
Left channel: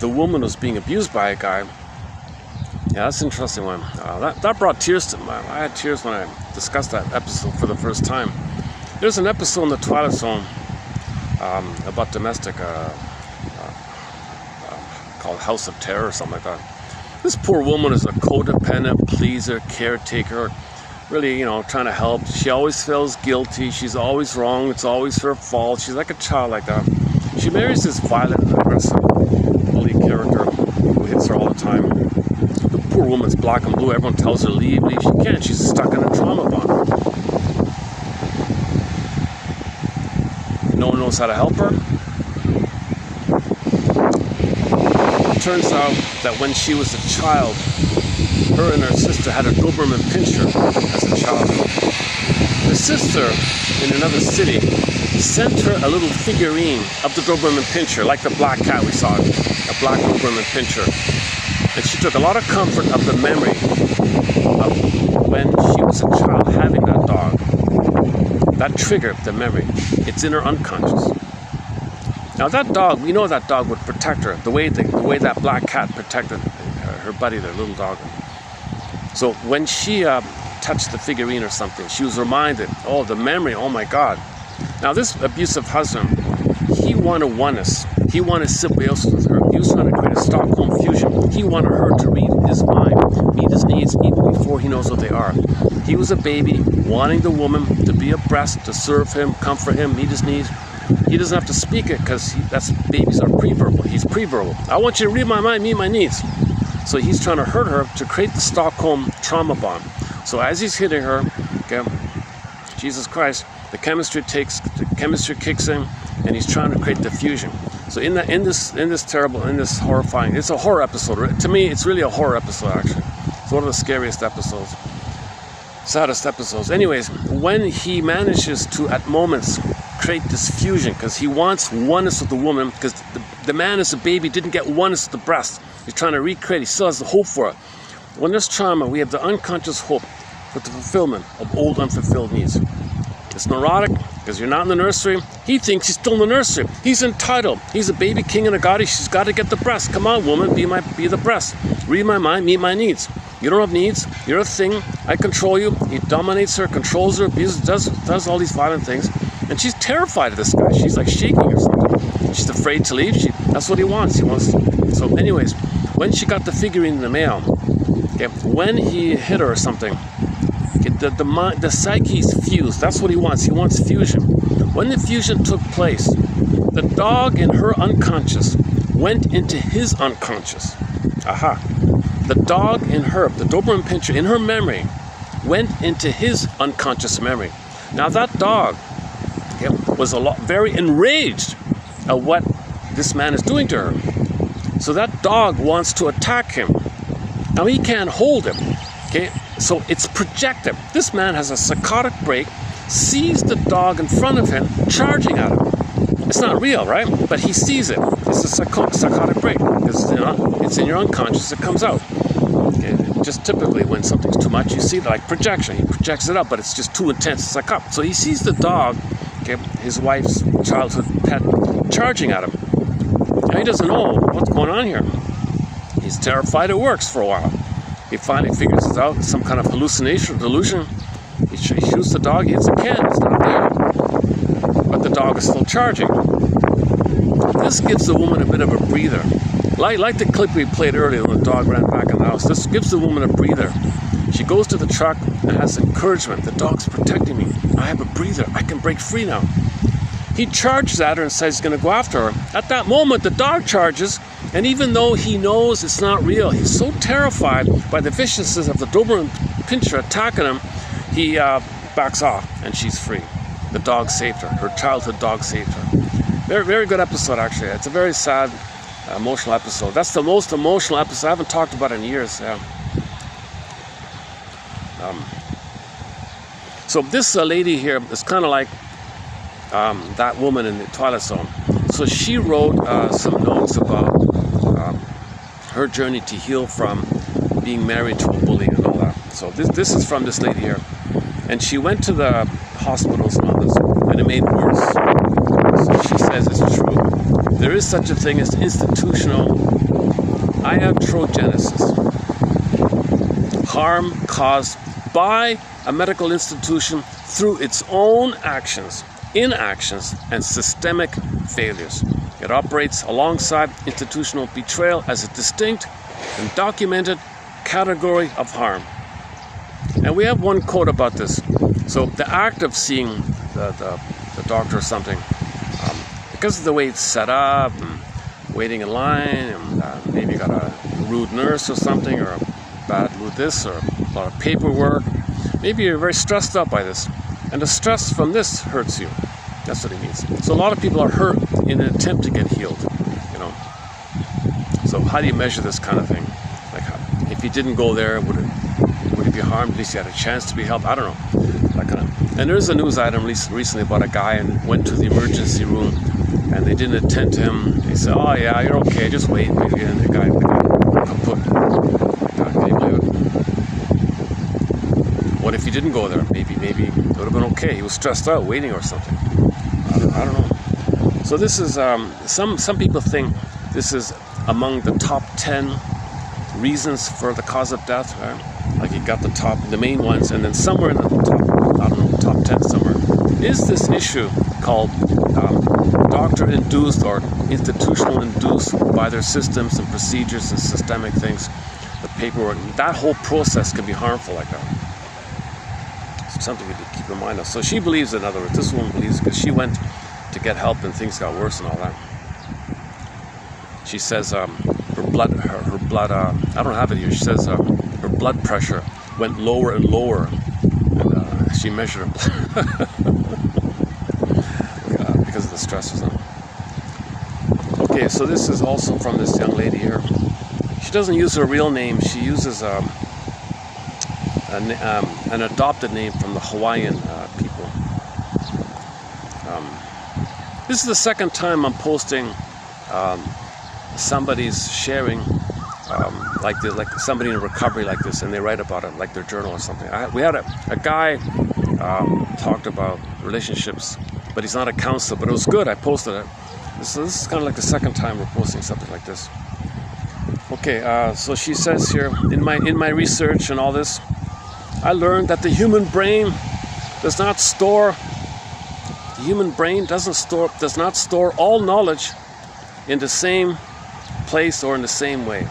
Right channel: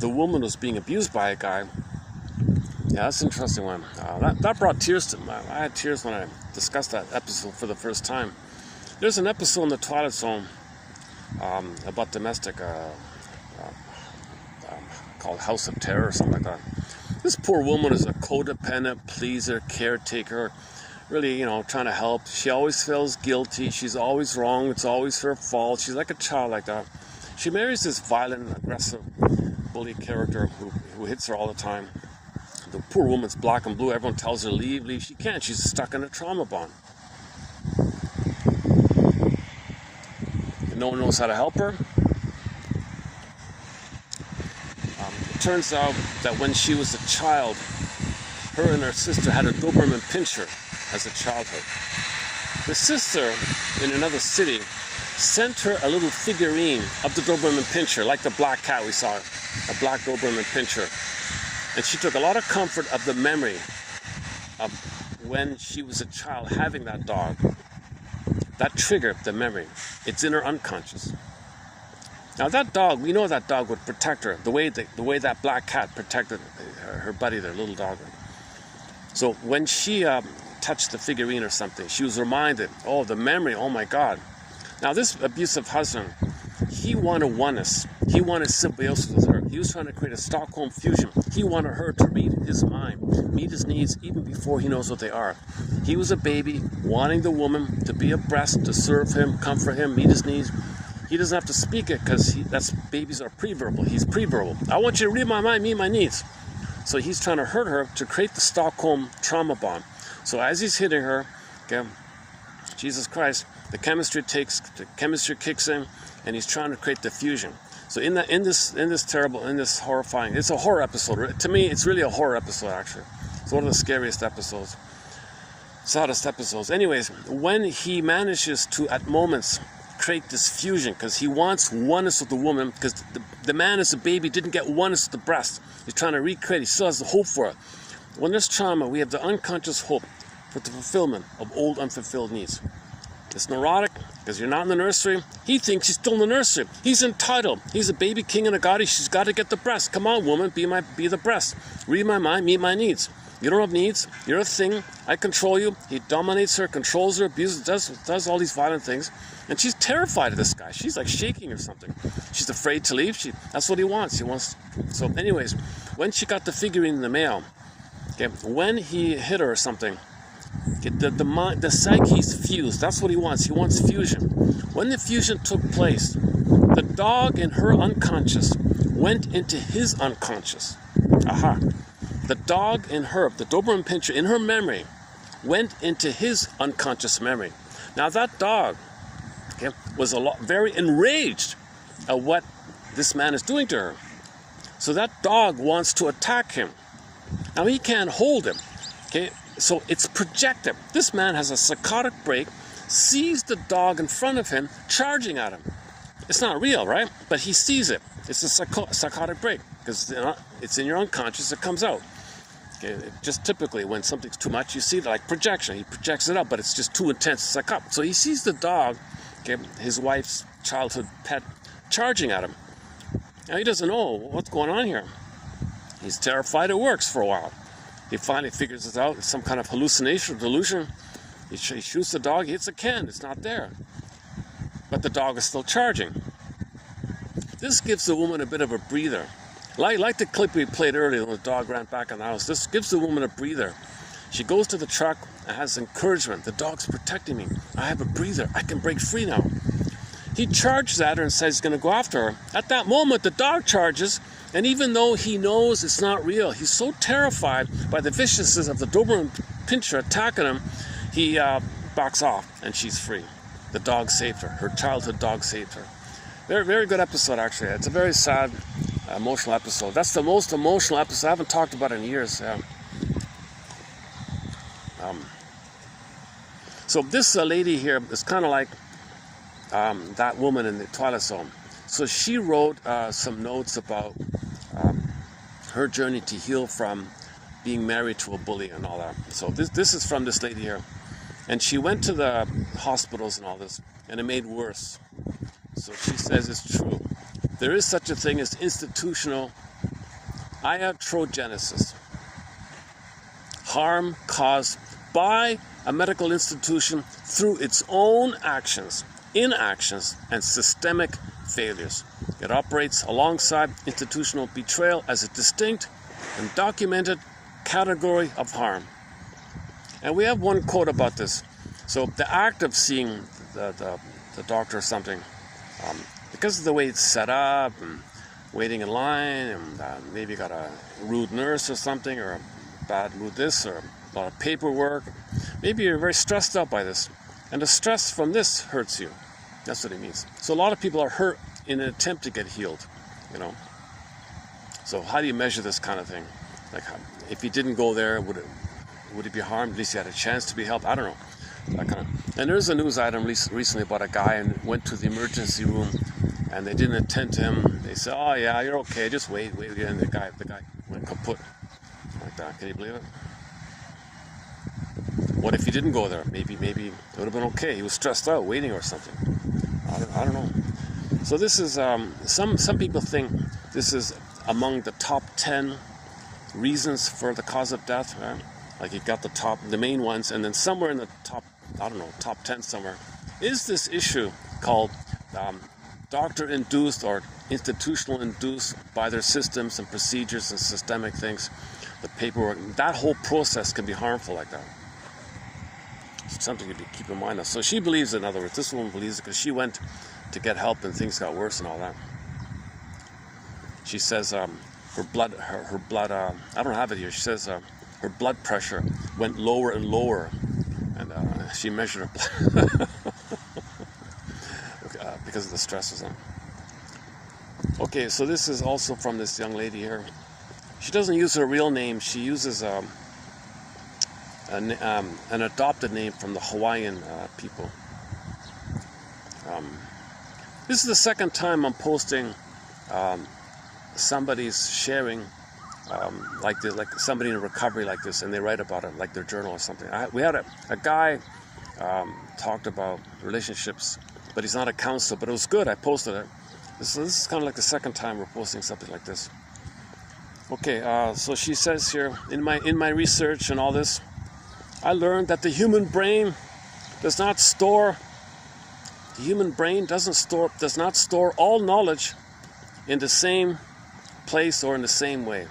The woman was being abused by a guy. Yeah, that's an interesting one. That brought tears to my. I had tears when I discussed that episode for the first time. There's an episode in the Twilight Zone about domestic, called House of Terror or something like that. This poor woman is a codependent, pleaser, caretaker, really, trying to help. She always feels guilty. She's always wrong. It's always her fault. She's like a child like that. She marries this violent and aggressive bully character who hits her all the time. The poor woman's black and blue. Everyone tells her leave. She can't. She's stuck in a trauma bond. No one knows how to help her. It turns out that when she was a child, her and her sister had a Doberman Pinscher as a child. Her sister, in another city, sent her a little figurine of the Doberman Pinscher, like the black cat we saw, a black Doberman Pinscher. And she took a lot of comfort of the memory of when she was a child having that dog. That triggered the memory. It's in her unconscious. Now that dog, we know that dog would protect her the way that black cat protected her buddy, their little dog. So when she touched the figurine or something, she was reminded, oh, the memory, oh my God. Now this abusive husband, he wanted oneness. He wanted symbiosis with her. He was trying to create a Stockholm fusion. He wanted her to read his mind, meet his needs even before he knows what they are. He was a baby, wanting the woman to be a breast, to serve him, comfort him, meet his needs. He doesn't have to speak it because babies are pre-verbal. He's pre-verbal. I want you to read my mind, meet my needs. So he's trying to hurt her to create the Stockholm trauma bond. So as he's hitting her, okay, Jesus Christ, the chemistry kicks in, and he's trying to create the fusion. So in this horrifying, it's a horror episode. To me, it's really a horror episode, actually. It's one of the scariest episodes, saddest episodes. Anyways, when he manages to, at moments, create this fusion, because he wants oneness with the woman, because the man as a baby didn't get oneness with the breast. He's trying to recreate, he still has the hope for it. When there's trauma, we have the unconscious hope for the fulfillment of old unfulfilled needs. It's neurotic, because you're not in the nursery. He thinks he's still in the nursery. He's entitled. He's a baby king and a goddess. She's got to get the breast. Come on, woman, be the breast. Read my mind, meet my needs. You don't have needs. You're a thing. I control you. He dominates her, controls her, abuses, does all these violent things. And she's terrified of this guy. She's like shaking or something. She's afraid to leave. That's what he wants. So anyways, when she got the figurine in the mail, okay, when he hit her or something, the psyche's fused. That's what he wants. He wants fusion. When the fusion took place, the dog in her unconscious went into his unconscious. Aha. The dog in her, the Doberman Pinscher, in her memory, went into his unconscious memory. Now that dog, okay, was very enraged at what this man is doing to her. So that dog wants to attack him. Now he can't hold him. Okay, so it's projected. This man has a psychotic break, sees the dog in front of him, charging at him. It's not real, right? But he sees it. It's a psychotic break. It's in your unconscious, it comes out. Okay, just typically when something's too much, you see it like projection. He projects it up, but it's just too intense, it's like up. So he sees the dog, okay, his wife's childhood pet, charging at him. Now he doesn't know what's going on here. He's terrified. It works for a while. He finally figures it out. It's some kind of hallucination or delusion. He shoots the dog. He hits a can. It's not there. But the dog is still charging. This gives the woman a bit of a breather. Like the clip we played earlier when the dog ran back in the house. This gives the woman a breather. She goes to the truck and has encouragement. The dog's protecting me. I have a breather. I can break free now. He charges at her and says he's going to go after her. At that moment, the dog charges, and even though he knows it's not real, he's so terrified by the viciousness of the Doberman Pinscher attacking him, he backs off, and she's free. The dog saved her. Her childhood dog saved her. Very, very good episode, actually. It's a very sad emotional episode. That's the most emotional episode. I haven't talked about it in years. Yeah. So this lady here is kind of like that woman in the Twilight Zone. So she wrote some notes about her journey to heal from being married to a bully and all that. So this is from this lady here. And she went to the hospitals and all this, and it made worse. So she says it's true. There is such a thing as institutional iatrogenesis, harm caused by a medical institution through its own actions, inactions, and systemic failures. It operates alongside institutional betrayal as a distinct and documented category of harm. And we have one quote about this. So the act of seeing the doctor or something, because of the way it's set up, and waiting in line, and maybe you got a rude nurse or something, or a bad mood this, or a lot of paperwork. Maybe you're very stressed out by this, and the stress from this hurts you. That's what he means. So a lot of people are hurt in an attempt to get healed, you know. So how do you measure this kind of thing? Like, if you didn't go there, would it be harmed? At least you had a chance to be helped. I don't know. That kind of. And there's a news item recently about a guy and went to the emergency room, and they didn't attend to him. They said, "Oh yeah, you're okay. Just wait." And the guy kaput. Can you believe it? What if you didn't go there? Maybe it would have been okay. He was stressed out, waiting or something. I don't know. So this is some people think this is among the top 10 reasons for the cause of death. Right? Like you got the main ones, and then somewhere in the top, I don't know, top 10 somewhere, is this issue called doctor-induced or institutional-induced by their systems and procedures and systemic things, the paperwork. That whole process can be harmful like that. Something to keep in mind of. So she believes, in other words, this woman believes, because she went to get help and things got worse and all that. She says her blood, I don't have it here. She says her blood pressure went lower and lower, and she measured her blood because of the stress or something. Okay, so this is also from this young lady here. She doesn't use her real name. She uses an adopted name from the Hawaiian people. This is the second time I'm posting somebody's sharing like this, like somebody in recovery like this, and they write about it like their journal or something. We had a guy talked about relationships, but he's not a counselor, but it was good. I posted it. This is kind of like the second time we're posting something like this. Okay, so she says here, in my research and all this, I learned that the human brain does not store all knowledge in the same place or in the same way.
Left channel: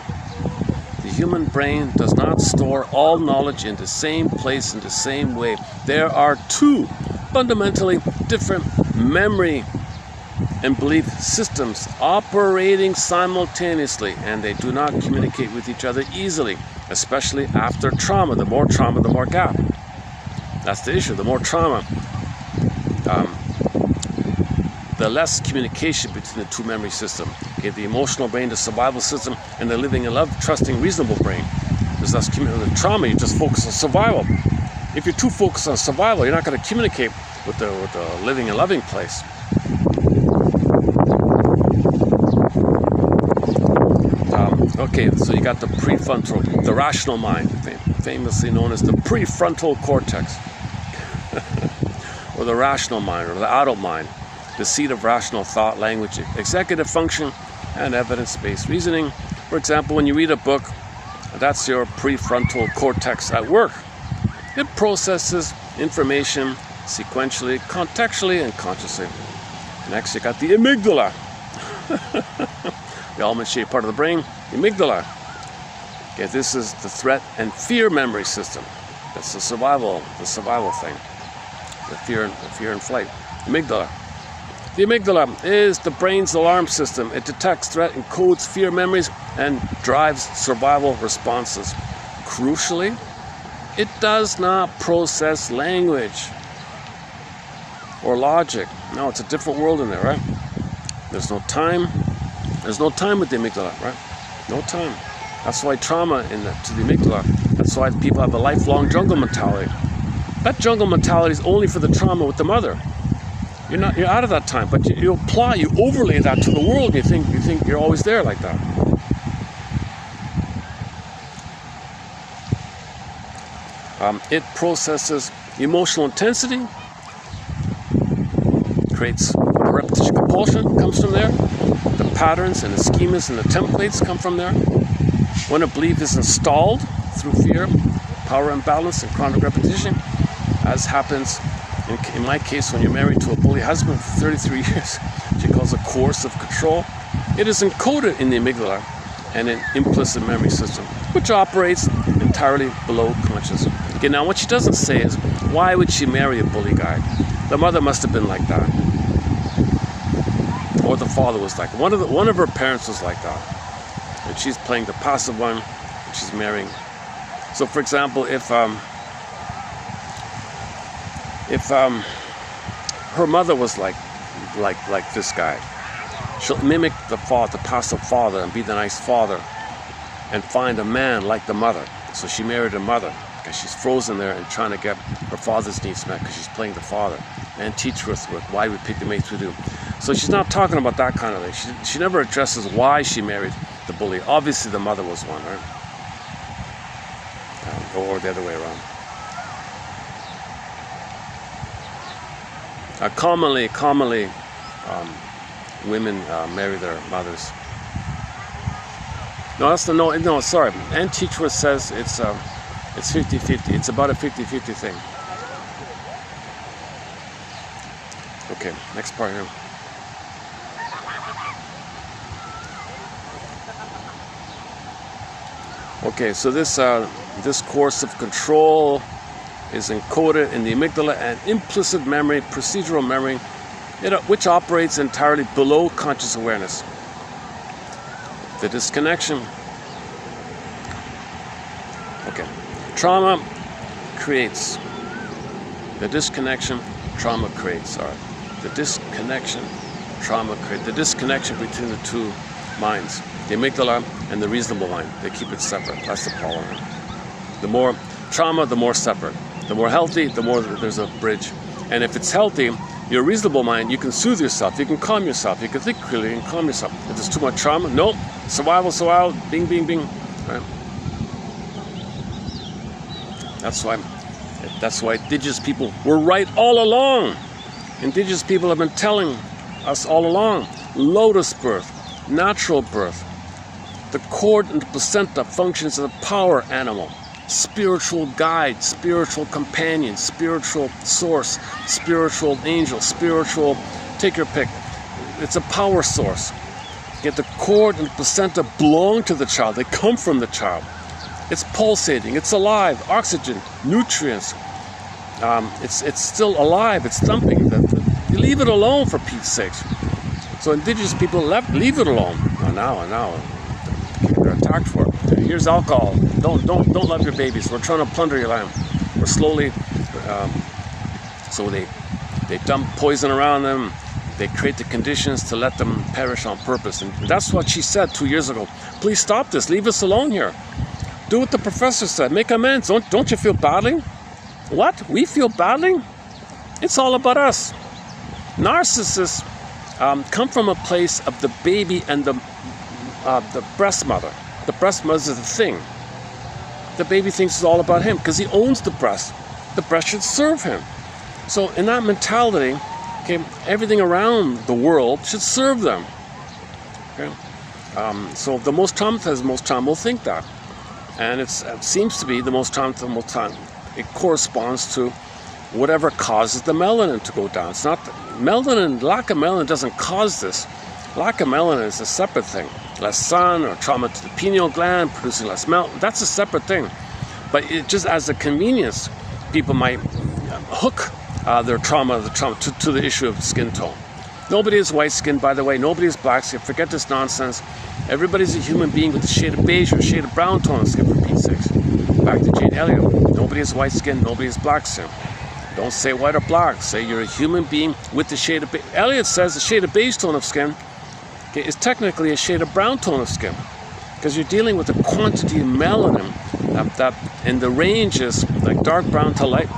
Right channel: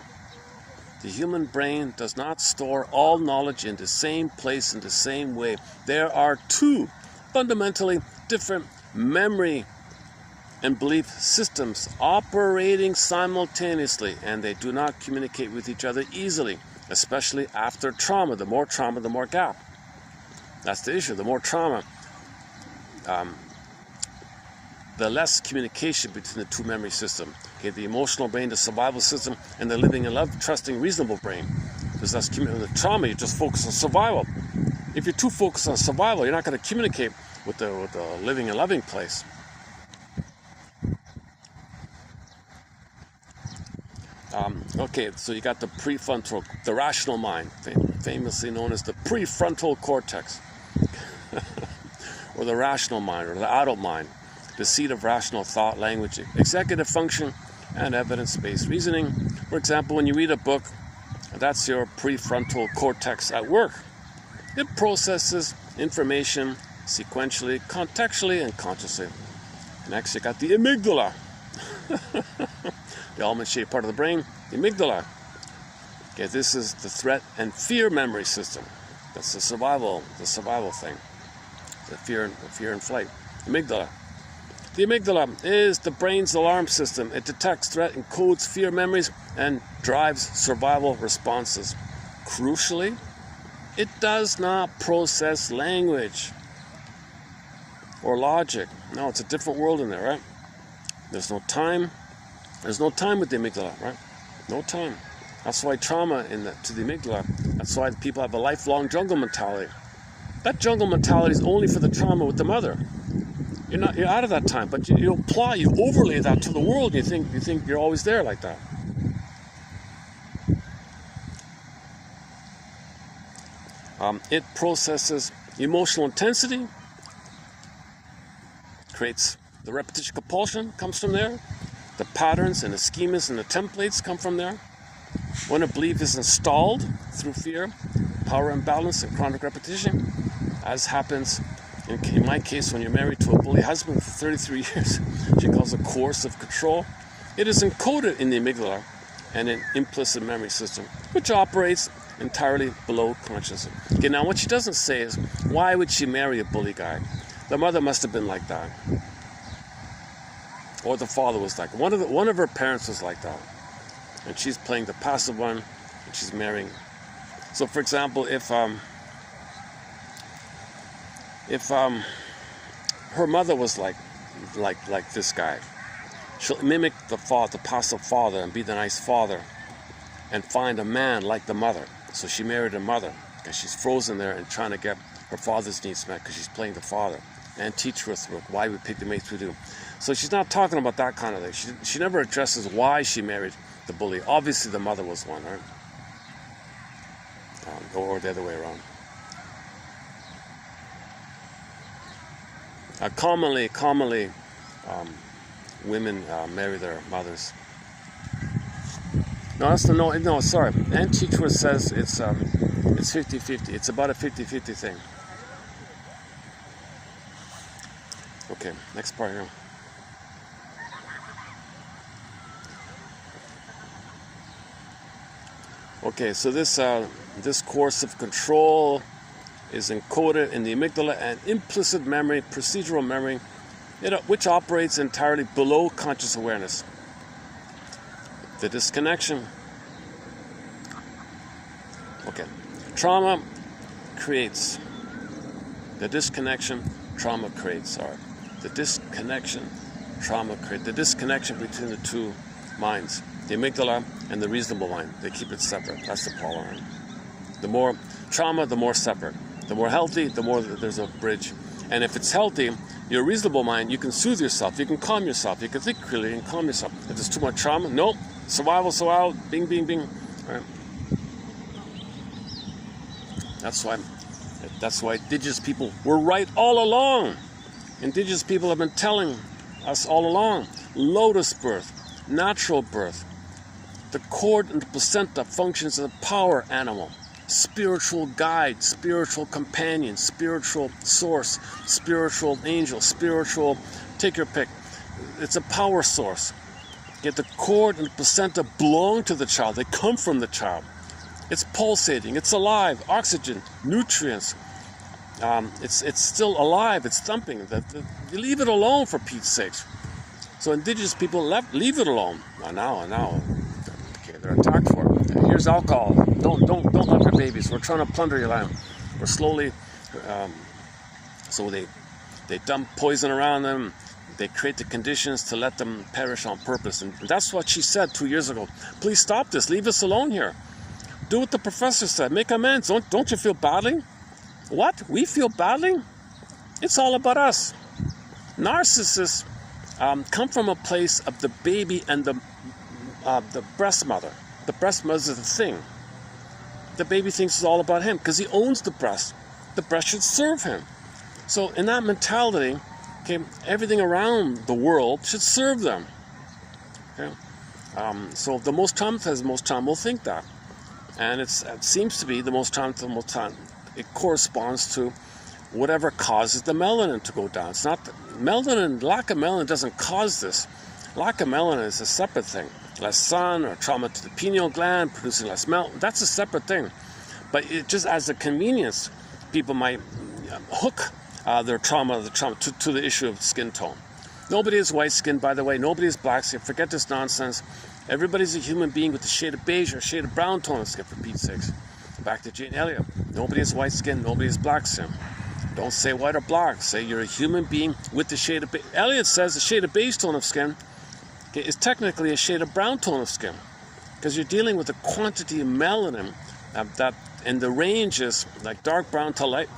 The human brain does not store all knowledge in the same place in the same way. There are two fundamentally different memory and belief systems operating simultaneously, and they do not communicate with each other easily, especially after trauma. The more trauma, the more gap. That's the issue. The more trauma, the less communication between the two memory systems. Okay, the emotional brain, the survival system, and the living and love, trusting, reasonable brain. There's less communication. The trauma, you just focus on survival. If you're too focused on survival, you're not going to communicate with the living and loving place. Okay, so you got the prefrontal, the rational mind, famously known as the prefrontal cortex, or the rational mind, or the adult mind, the seat of rational thought, language, executive function, and evidence-based reasoning. For example, when you read a book, that's your prefrontal cortex at work. It processes information sequentially, contextually, and consciously. Next, you got the amygdala. The almond-shaped part of the brain, the amygdala. Okay, this is the threat and fear memory system. That's the survival thing. The fear and flight. Amygdala. The amygdala is the brain's alarm system. It detects threat, encodes fear memories, and drives survival responses. Crucially, it does not process language or logic. No, it's a different world in there, right? There's no time There's no time with the amygdala, right? No time. That's why trauma to the amygdala. That's why people have a lifelong jungle mentality. That jungle mentality is only for the trauma with the mother. You're out of that time, but you overlay that to the world. You think you're always there like that. It processes emotional intensity, creates repetition compulsion, comes from there. The patterns and the schemas and the templates come from there. When a belief is installed through fear, power imbalance, and chronic repetition, as happens in my case when you're married to a bully husband for 33 years, she calls a coercive control. It is encoded in the amygdala and an implicit memory system, which operates entirely below conscious. Okay, now what she doesn't say is, why would she marry a bully guy? The mother must have been like that, or the father was like one of her parents was like that, and she's playing the passive one, and she's marrying. So, for example, if her mother was like this guy, she'll mimic the passive father, and be the nice father, and find a man like the mother. So she married her mother because she's frozen there and trying to get her father's needs met because she's playing the father, and teach her with why we pick the mates we do. So she's not talking about that kind of thing. She never addresses why she married the bully. Obviously the mother was one, right? Or the other way around. Commonly, women marry their mothers. No, sorry. Ann Teachworth says it's 50-50. It's about a 50-50 thing. Okay, next part here. Okay, so this coercive control is encoded in the amygdala and implicit memory, procedural memory, which operates entirely below conscious awareness. The disconnection. Okay. Trauma creates. The disconnection, trauma creates. All right. The disconnection, trauma creates. The disconnection between the two minds, the amygdala and the reasonable mind. They keep it separate. That's the problem. The more trauma, the more separate. The more healthy, the more there's a bridge. And if it's healthy, your reasonable mind, you can soothe yourself, you can calm yourself, you can think clearly and calm yourself. If there's too much trauma, nope, survival, bing, bing, bing. Right? That's why indigenous people were right all along. Indigenous people have been telling us all along, lotus birth, natural birth, the cord and the placenta functions as a power animal. Spiritual guide, spiritual companion, spiritual source, spiritual angel, spiritual, take your pick. It's a power source. Yet the cord and the placenta belong to the child. They come from the child. It's pulsating, it's alive, oxygen, nutrients. It's still alive, it's thumping. You leave it alone, for Pete's sakes. So indigenous people leave it alone. Now. They're attacked for it. Here's alcohol. Don't love your babies. We're trying to plunder your land. We're slowly, so they dump poison around them. They create the conditions to let them perish on purpose. And that's what she said 2 years ago. Please stop this. Leave us alone here. Do what the professor said. Make amends. Don't you feel badly? What? We feel badly? It's all about us. Narcissists come from a place of the baby and the breast mother. The breast mother is the thing. The baby thinks it's all about him because he owns the breast. The breast should serve him. So in that mentality, okay, everything around the world should serve them. Okay? So the most traumatized, most trauma will think that. And it seems to be the most traumatized. It corresponds to whatever causes the melanin to go down. It's not melanin, lack of melanin doesn't cause this. Lack of melanin is a separate thing. Less sun or trauma to the pineal gland, producing less melanin, that's a separate thing. But it just as a convenience, people might hook their trauma to the issue of skin tone. Nobody is white skin, by the way. Nobody is black skin. Forget this nonsense. Everybody's a human being with a shade of beige or a shade of brown tone of skin, for Pete's sakes. Back to Jane Elliott. Nobody is white skin. Nobody is black skin. Don't say white or black. Say you're a human being with the shade of beige. Elliott says the shade of beige tone of skin okay, is technically a shade of brown tone of skin, because you're dealing with a quantity of melanin that in the range is like dark brown to light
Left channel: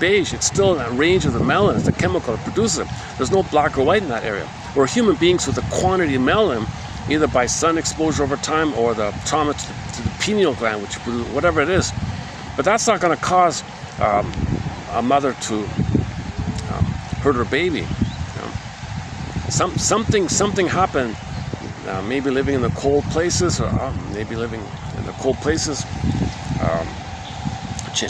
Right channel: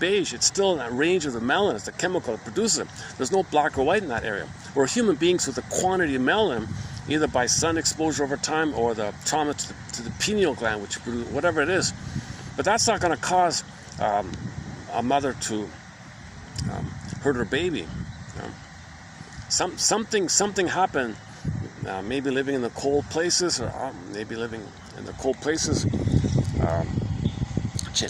beige. It's still in that range of the melanin. It's the chemical that produces it. There's no black or white in that area. We're human beings with a quantity of melanin, either by sun exposure over time or the trauma to the pineal gland, which produces whatever it is. But that's not going to cause a mother to hurt her baby. Something happened. Maybe living in the cold places, or maybe living in the cold places.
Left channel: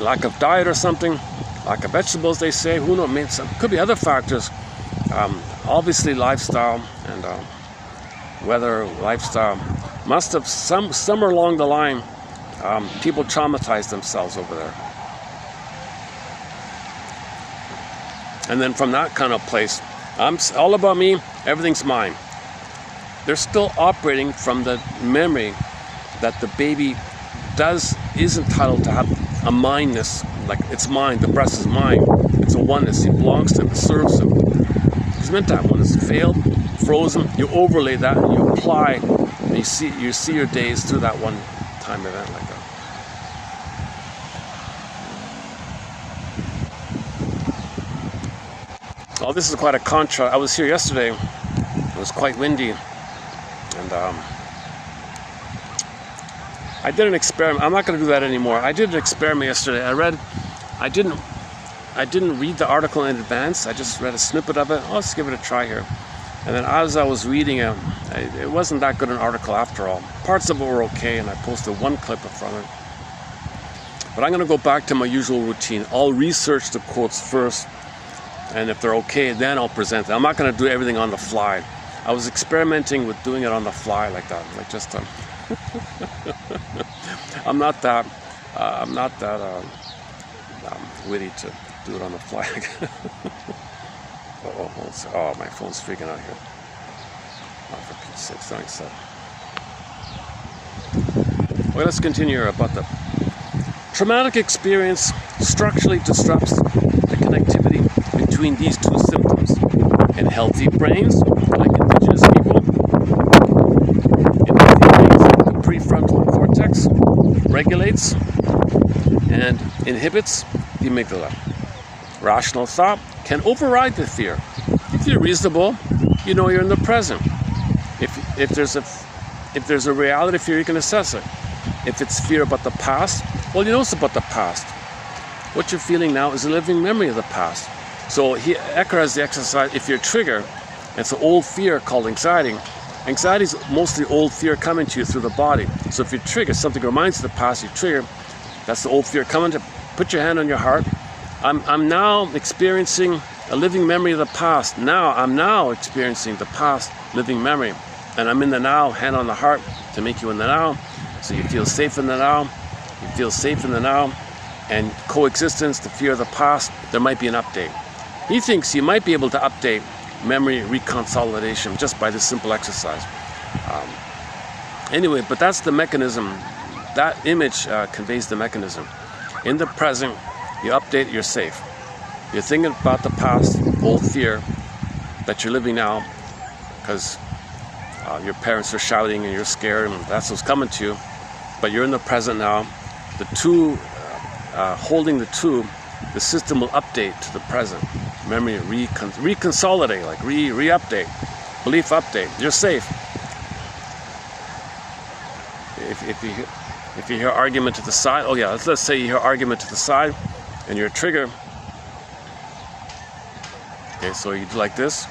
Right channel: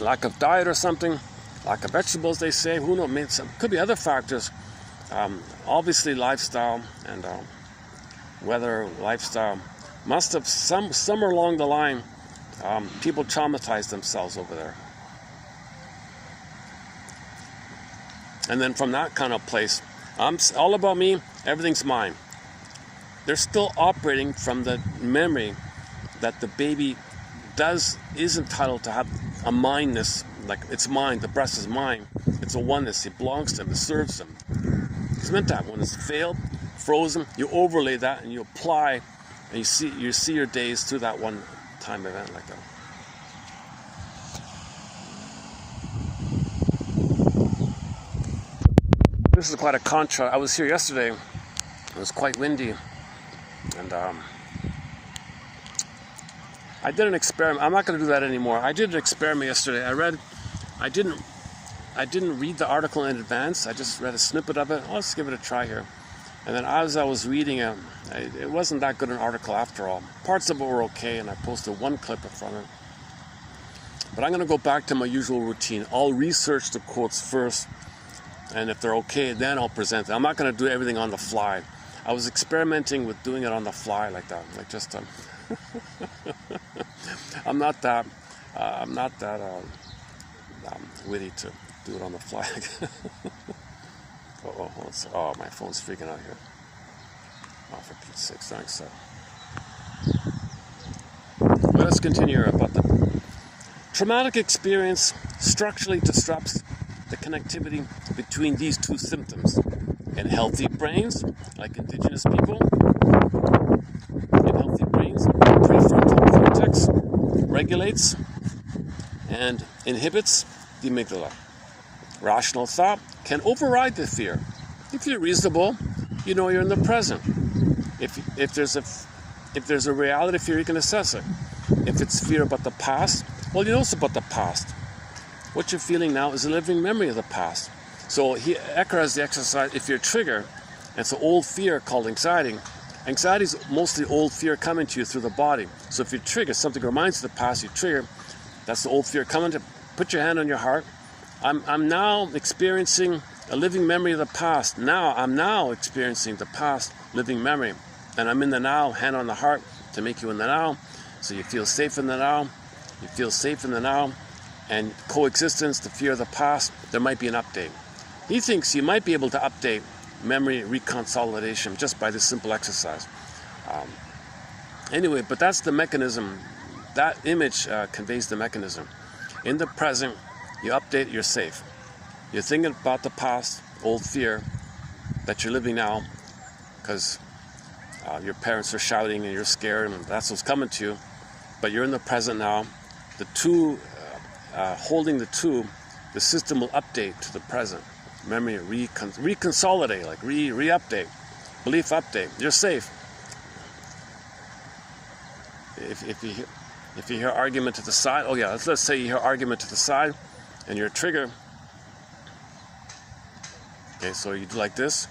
Lack of diet or something. Lack of vegetables, they say. Who knows? Maybe could be other factors. Obviously, lifestyle and weather, lifestyle must have somewhere along the line. People traumatize themselves over there. And then from that kind of place, I'm all about me, everything's mine. They're still operating from the memory that the baby is entitled to have a mindness, like it's mine, the breast is mine. It's a oneness, it belongs to him, it serves him. He's meant to have one. It's failed, frozen, you overlay that and you apply, and you see your days through that one time event like that. Oh, this is quite a contrast. I was here yesterday. It was quite windy, and I did an experiment. I'm not going to do that anymore. I did an experiment yesterday. I didn't read the article in advance. I just read a snippet of it. Oh, let's give it a try here. And then as I was reading it, it wasn't that good an article after all. Parts of it were okay, and I posted one clip from it. But I'm going to go back to my usual routine. I'll research the quotes first, and if they're okay, then I'll present it. I'm not going to do everything on the fly. I was experimenting with doing it on the fly like that, like just I'm not that witty to do it on the fly. Oh, my phone's freaking out here. Oh, for Pete's sake, thanks. Well, let's continue here about the traumatic experience structurally disrupts the connectivity between these two symptoms. In healthy brains, like indigenous people, in healthy brains, the prefrontal cortex regulates and inhibits the amygdala. Rational thought can override the fear. If you're reasonable, you know you're in the present. If there's a reality fear, you can assess it. If it's fear about the past, well, you know it's about the past. What you're feeling now is a living memory of the past. So Ecker has the exercise, if you're triggered, it's an old fear called anxiety. Anxiety is mostly old fear coming to you through the body. So if you trigger, something reminds you of the past, you trigger, that's the old fear coming to, put your hand on your heart. I'm now experiencing a living memory of the past. I'm now experiencing the past living memory. And I'm in the now, hand on the heart to make you in the now. So you feel safe in the now. You feel safe in the now. And coexistence, the fear of the past, there might be an update. He thinks you might be able to update memory reconsolidation just by this simple exercise. Anyway, but that's the mechanism. That image conveys the mechanism. In the present, you update, you're safe. You're thinking about the past, old fear that you're living now because your parents are shouting and you're scared and that's what's coming to you. But you're in the present now. The two, holding the two, the system will update to the present. Memory reconsolidate, like re-update, belief update. You're safe. If you hear argument to the side, oh yeah, let's say you hear argument to the side, and you're triggered. Okay, so you do like this.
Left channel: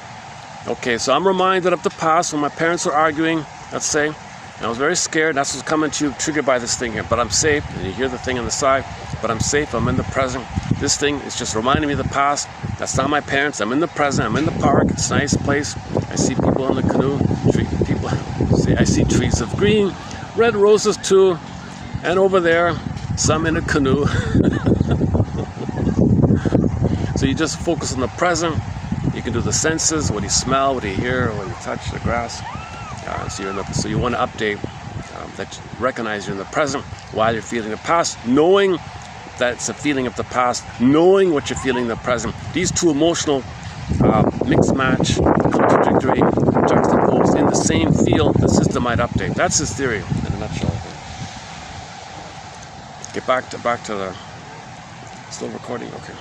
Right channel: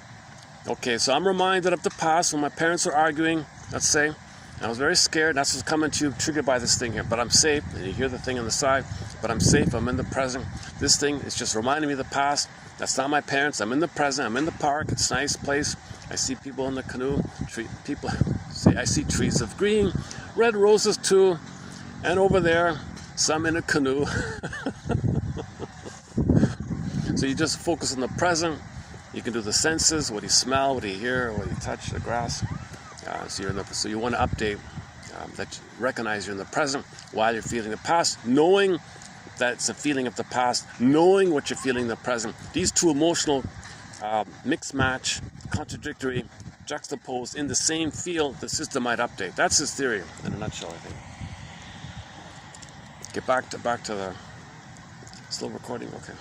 Okay, so I'm reminded of the past when my parents were arguing. Let's say, and I was very scared. That's what's coming to you, triggered by this thing here. But I'm safe. And you hear the thing on the side. But I'm safe. I'm in the present. This thing is just reminding me of the past. That's not my parents. I'm in the present. I'm in the park. It's a nice place. I see people in the canoe. I see trees of green, red roses too, and over there, some in a canoe. So you just focus on the present. You can do the senses. What do you smell? What do you hear? What do you touch? The grass. So you want to update that you recognize you're in the present while you're feeling the past, knowing that it's a feeling of the past, knowing what you're feeling in the present. These two emotional mix match, contradictory, juxtaposed in the same field, the system might update. That's his theory in a nutshell, I think. Get back to the still recording, okay.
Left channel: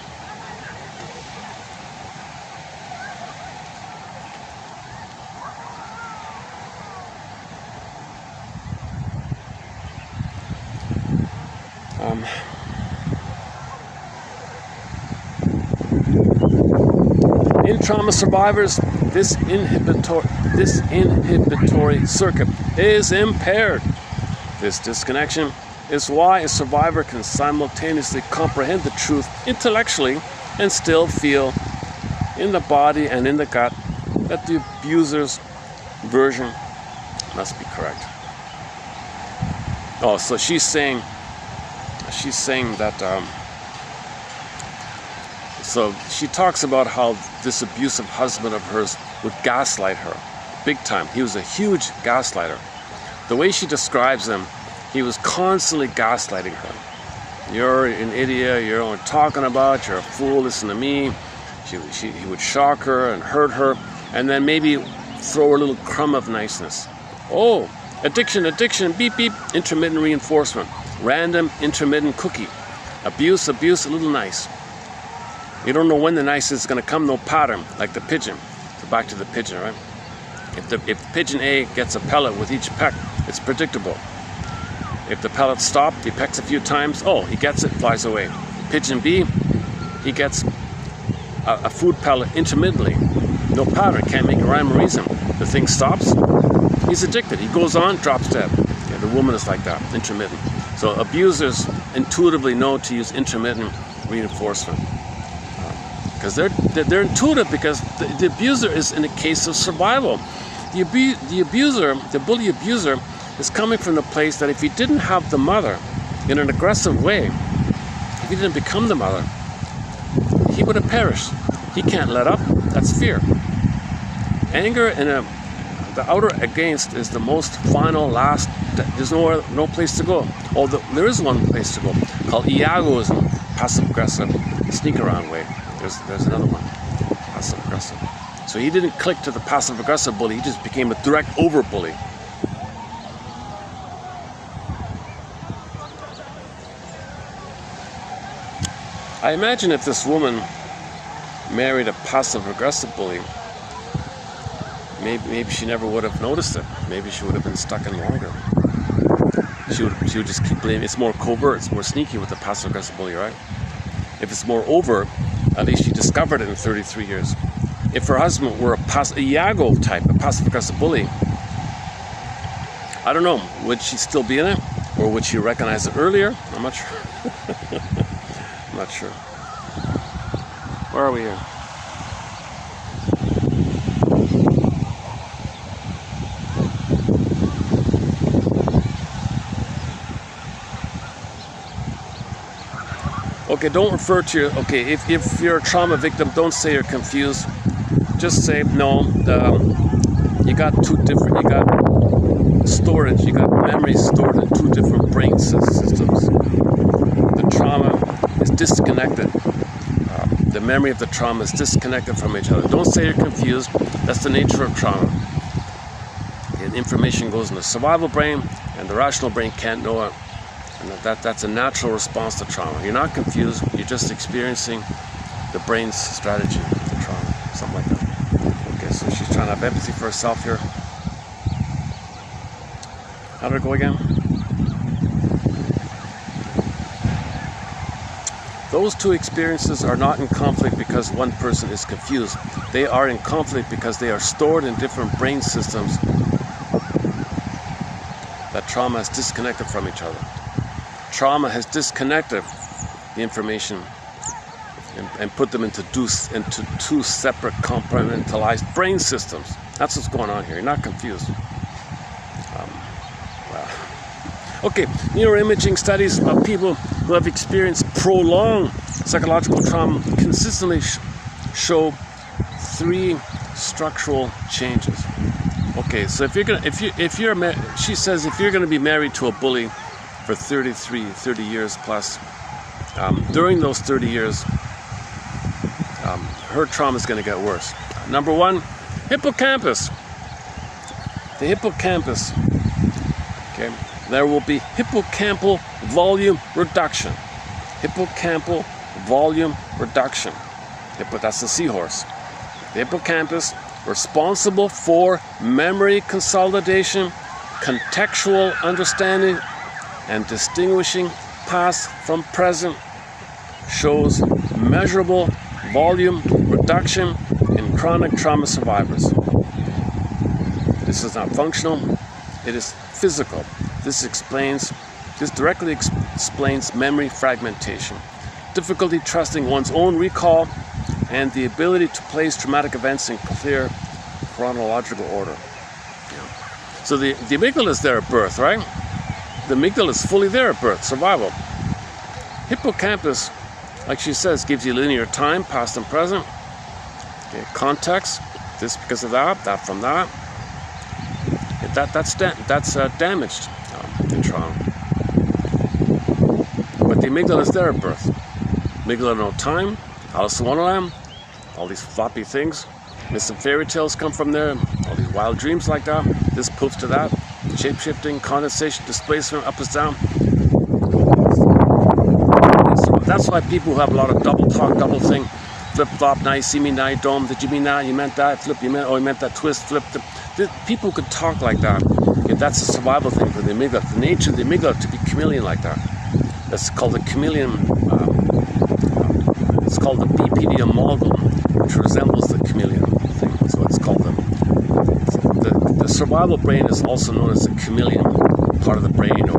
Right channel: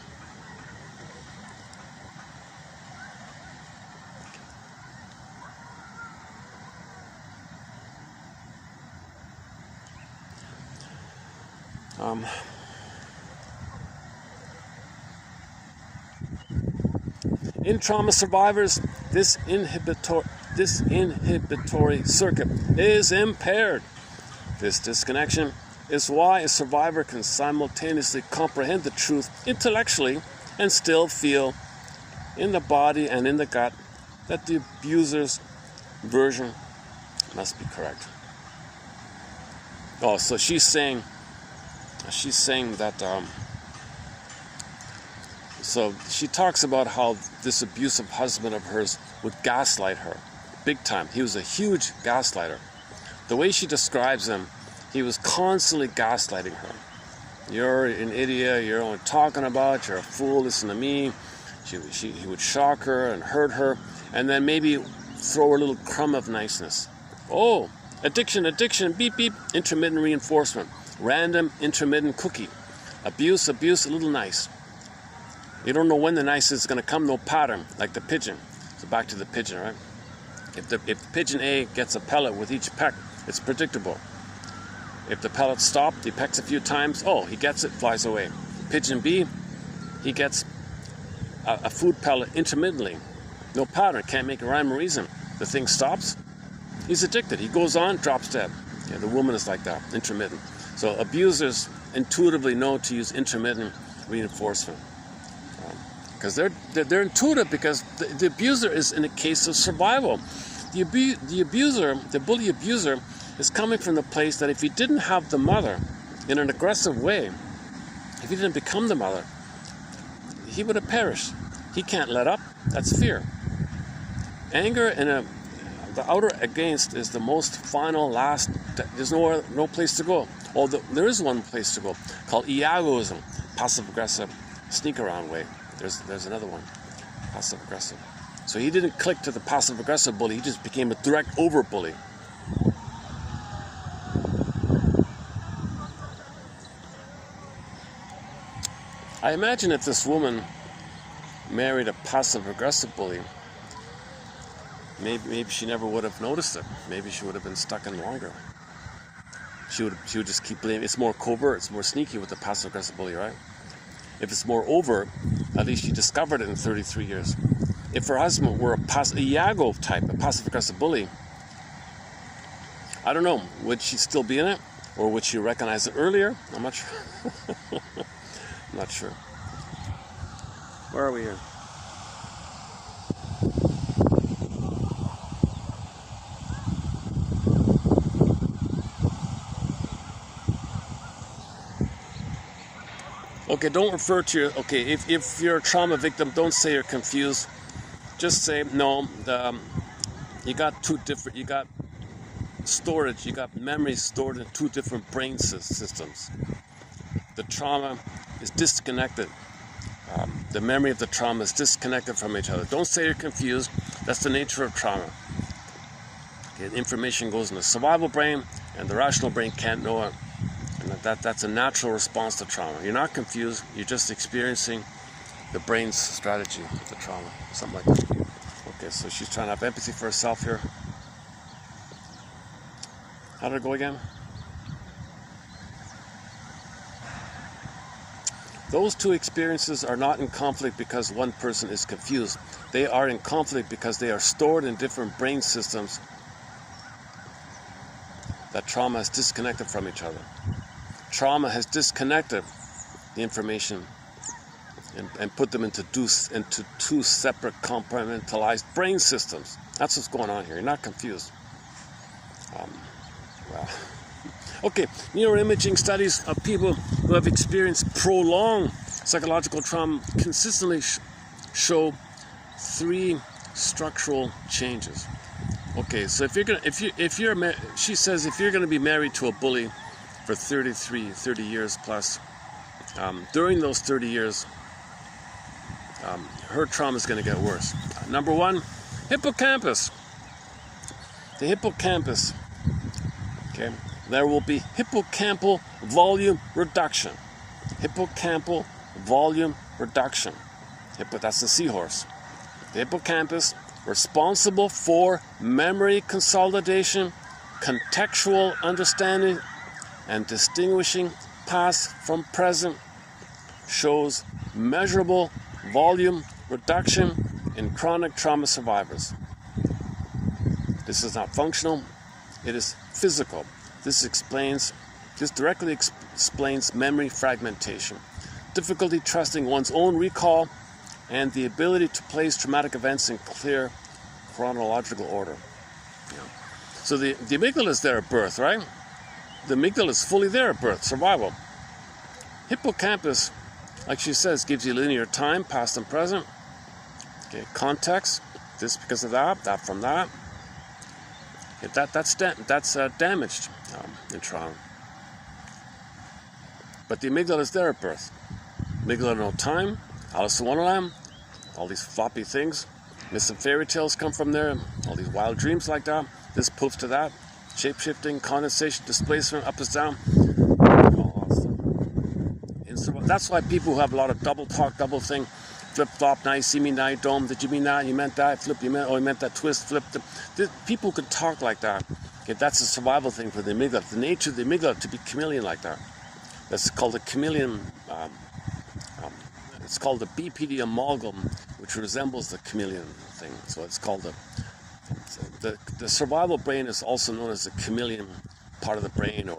In trauma survivors, this inhibitory circuit is impaired. This disconnection is why a survivor can simultaneously comprehend the truth intellectually and still feel in the body and in the gut that the abuser's version must be correct. Oh, so she's saying that so she talks about how this abusive husband of hers would gaslight her big time. He was a huge gaslighter. The way she describes him, he was constantly gaslighting her. You're an idiot, you're only talking about, you're a fool, listen to me. He would shock her and hurt her, and then maybe throw her a little crumb of niceness. Oh, addiction, beep, beep, intermittent reinforcement. Random, intermittent cookie. Abuse, a little nice. You don't know when the nice is going to come, no pattern, like the pigeon. So back to the pigeon, right? If pigeon A gets a pellet with each peck, it's predictable. If the pellet stops, he pecks a few times, oh, he gets it, flies away. Pigeon B, he gets a food pellet intermittently. No pattern, can't make a rhyme or reason. The thing stops, he's addicted. He goes on, drops dead. Okay, the woman is like that, intermittent. So abusers intuitively know to use intermittent reinforcement. Because they're intuitive, because the abuser is in a case of survival. The bully abuser is coming from the place that if he didn't have the mother in an aggressive way, if he didn't become the mother, he would have perished. He can't let up. That's fear. Anger in the outer against is the most final, last. There's no place to go. Although there is one place to go, called iagoism, passive aggressive, sneak around way. There's another one, passive aggressive. So he didn't click to the passive aggressive bully. He just became a direct over bully. I imagine if this woman married a passive aggressive bully, maybe she never would have noticed it. Maybe she would have been stuck in longer. She would just keep blaming. It's more covert, it's more sneaky with the passive aggressive bully, right? If it's more overt, at least she discovered it in 33 years. If her husband were a Iago type, a passive aggressive bully, I don't know, would she still be in it? Or would she recognize it earlier? I'm not sure. I'm not sure. Where are we here? Okay, don't refer to, okay, if you're a trauma victim, don't say you're confused. Just say, no, you got storage, you got memories stored in two different brain systems. The trauma is disconnected. The memory of the trauma is disconnected from each other. Don't say you're confused. That's the nature of trauma. Okay, information goes in the survival brain, and the rational brain can't know it. And that's a natural response to trauma. You're not confused, you're just experiencing the brain's strategy of the trauma, something like that. Okay, so she's trying to have empathy for herself here. How did it go again? Those two experiences are not in conflict because one person is confused. They are in conflict because they are stored in different brain systems that trauma is disconnected from each other. Trauma has disconnected the information and put them into two separate compartmentalized brain systems. That's what's going on here. You're not confused. Okay, neuroimaging studies of people who have experienced prolonged psychological trauma consistently show three structural changes. Okay, so she says if you're gonna be married to a bully for 30 years plus, during those 30 years, her trauma is going to get worse. Number one, hippocampus. The hippocampus. Okay, there will be hippocampal volume reduction. Hippocampal volume reduction. That's the seahorse. The hippocampus, responsible for memory consolidation, contextual understanding, and distinguishing past from present, shows measurable volume reduction in chronic trauma survivors. This is not functional, it is physical. This directly explains memory fragmentation, difficulty trusting one's own recall, and the ability to place traumatic events in clear chronological order. So the amygdala is there at birth, right? The amygdala is fully there at birth, survival. Hippocampus, like she says, gives you linear time, past and present. Okay, context, this because of that, that from that. That's damaged in trauma. But the amygdala is there at birth. Amygdala no time, Alice in Wonderland, all these floppy things. Missing fairy tales come from there, all these wild dreams like that. This poof to that, shape-shifting, condensation, displacement, up is down. So that's why people who have a lot of double talk, double thing, flip-flop, now you see me, now you don't, did you mean that, you meant that, flip, you meant that, twist, flip. People could talk like that. Okay, that's a survival thing for the amygdala. The nature of the amygdala to be chameleon like that. That's called the chameleon, it's called the BPD amalgam, which resembles the chameleon thing. So it's called the survival brain is also known as the chameleon part of the brain, or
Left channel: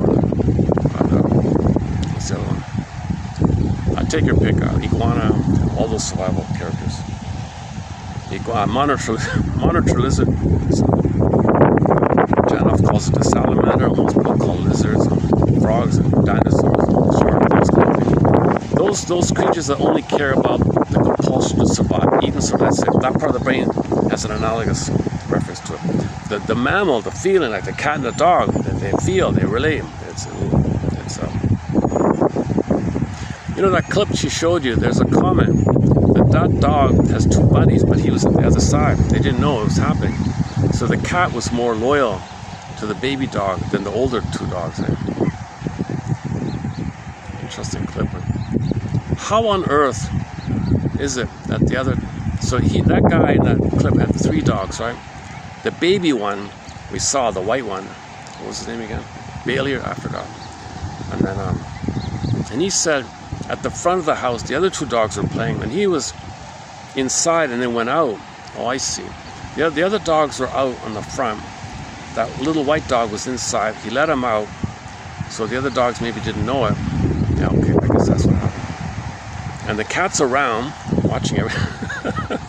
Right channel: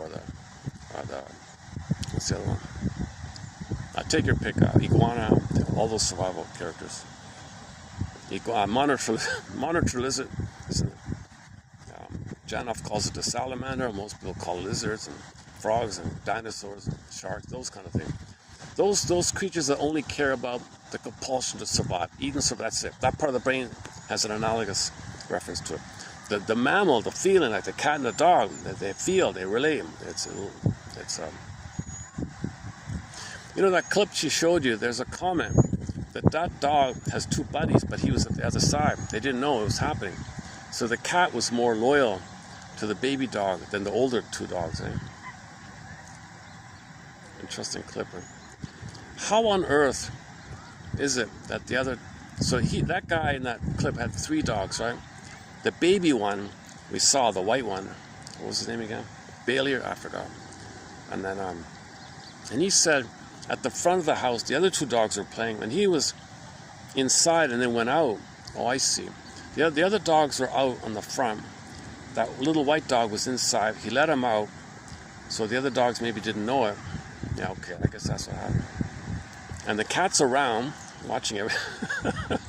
what's the other one? Take your pick, iguana, all those survival characters. Monitor lizard. Janoff calls it a salamander. Most people call lizards, and frogs, and dinosaurs, and sharks, those kind of things. Those creatures that only care about the compulsion to survive, even so that's it. That part of the brain has an analogous reference to it. The mammal, the feeling, like the cat and the dog, they feel, they relate. You know that clip she showed you, there's a comment that dog has two buddies, but he was on the other side. They didn't know it was happening. So the cat was more loyal to the baby dog than the older two dogs. Interesting clip. How on earth is it that the other, that guy in that clip had three dogs, right? The baby one, we saw, the white one, what was his name again? Bailey, I forgot. And then, and he said, at the front of the house, the other two dogs were playing, and he was inside and then went out. Oh, I see. The other dogs were out on the front. That little white dog was inside. He let him out, so the other dogs maybe didn't know it. Yeah, okay, I guess that's what happened. And the cat's around, watching everything.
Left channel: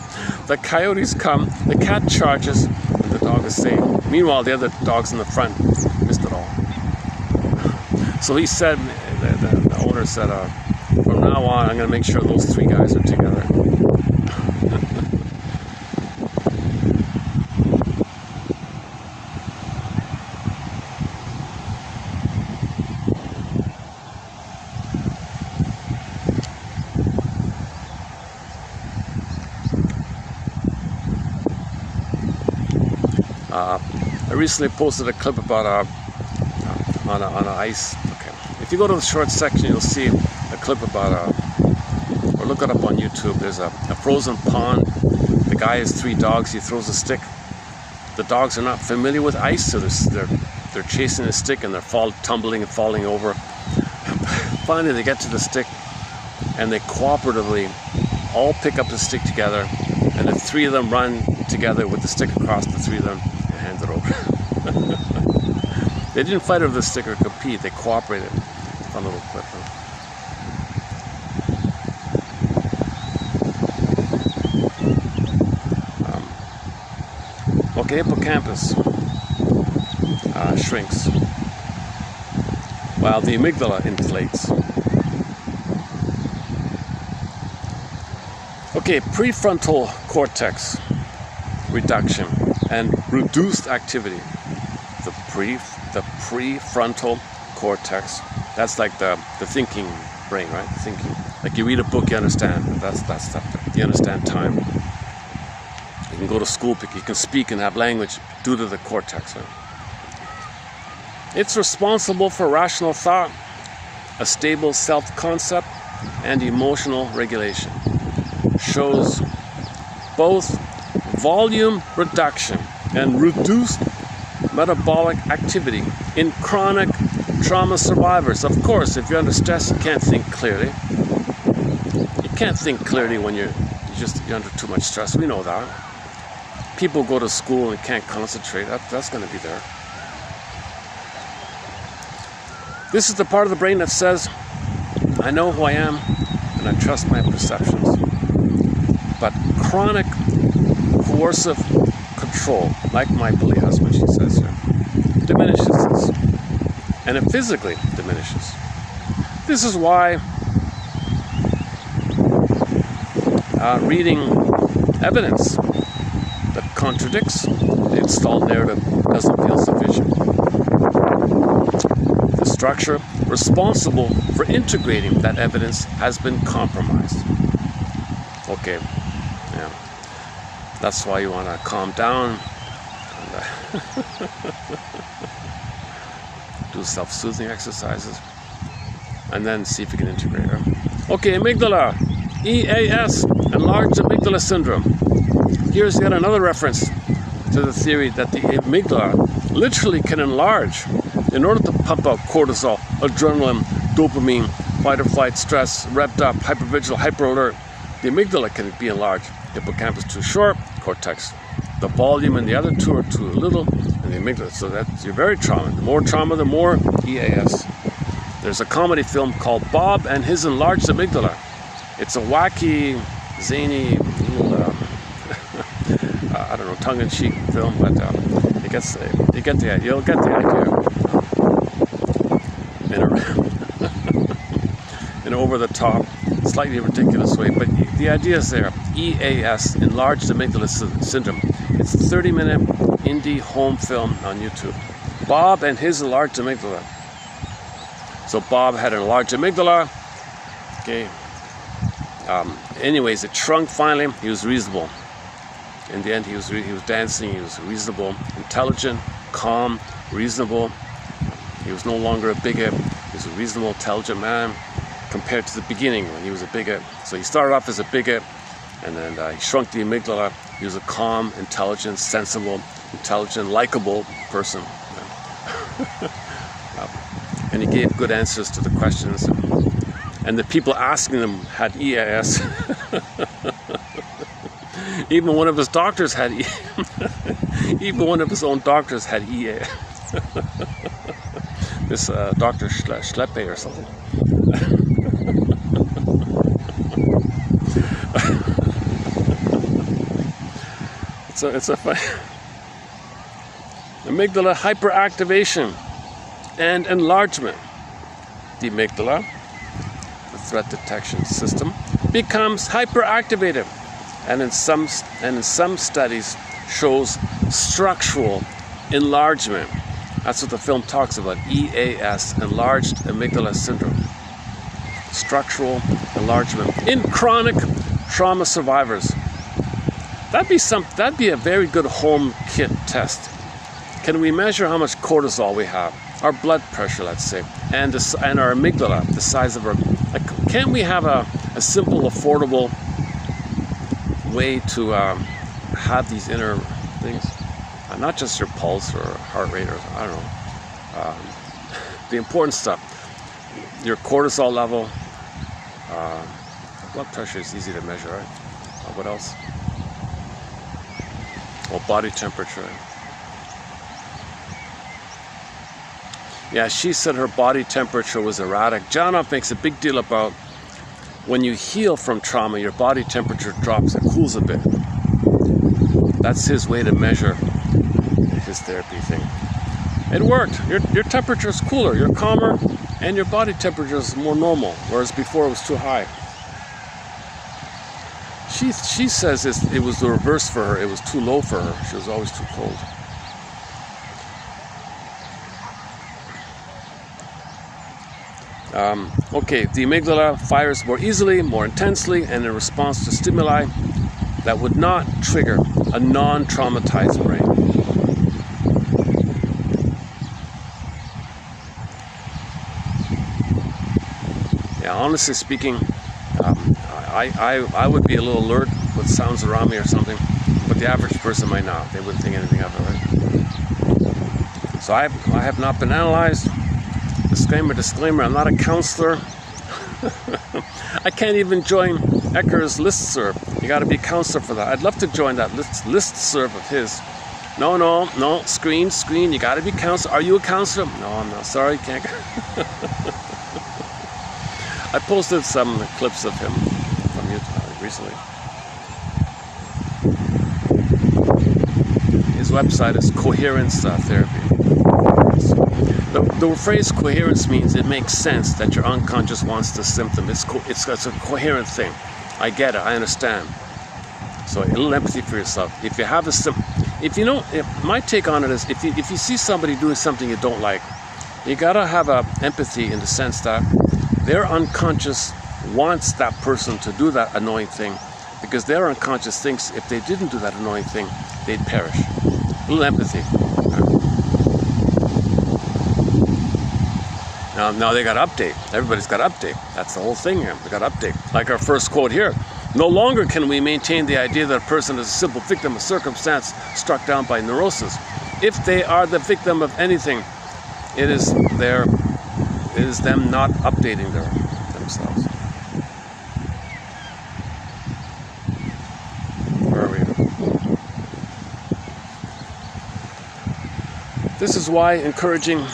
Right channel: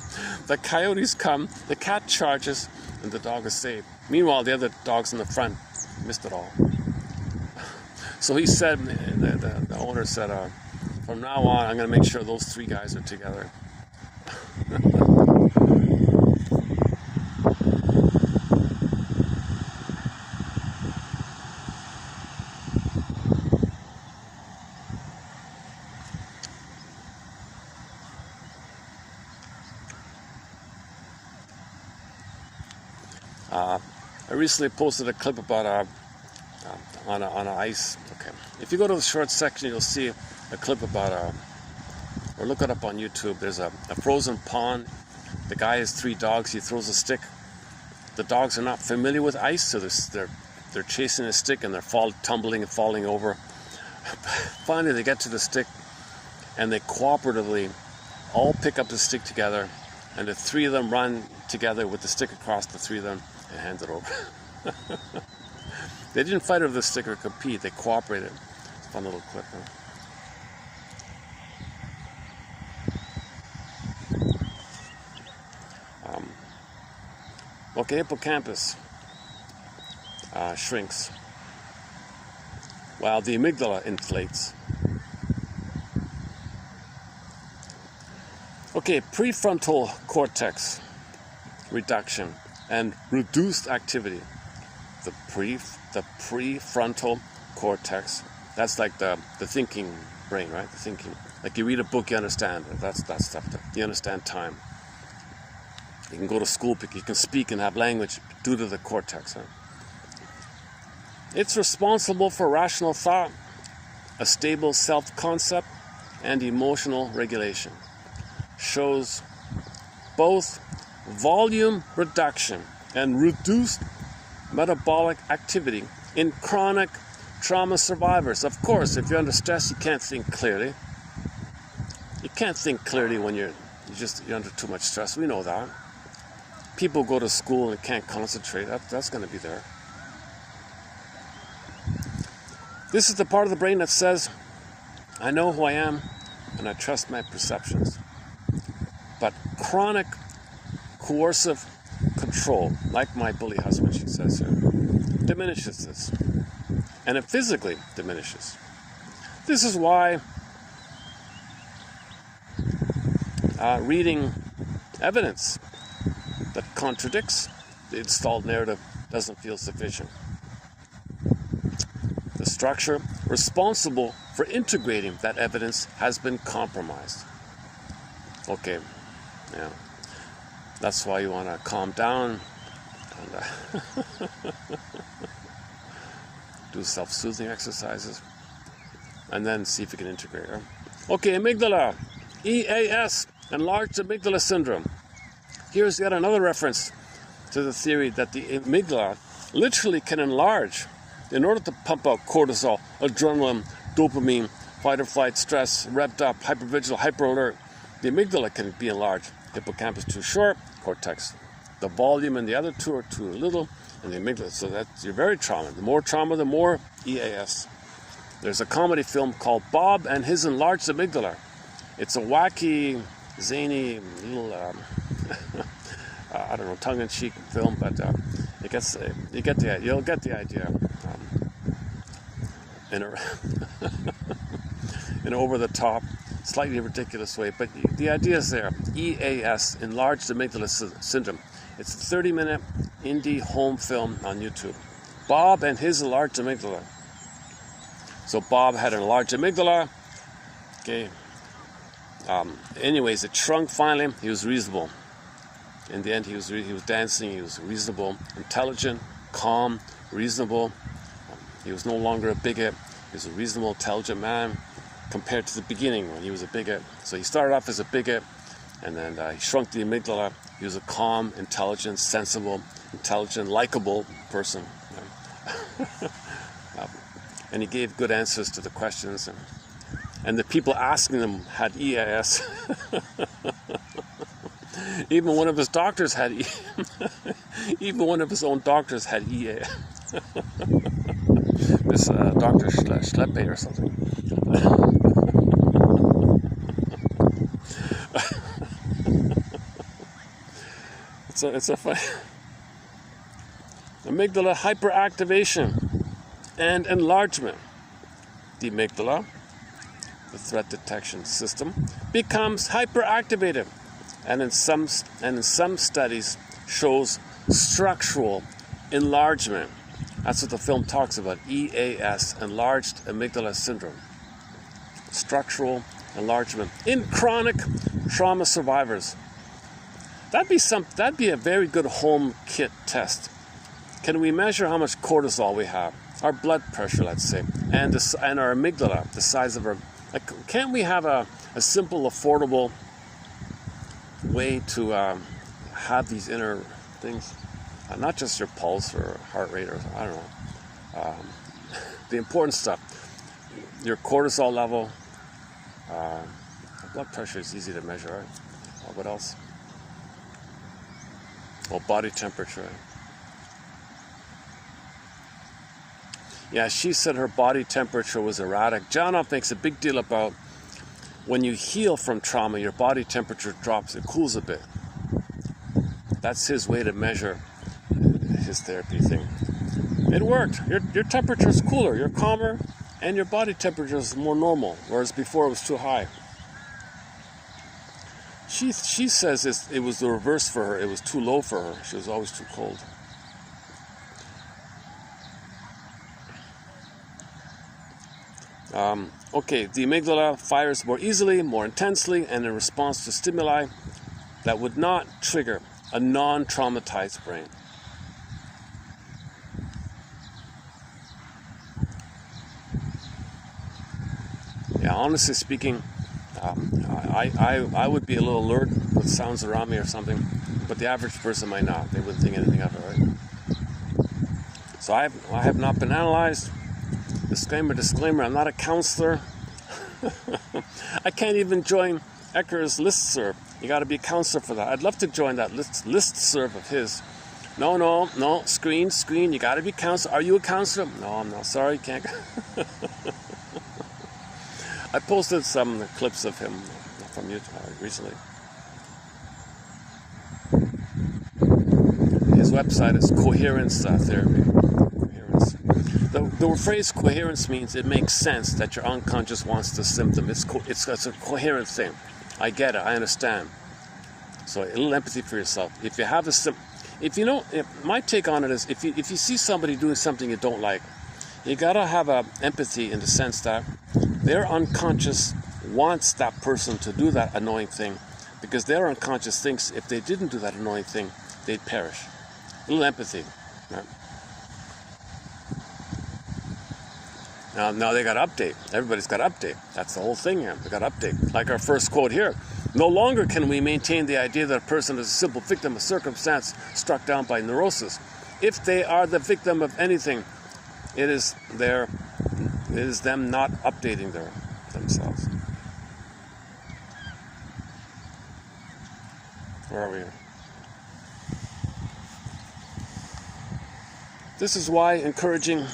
The coyotes come, the cat charges, and the dog is safe. Meanwhile, the other dogs in the front missed it all. So he said, the owner said, from now on, I'm going to make sure those three guys are together. I recently posted a clip about on an ice. Okay, if you go to the short section, you'll see a clip about or look it up on YouTube. There's a frozen pond. The guy has three dogs. He throws a stick. The dogs are not familiar with ice, so they're chasing the stick and they're tumbling and falling over. Finally, they get to the stick and they cooperatively all pick up the stick together. And the three of them run together with the stick across the three of them and hand it over. They didn't fight over the stick or compete. They cooperated. Fun little clip. Okay, hippocampus shrinks while the amygdala inflates. Okay, prefrontal cortex reduction and reduced activity. The prefrontal cortex, that's like the thinking brain, right? Thinking. Like you read a book, you understand. That's stuff. You understand time. You can go to school, you can speak and have language due to the cortex. Right? It's responsible for rational thought, a stable self-concept, and emotional regulation. Shows both volume reduction and reduced metabolic activity in chronic trauma survivors. Of course, if you're under stress, you can't think clearly. You can't think clearly when you're under too much stress. We know that. People go to school and can't concentrate. That's going to be there. This is the part of the brain that says, I know who I am and I trust my perceptions. But chronic coercive control, like my bully husband, she says here, diminishes this. And it physically diminishes. This is why reading evidence that contradicts the installed narrative doesn't feel sufficient. The structure responsible for integrating that evidence has been compromised. Okay, yeah. That's why you want to calm down and do self-soothing exercises and then see if you can integrate her. Okay, amygdala, EAS, enlarged amygdala syndrome. Here's yet another reference to the theory that the amygdala literally can enlarge in order to pump out cortisol, adrenaline, dopamine, fight or flight, stress, revved up, hypervigilant, hyperalert. The amygdala can be enlarged. Hippocampus too short, cortex. The volume and the other two are too little, and the amygdala. So that's you're very trauma. The more trauma, the more EAS. There's a comedy film called Bob and His Enlarged Amygdala. It's a wacky, zany, little, I don't know, tongue-in-cheek film, but you'll get the idea. In an over-the-top, slightly ridiculous way, but the idea is there. EAS, enlarged amygdala syndrome. It's a 30-minute indie home film on YouTube. Bob and His Enlarged Amygdala. So Bob had an enlarged amygdala. Okay. Anyways, it shrunk finally. He was reasonable. In the end, he was dancing. He was reasonable, intelligent, calm, reasonable. He was no longer a bigot. He was a reasonable, intelligent man compared to the beginning when he was a bigot. So he started off as a bigot, and then he shrunk the amygdala. He was a calm, intelligent, sensible, intelligent, likable person. And he gave good answers to the questions. And the people asking them had EAS. Even one of his doctors had even one of his own doctors had EAS. This Dr. Schleppe or something. It's a fun amygdala hyperactivation and enlargement. The amygdala, the threat detection system, becomes hyperactivated, and in some studies shows structural enlargement. That's what the film talks about. EAS, enlarged amygdala syndrome. Structural enlargement in chronic trauma survivors. That'd be a very good home kit test. Can we measure how much cortisol we have, our blood pressure, let's say, and our amygdala, the size of our? Can't we have a simple, affordable way to have these inner things? Not just your pulse or heart rate, or I don't know. The important stuff. Your cortisol level. Blood pressure is easy to measure, right? What else? Well, body temperature. Yeah, she said her body temperature was erratic. Janoff makes a big deal about when you heal from trauma, your body temperature drops and cools a bit. That's his way to measure his therapy thing. It worked. Your temperature is cooler, you're calmer, and your body temperature is more normal, whereas before it was too high. She says it was the reverse for her. It was too low for her. She was always too cold. Okay, the amygdala fires more easily, more intensely, and in response to stimuli that would not trigger a non-traumatized brain. Yeah, honestly speaking, I would be a little alert with sounds around me or something, but the average person might not. They wouldn't think anything of it, right? So I have not been analyzed. Disclaimer, I'm not a counselor. I can't even join Ecker's listserv. You got to be a counselor for that. I'd love to join that listserv of his. No, screen, you got to be counselor. Are you a counselor? No, I'm not. Sorry, can't. I posted some clips of him from YouTube recently. His website is Coherence Therapy. The phrase coherence means it makes sense that your unconscious wants the symptom. It's a coherent thing. I get it. I understand. So a little empathy for yourself. If you have a my take on it is if you see somebody doing something you don't like, you gotta have a empathy in the sense that their unconscious wants that person to do that annoying thing, because their unconscious thinks if they didn't do that annoying thing, they'd perish. A little empathy. Now they got to update. Everybody's got to update. That's the whole thing here. We got to update. Like our first quote here. No longer can we maintain the idea that a person is a simple victim of circumstance struck down by neurosis. If they are the victim of anything, it is them not updating themselves. Where are we? This is why encouraging.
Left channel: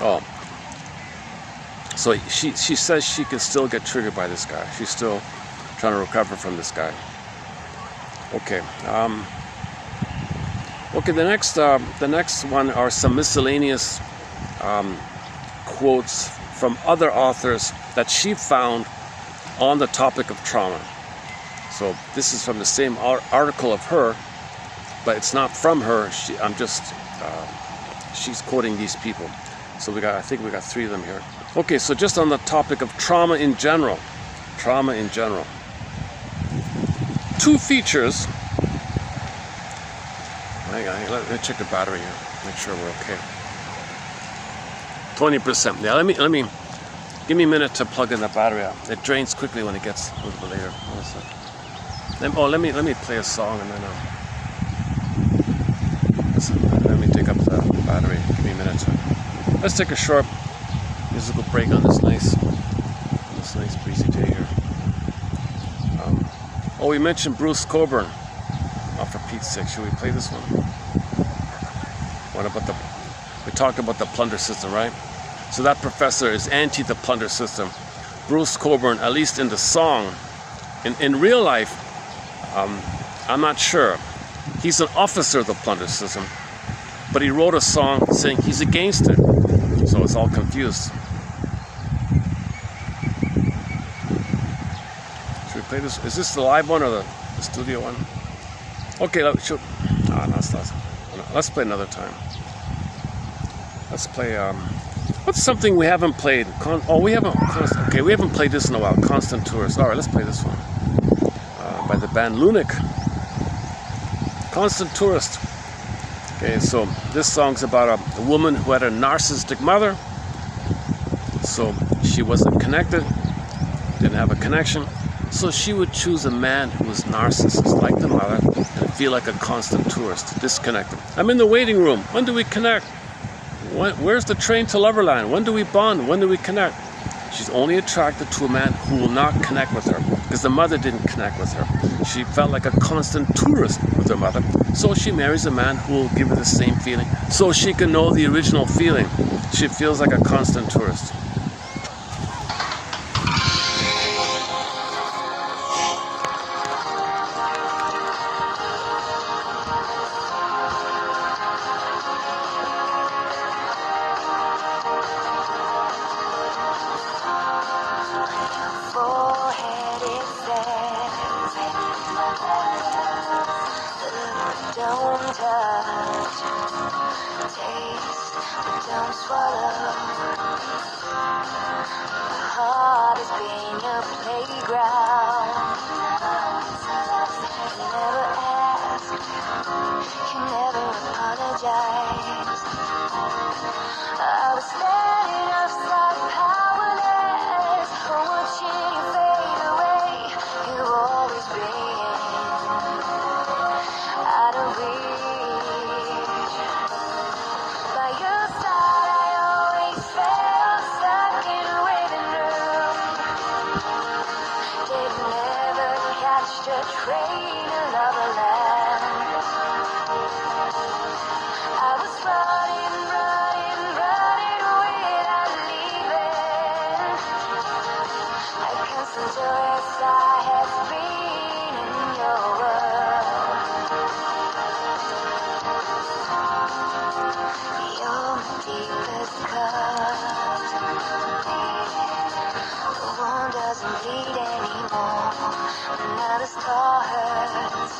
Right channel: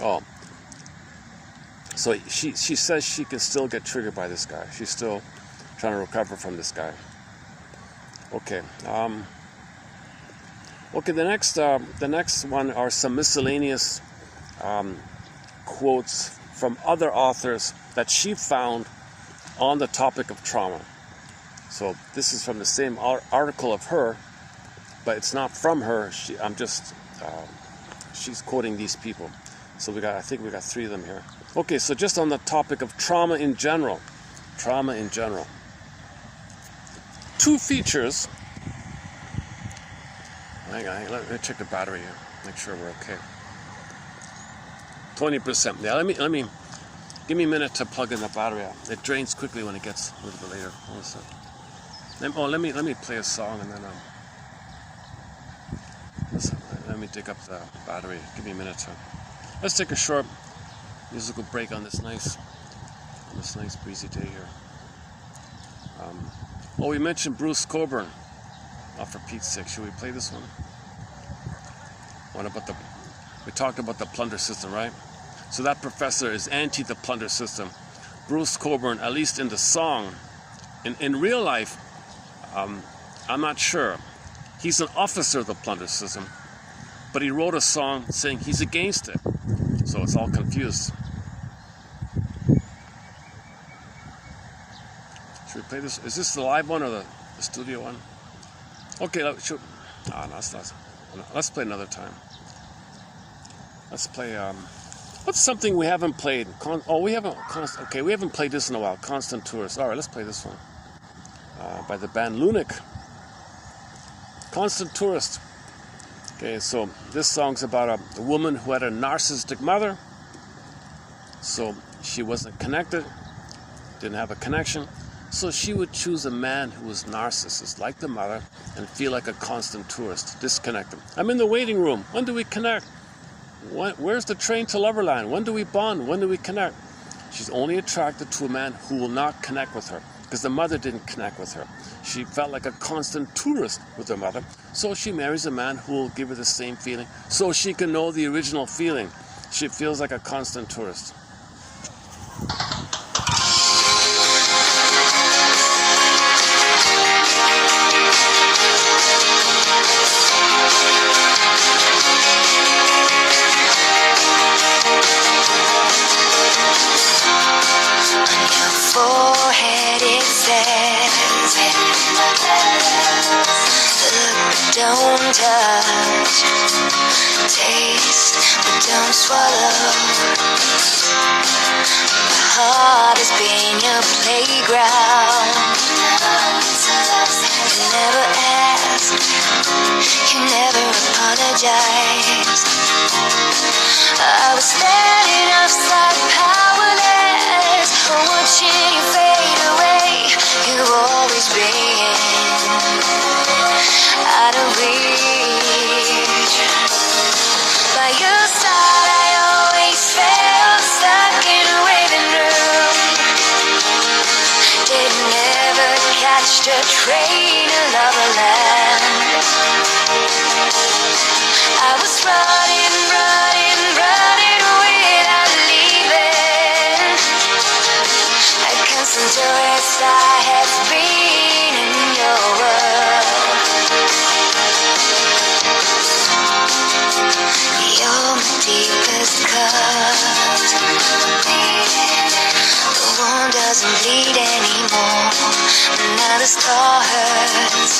Oh, so she says she can still get triggered by this guy. She's still trying to recover from this guy. Okay. Okay. The next one are some miscellaneous quotes from other authors that she found on the topic of trauma. So this is from the same article of her, but it's not from her. She's quoting these people. So I think we got 3 of them here. Okay, so just on the topic of trauma in general. 2 features. Hang on, let me check the battery here. Make sure we're okay. 20%. Yeah, let me give me a minute to plug in the battery out. It drains quickly when it gets a little bit later. Let me play a song and then let me take up the battery. Give me a minute. Let's take a short musical break on this nice breezy day here. We mentioned Bruce Cockburn. Oh, for Pete's sake, should we play this one? We talked about the plunder system, right? So that professor is anti the plunder system. Bruce Cockburn, at least in the song, in real life, I'm not sure. He's an officer of the plunder system, but he wrote a song saying he's against it. So it's all confused. Should we play this? Is this the live one or the studio one? Okay, let's play another time. Let's play, what's something we haven't played? We haven't played this in a while. Constant Tourist. All right, let's play this one. By the band Lunatic. Constant Tourist. Okay, so this song's about a woman who had a narcissistic mother. So she wasn't connected, didn't have a connection. So she would choose a man who was narcissist, like the mother, and feel like a constant tourist, disconnected. I'm in the waiting room. When do we connect? Where's the train to Loverland? When do we bond? When do we connect? She's only attracted to a man who will not connect with her, because the mother didn't connect with her. She felt like a constant tourist with her mother, so she marries a man who will give her the same feeling, so she can know the original feeling. She feels like a constant tourist. Forehead, it says, don't touch. Taste, but don't swallow. My heart has been your playground. You never ask, you never apologize. I was standing outside powerless, watching you fade away. You've always been out of reach. By your side I always felt stuck in a waiting room. Didn't ever catch the train of Loverland. I was running without leaving. A constant tourist I have been in your world. You're my deepest cut. The wound doesn't bleed anymore. Now the scar hurts.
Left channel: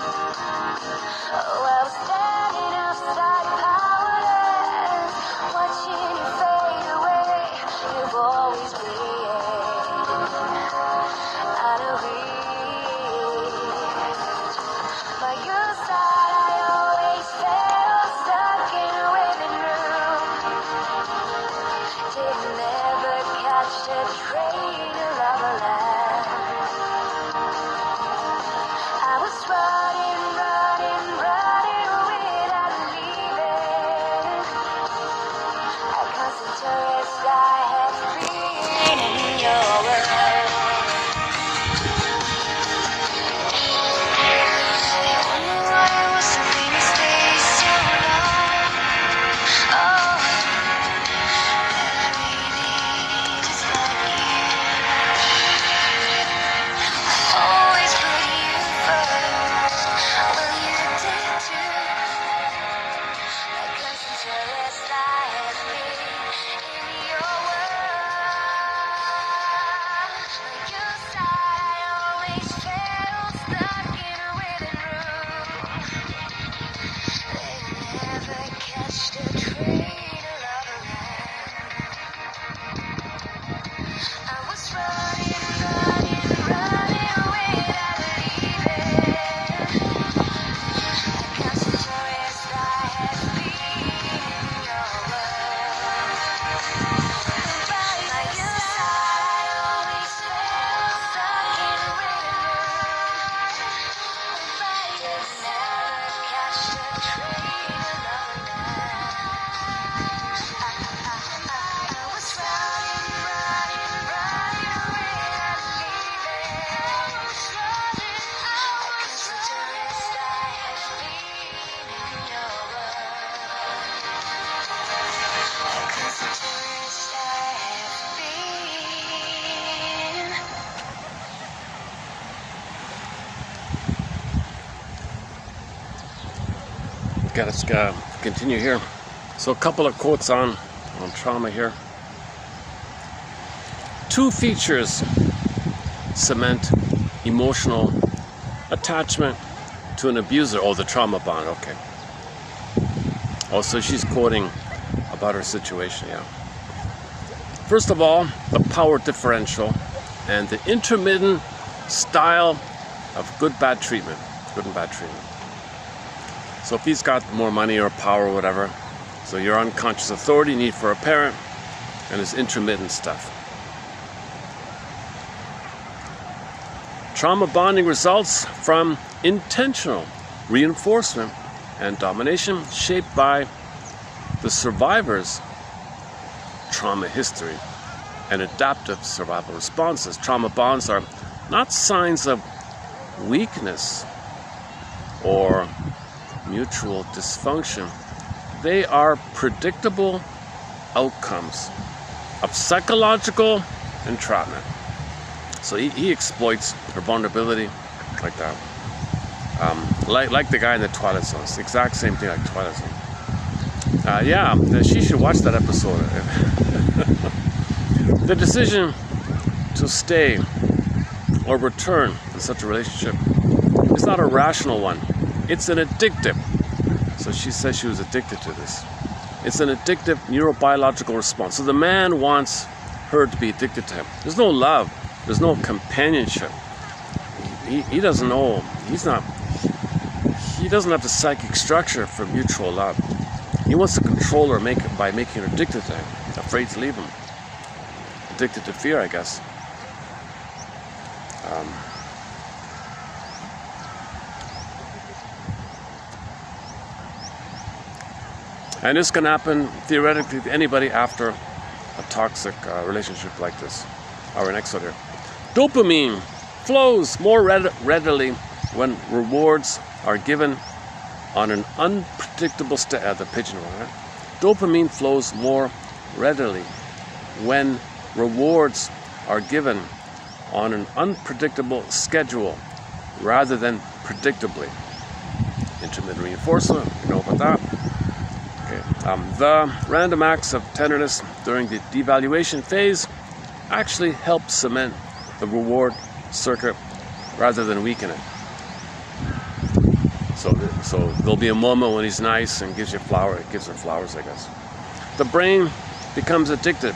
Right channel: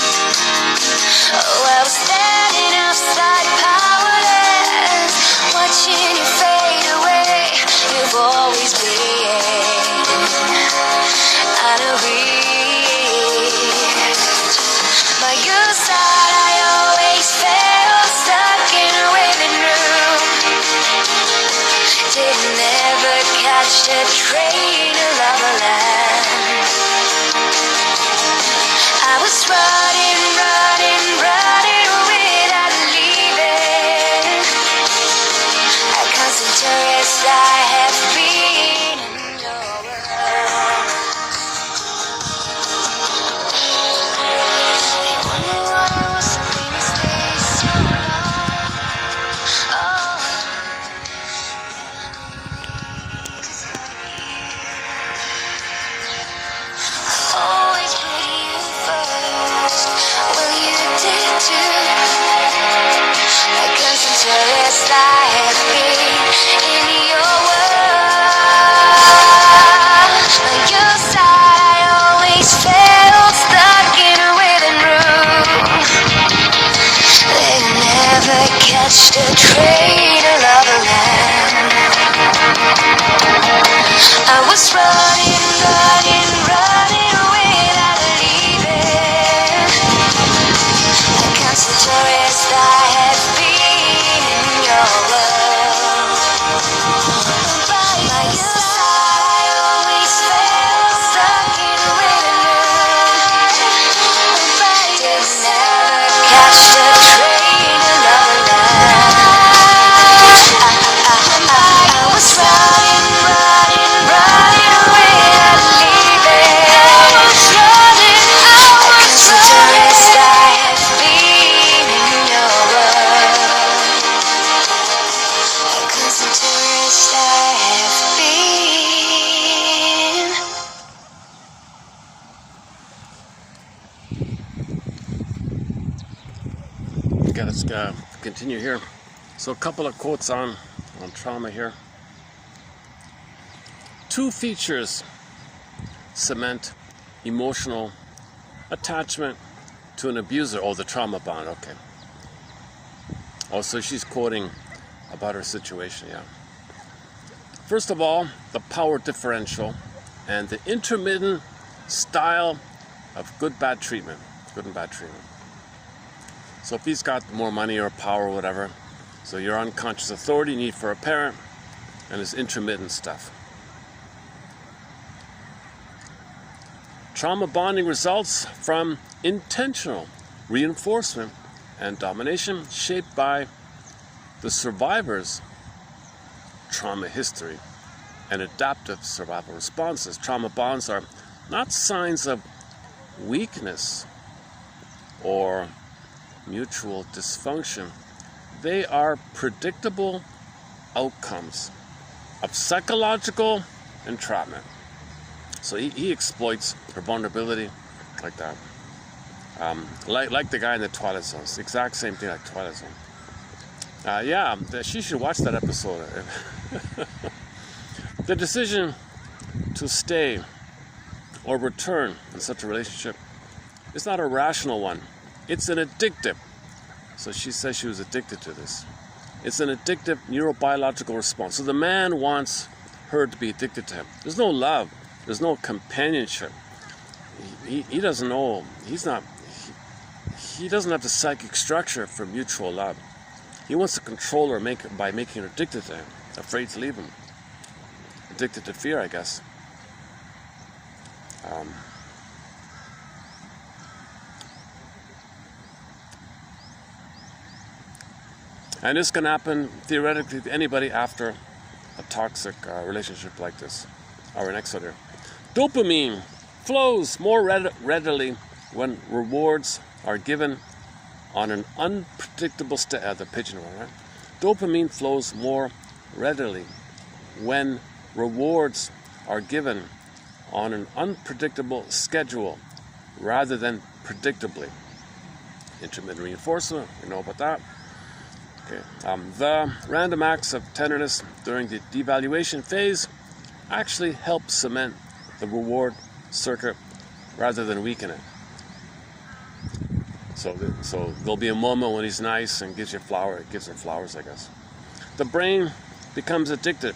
Oh, I was standing outside powerless, watching you fade away. You've always been out of reach. By your side I always felt stuck in a waiting room. Didn't ever catch the train of Loverland. I was running without leaving. A constant tourist I have been in your world. Always put you first. Well, you did too. A constant tourist I have been in your world. By your side I always felt stuck in a waiting room. They never catch the train of Loverland. I was running without leaving. A constant tourist I have been in your world. By your side I always felt stuck in a waiting room. Didn't never catch the train of Loverland. I was running without leaving. A constant tourist I have been in your world. A constant tourist I have been. Okay, let's continue here. So a couple of quotes on trauma here. Two features cement emotional attachment to an abuser. Oh, the trauma bond, okay. Oh, so she's quoting about her situation, yeah. First of all, the power differential and the intermittent style of good and bad treatment. So if he's got more money or power or whatever, so your unconscious authority need for a parent and his intermittent stuff. Trauma bonding results from intentional reinforcement and domination shaped by the survivor's trauma history and adaptive survival responses. Trauma bonds are not signs of weakness or mutual dysfunction. They are predictable outcomes of psychological entrapment. So he exploits her vulnerability like that. Like the guy in the Twilight Zone. It's the exact same thing like Twilight Zone. Yeah, she should watch that episode. The decision to stay or return in such a relationship is not a rational one. It's an addictive but she says she was addicted to this. It's an addictive neurobiological response. So the man wants her to be addicted to him. There's no love. There's no companionship. He doesn't know. He doesn't have the psychic structure for mutual love. He wants to control her by making her addicted to him, afraid to leave him. Addicted to fear, I guess. And this can happen theoretically to anybody after a toxic relationship like this. All right, next one here. Dopamine flows more readily when rewards are given on an unpredictable the pigeonhole. Right? Dopamine flows more readily when rewards are given on an unpredictable schedule rather than predictably. Intermittent reinforcement, you know about that. The random acts of tenderness during the devaluation phase actually help cement the reward circuit rather than weaken it. So there'll be a moment when he's nice and gives you gives her flowers, I guess. The brain becomes addicted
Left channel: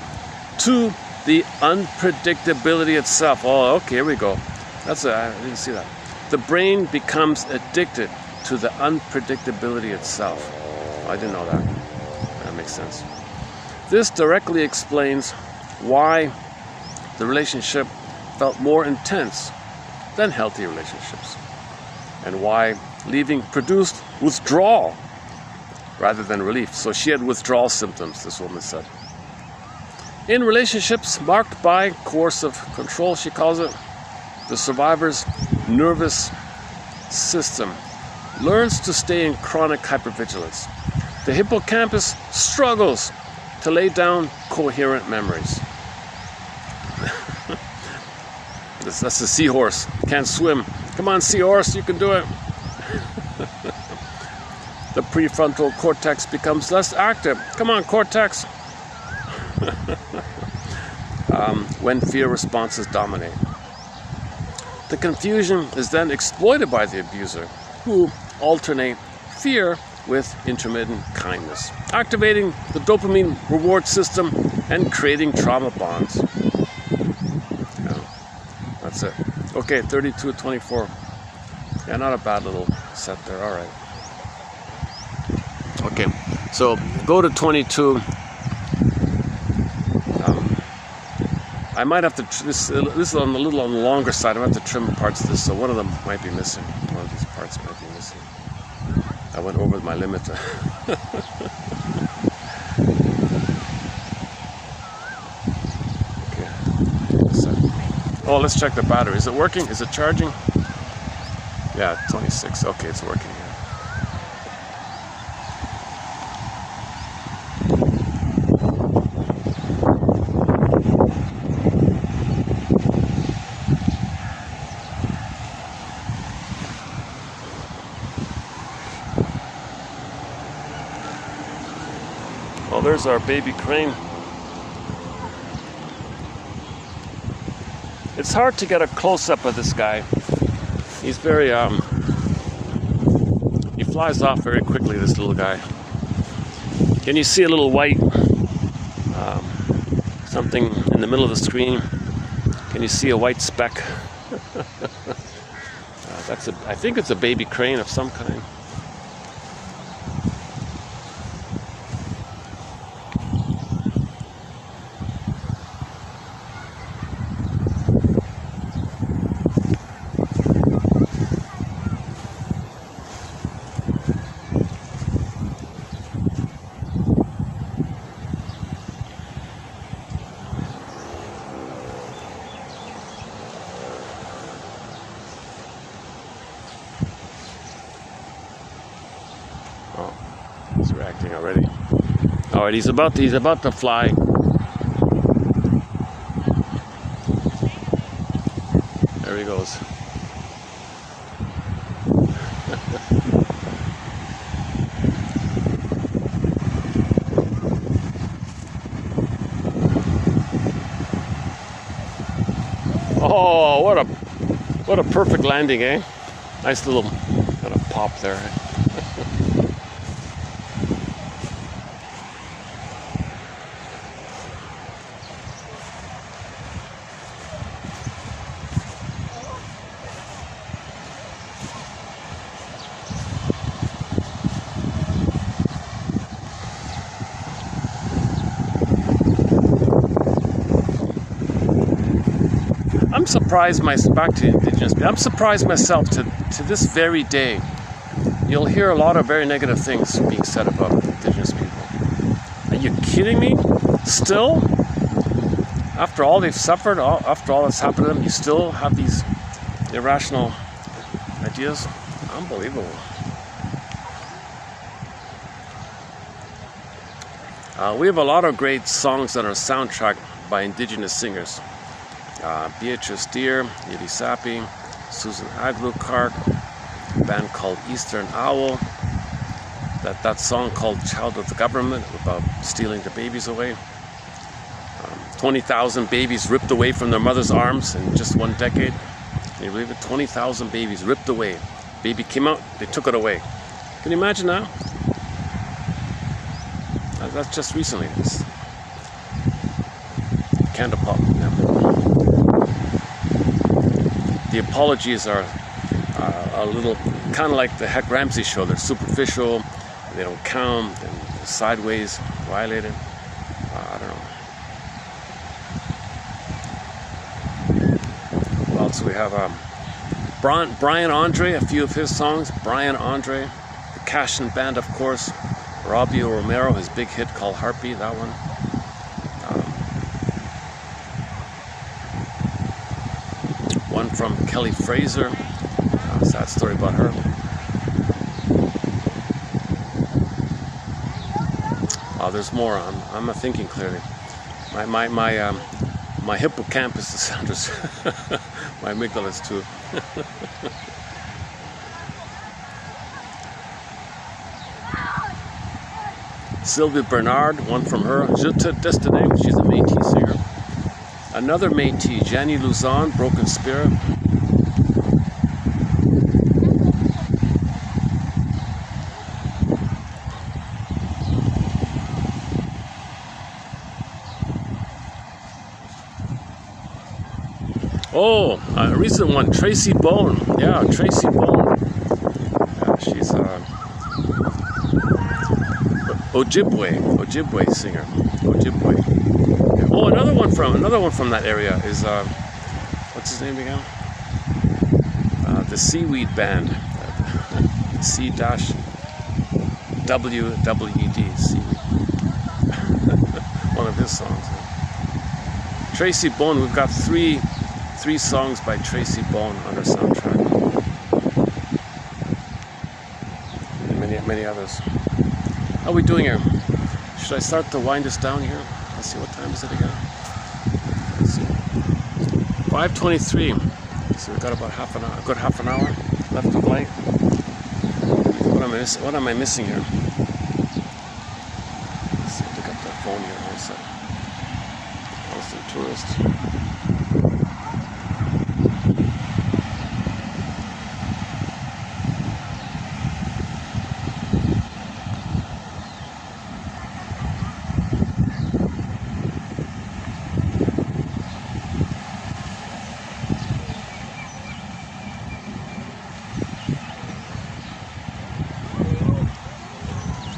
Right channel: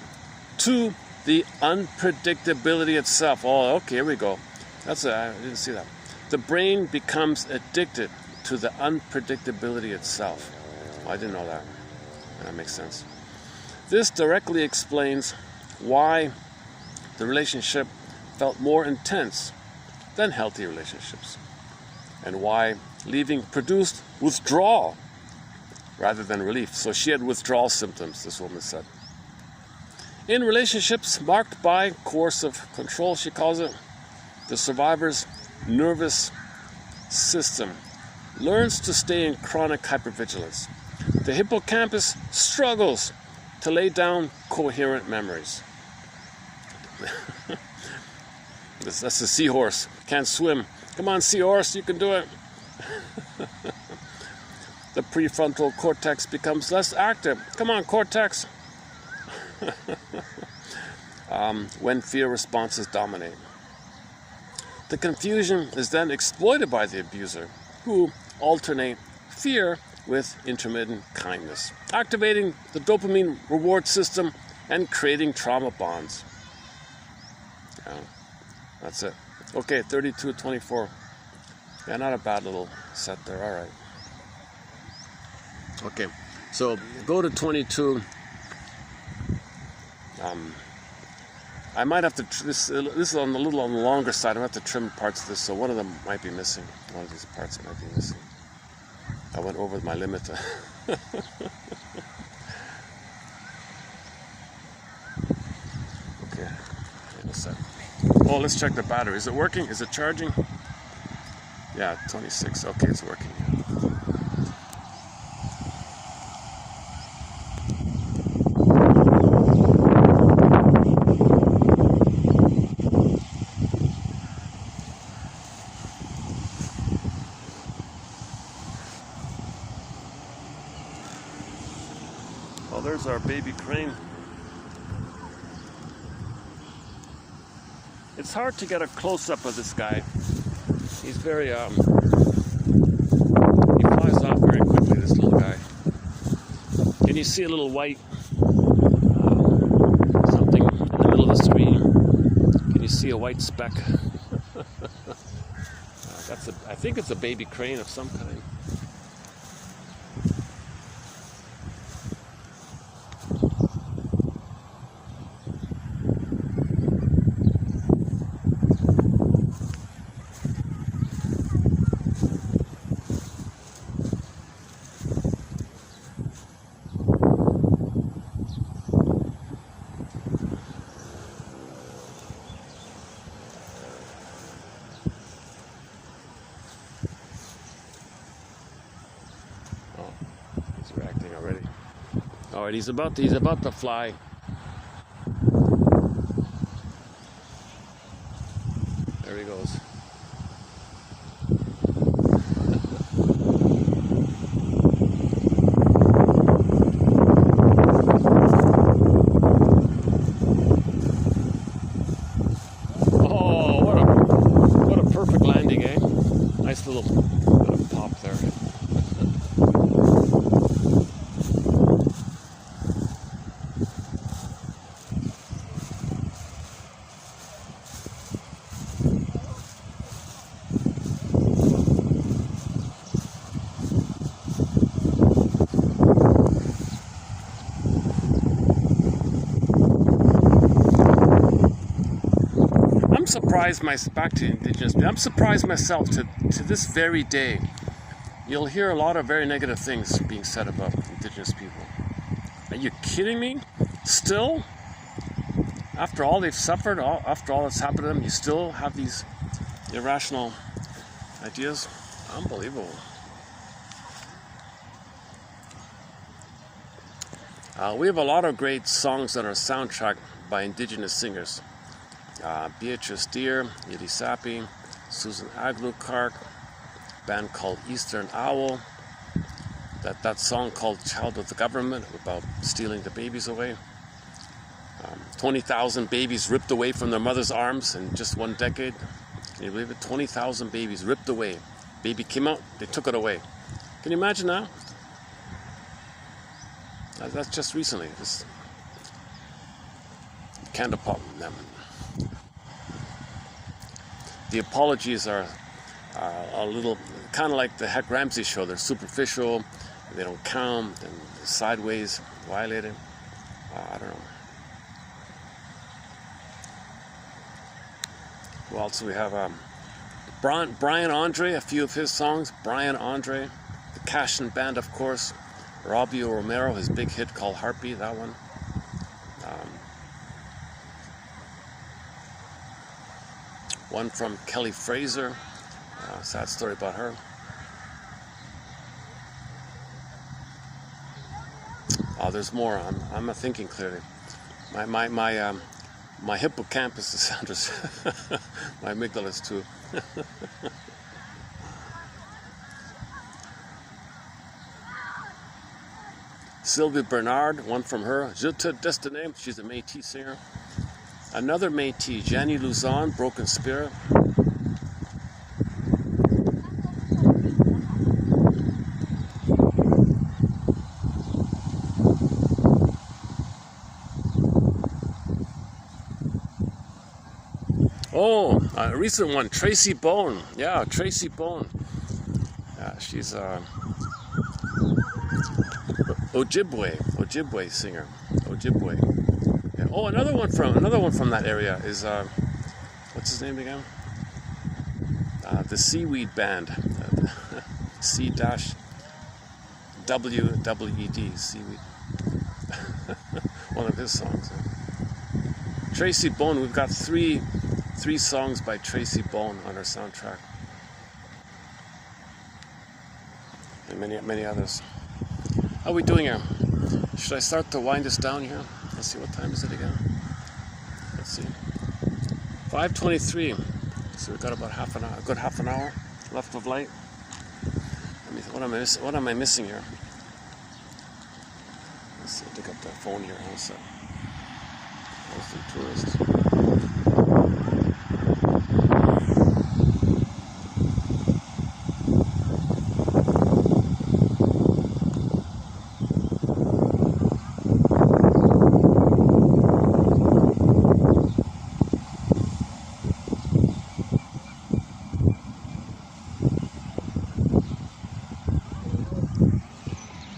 to the unpredictability itself. Oh, okay, here we go. I didn't see that. The brain becomes addicted to the unpredictability itself. Oh, I didn't know that. That makes sense. This directly explains why the relationship felt more intense than healthy relationships, and why leaving produced withdrawal rather than relief. So she had withdrawal symptoms, this woman said. In relationships marked by coercive control, she calls it, the survivor's nervous system learns to stay in chronic hypervigilance. The hippocampus struggles to lay down coherent memories. That's the seahorse. Can't swim. Come on, seahorse, you can do it. The prefrontal cortex becomes less active. Come on, cortex. When fear responses dominate. The confusion is then exploited by the abuser, who alternate fear with intermittent kindness, activating the dopamine reward system and creating trauma bonds. Yeah, that's it. Okay, 32-24. Yeah, not a bad little set there. All right. Okay, so go to 22. I might have to, this is on a little on the longer side. I might have to trim parts of this, so one of them might be missing. One of these parts might be missing. I went over my limit. Okay. So, oh, let's check the battery. Is it working? Is it charging? Yeah, 26. Okay, it's working. Well, there's our baby crane. It's hard to get a close-up of this guy. He's very, he flies off very quickly, this little guy. Can you see a little white, something in the middle of the screen? Can you see a white speck? I think it's a baby crane of some kind. He's reacting already. All right, he's about to fly. There he goes. Oh, what a perfect landing, eh? Nice little pop there. I'm surprised back to indigenous people. I'm surprised myself to this very day. You'll hear a lot of very negative things being said about indigenous people. Are you kidding me? Still? After all they've suffered, after all that's happened to them, you still have these irrational ideas? Unbelievable. We have a lot of great songs on our soundtrack by indigenous singers. Beatrice Deer, Yiddi Sapi, Susan Aglukart, a band called Eastern Owl, that song called Child of the Government about stealing the babies away. 20,000 babies ripped away from their mother's arms in just one decade. Can you believe it? 20,000 babies ripped away. Baby came out, they took it away. Can you imagine that? That's just recently. Can't apologize. The apologies are a little kind of like the Heck Ramsey show. They're superficial, they don't count, and sideways, violated. I don't know. What else we have? Brian Andre, a few of his songs. Brian Andre, the Cashin Band, of course. Robbio Romero, his big hit called Harpy, that one. One from Kelly Fraser, sad story about her. Oh, there's more. I'm not thinking clearly. My hippocampus is under my amygdalas too. Sylvia Bernard, one from her. Je te Destinée, she's a Métis singer. Another Métis, Jenny Luzon, Broken Spirit. Oh, a recent one, Tracy Bone. Yeah, Tracy Bone. She's Ojibwe singer. Ojibwe. Oh, another one from that area is what's his name again? The Seaweed Band. C-W-W-E-D. Seaweed. One of his songs. Tracy Bone. We've got three songs by Tracy Bone on our soundtrack. And many others. How are we doing here? Should I start to wind us down here? Let's see, what time is it again? Let's see. 5:23. So we've got about a good half an hour left of light. What am I missing here? Let's see, pick up that phone here. What's that? Austin Tourist.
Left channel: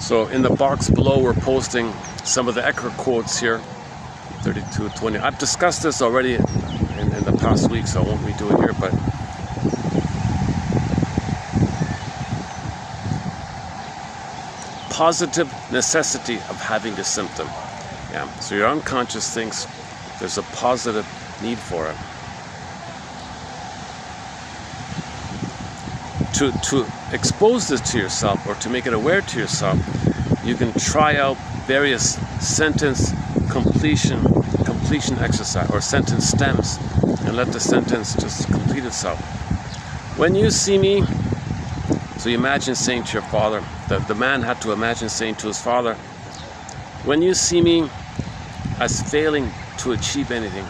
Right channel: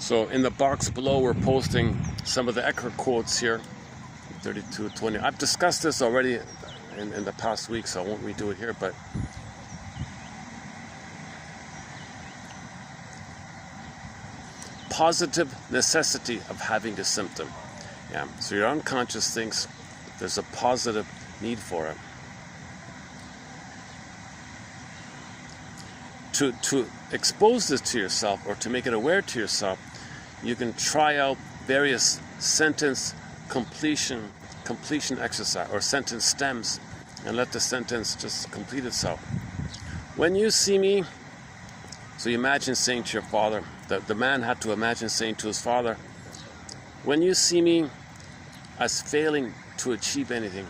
So in the box below, we're posting some of the Ecker quotes here, 3220. I've discussed this already in the past week, so I won't redo it here, but positive necessity of having a symptom. Yeah. So your unconscious thinks there's a positive need for it. To expose this to yourself, or to make it aware to yourself, you can try out various sentence completion exercise or sentence stems, and let the sentence just complete itself. When you see me, so you imagine saying to your father, the man had to imagine saying to his father, when you see me as failing to achieve anything,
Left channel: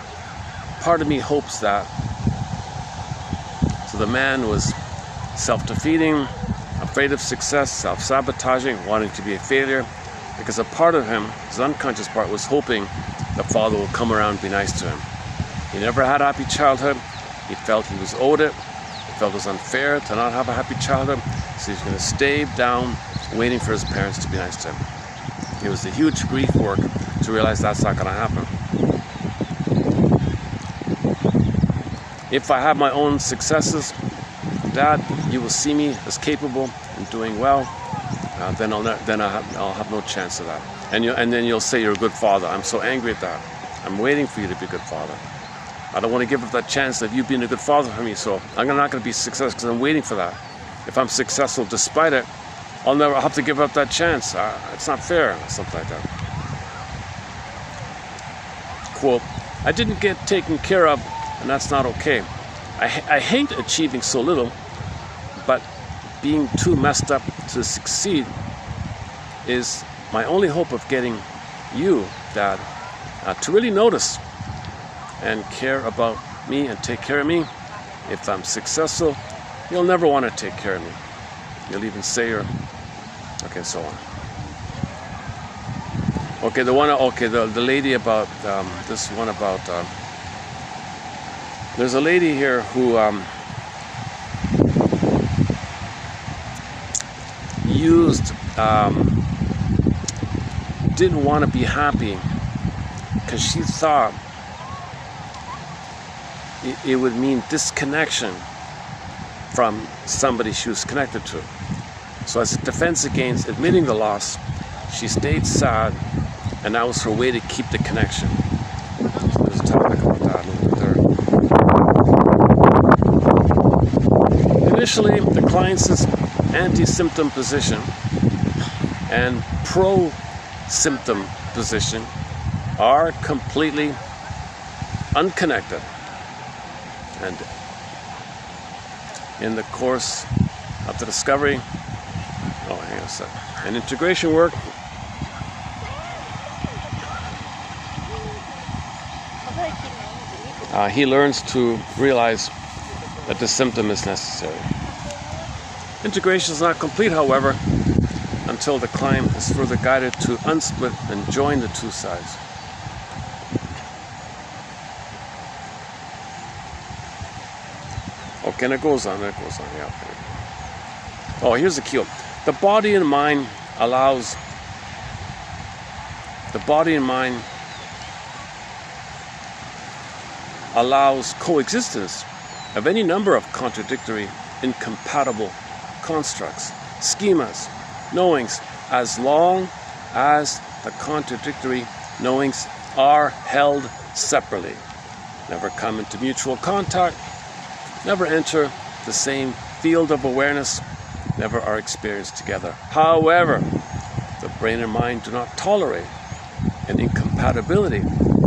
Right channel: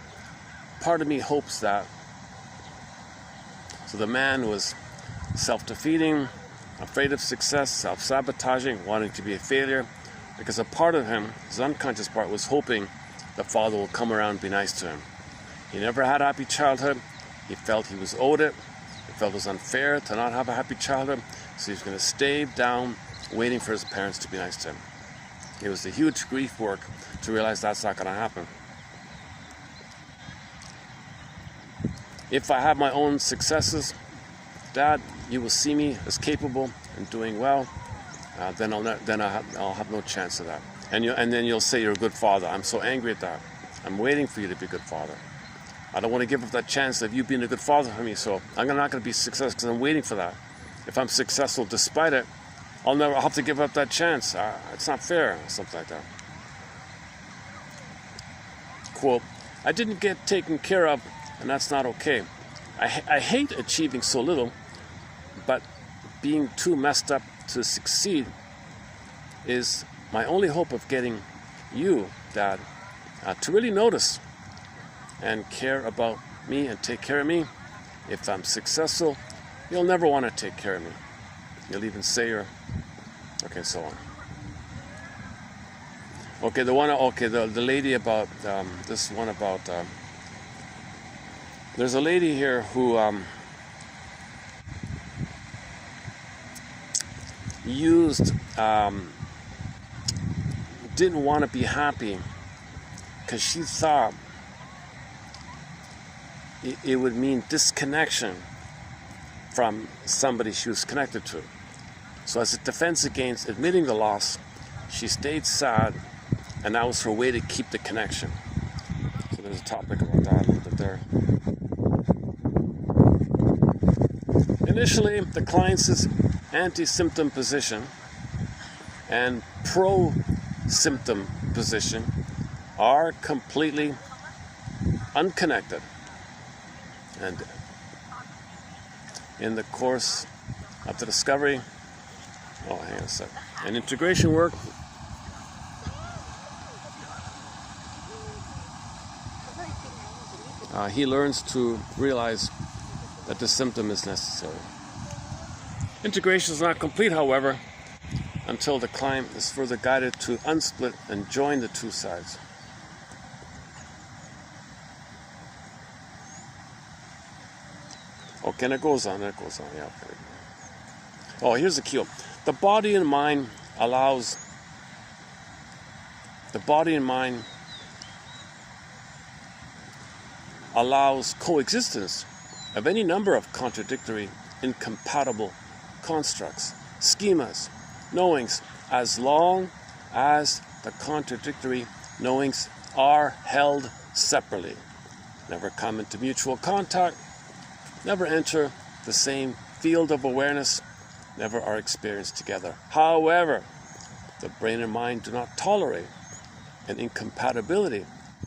part of me hopes that. So the man was self-defeating, afraid of success, self-sabotaging, wanting to be a failure, because a part of him, his unconscious part, was hoping the father would come around and be nice to him. He never had a happy childhood. He felt he was owed it. He felt it was unfair to not have a happy childhood, so he's going to stay down waiting for his parents to be nice to him. It was the huge grief work to realize that's not going to happen. If I have my own successes, Dad, you will see me as capable and doing well. Then I'll have no chance of that. And then you'll say you're a good father. I'm so angry at that. I'm waiting for you to be a good father. I don't want to give up that chance of you being a good father for me. So I'm not going to be successful because I'm waiting for that. If I'm successful despite it, I'll have to give up that chance. It's not fair. Something like that. Quote, I didn't get taken care of, and that's not okay. I hate achieving so little, but being too messed up to succeed is my only hope of getting you, Dad, to really notice and care about me and take care of me. If I'm successful, you'll never want to take care of me. You'll even say you're... Okay, so on. Okay, the lady about, this one about, there's a lady here who didn't want to be happy because she thought it would mean disconnection from somebody she was connected to. So as a defense against admitting the loss, she stayed sad, and that was her way to keep the connection. So there's a topic about that there. Initially, the client's anti-symptom position and pro-symptom position are completely unconnected. And in the course of the discovery, hang on a second, and integration work, he learns to realize that the symptom is necessary. Integration is not complete, however, until the client is further guided to unsplit and join the two sides. Okay, and it goes on, yeah. Oh, here's the key. The body and mind allows coexistence of any number of contradictory, incompatible constructs, schemas, knowings, as long as the contradictory knowings are held separately, never come into mutual contact, never enter the same field of awareness, never are experienced together. However, the brain and mind do not tolerate an incompatibility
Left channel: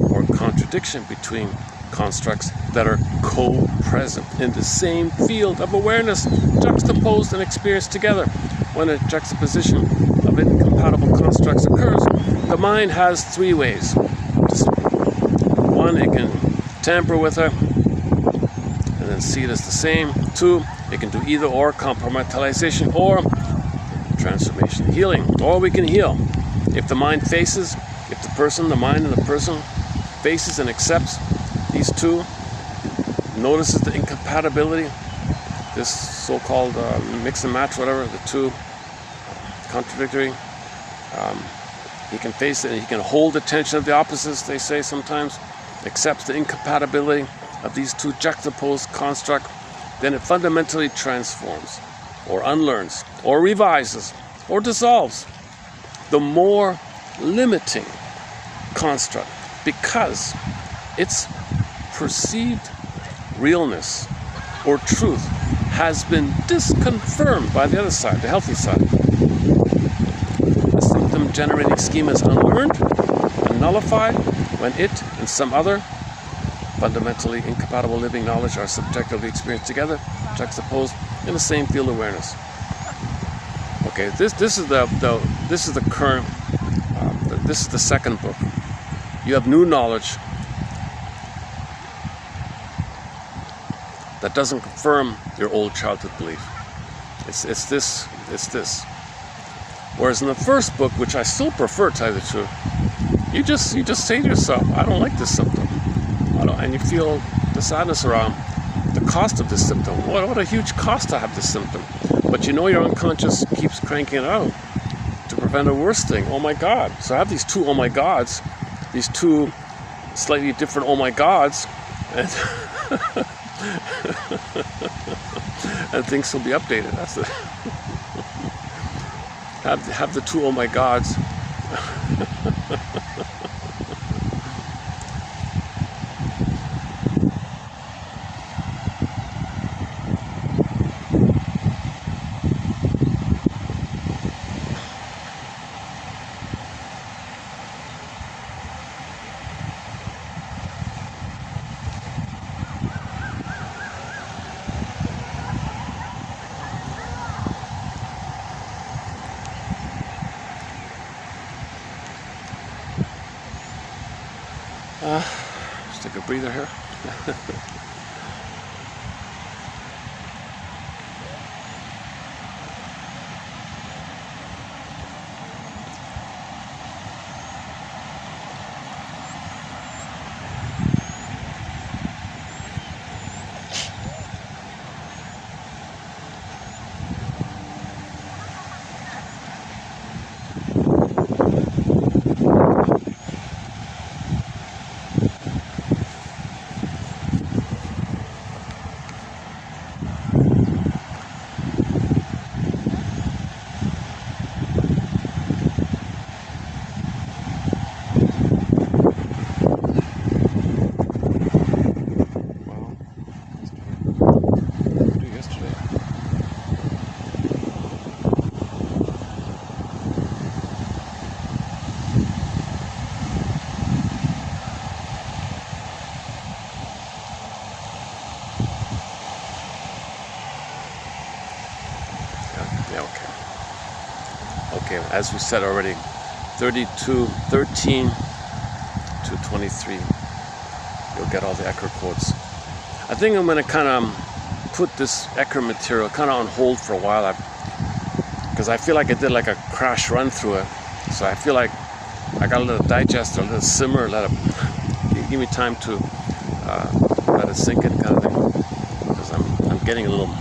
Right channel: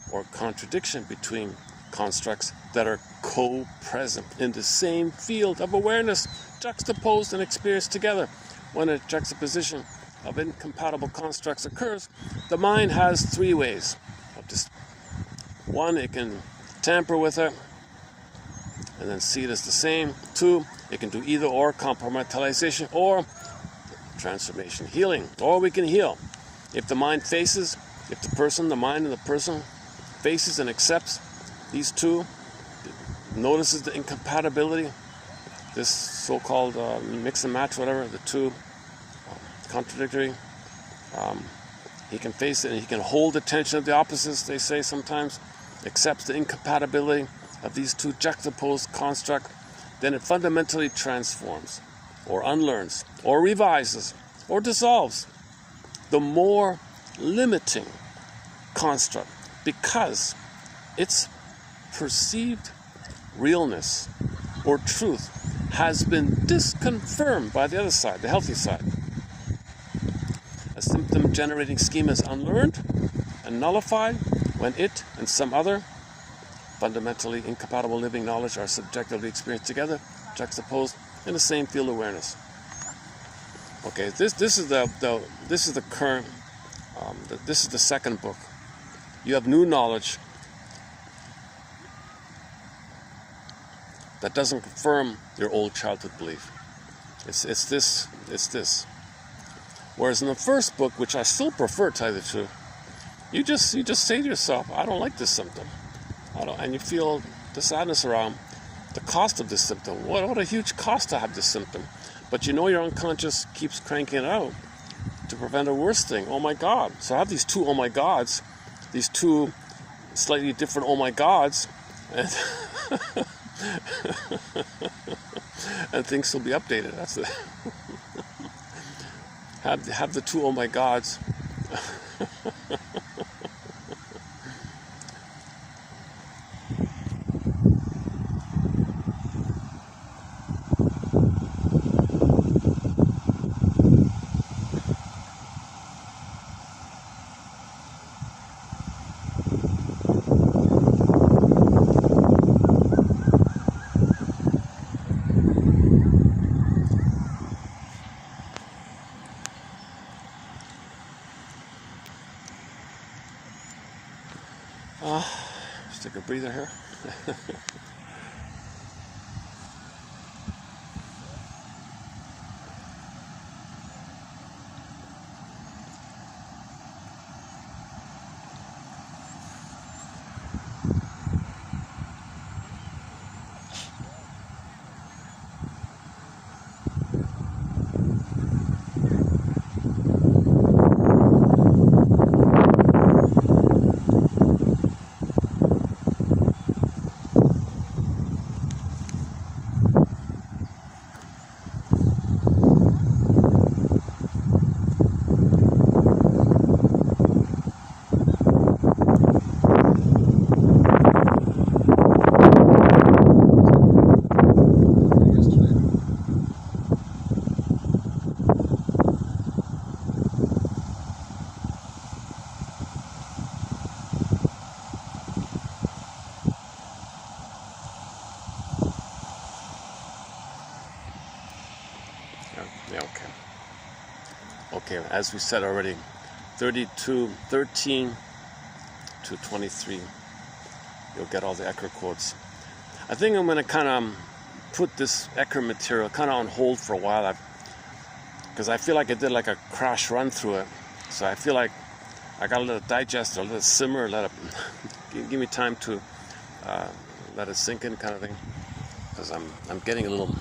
or contradiction between constructs that are co-present in the same field of awareness, juxtaposed and experienced together. When a juxtaposition of incompatible constructs occurs, the mind has three ways. One, it can tamper with it and then see it as the same. Two, it can do either or, compartmentalization or transformation, healing. Or we can heal. If the mind faces, if the mind and the person faces and accepts these two, notices the incompatibility, this so-called mix and match, whatever, the two contradictory, he can face it and he can hold the tension of the opposites, they say sometimes, accepts the incompatibility of these two juxtaposed constructs, then it fundamentally transforms or unlearns or revises or dissolves the more limiting construct, because its perceived realness or truth has been disconfirmed by the other side, the healthy side. The symptom-generating schema is unlearned and nullified when it and some other fundamentally incompatible living knowledge are subjectively experienced together, juxtaposed in the same field of awareness. Okay, this is the current. This is the second book. You have new knowledge that doesn't confirm your old childhood belief. It's this. Whereas in the first book, which I still prefer, to tell you the truth, you just say to yourself, I don't like this symptom. And you feel the sadness around the cost of this symptom. What a huge cost to have this symptom. But you know your unconscious keeps cranking it out to prevent a worse thing. Oh my God. So I have these two oh my gods, these two slightly different oh my gods, and And things will be updated. That's it. Have the two oh my gods. Just take a breather here. Okay, as we said already, 13 to 23, you'll get all the Ecker quotes. I think I'm going to kind of put this Ecker material kind of on hold for a while, because I feel like I did like a crash run through it. So I feel like I got to let it digest, or let it simmer, let it give me time to let it sink in, kind of thing, because I'm getting a little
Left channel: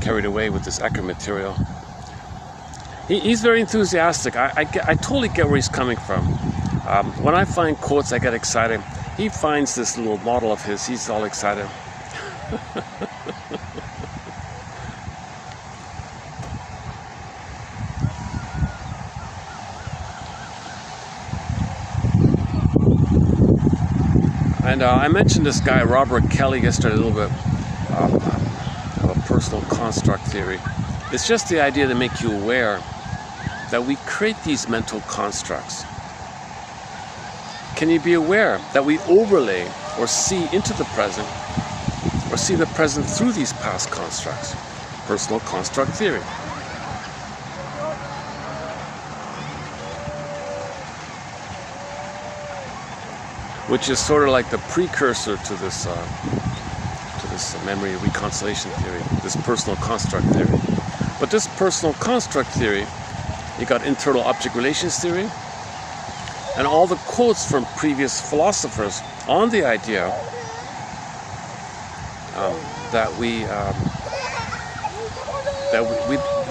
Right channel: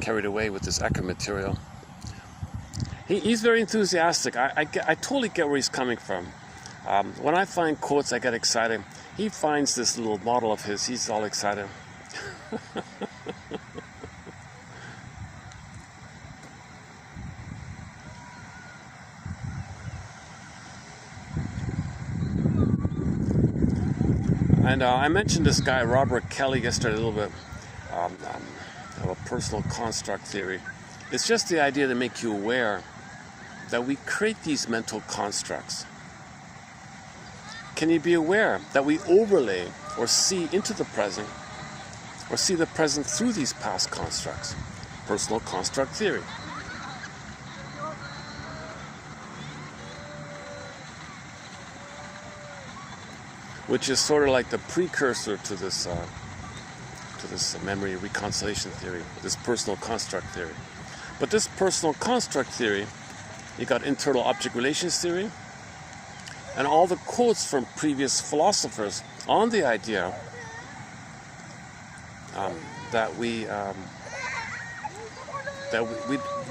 carried away with this Ecker material. He's very enthusiastic. I totally get where he's coming from. When I find quotes, I get excited. He finds this little model of his, he's all excited. And I mentioned this guy, Robert Kelly, yesterday a little bit, of a personal construct theory. It's just the idea to make you aware that we create these mental constructs. Can you be aware that we overlay or see into the present, or see the present through these past constructs? Personal construct theory. Which is sort of like the precursor to this memory reconciliation theory, this personal construct theory. But this personal construct theory, you got internal object relations theory, and all the quotes from previous philosophers on the idea that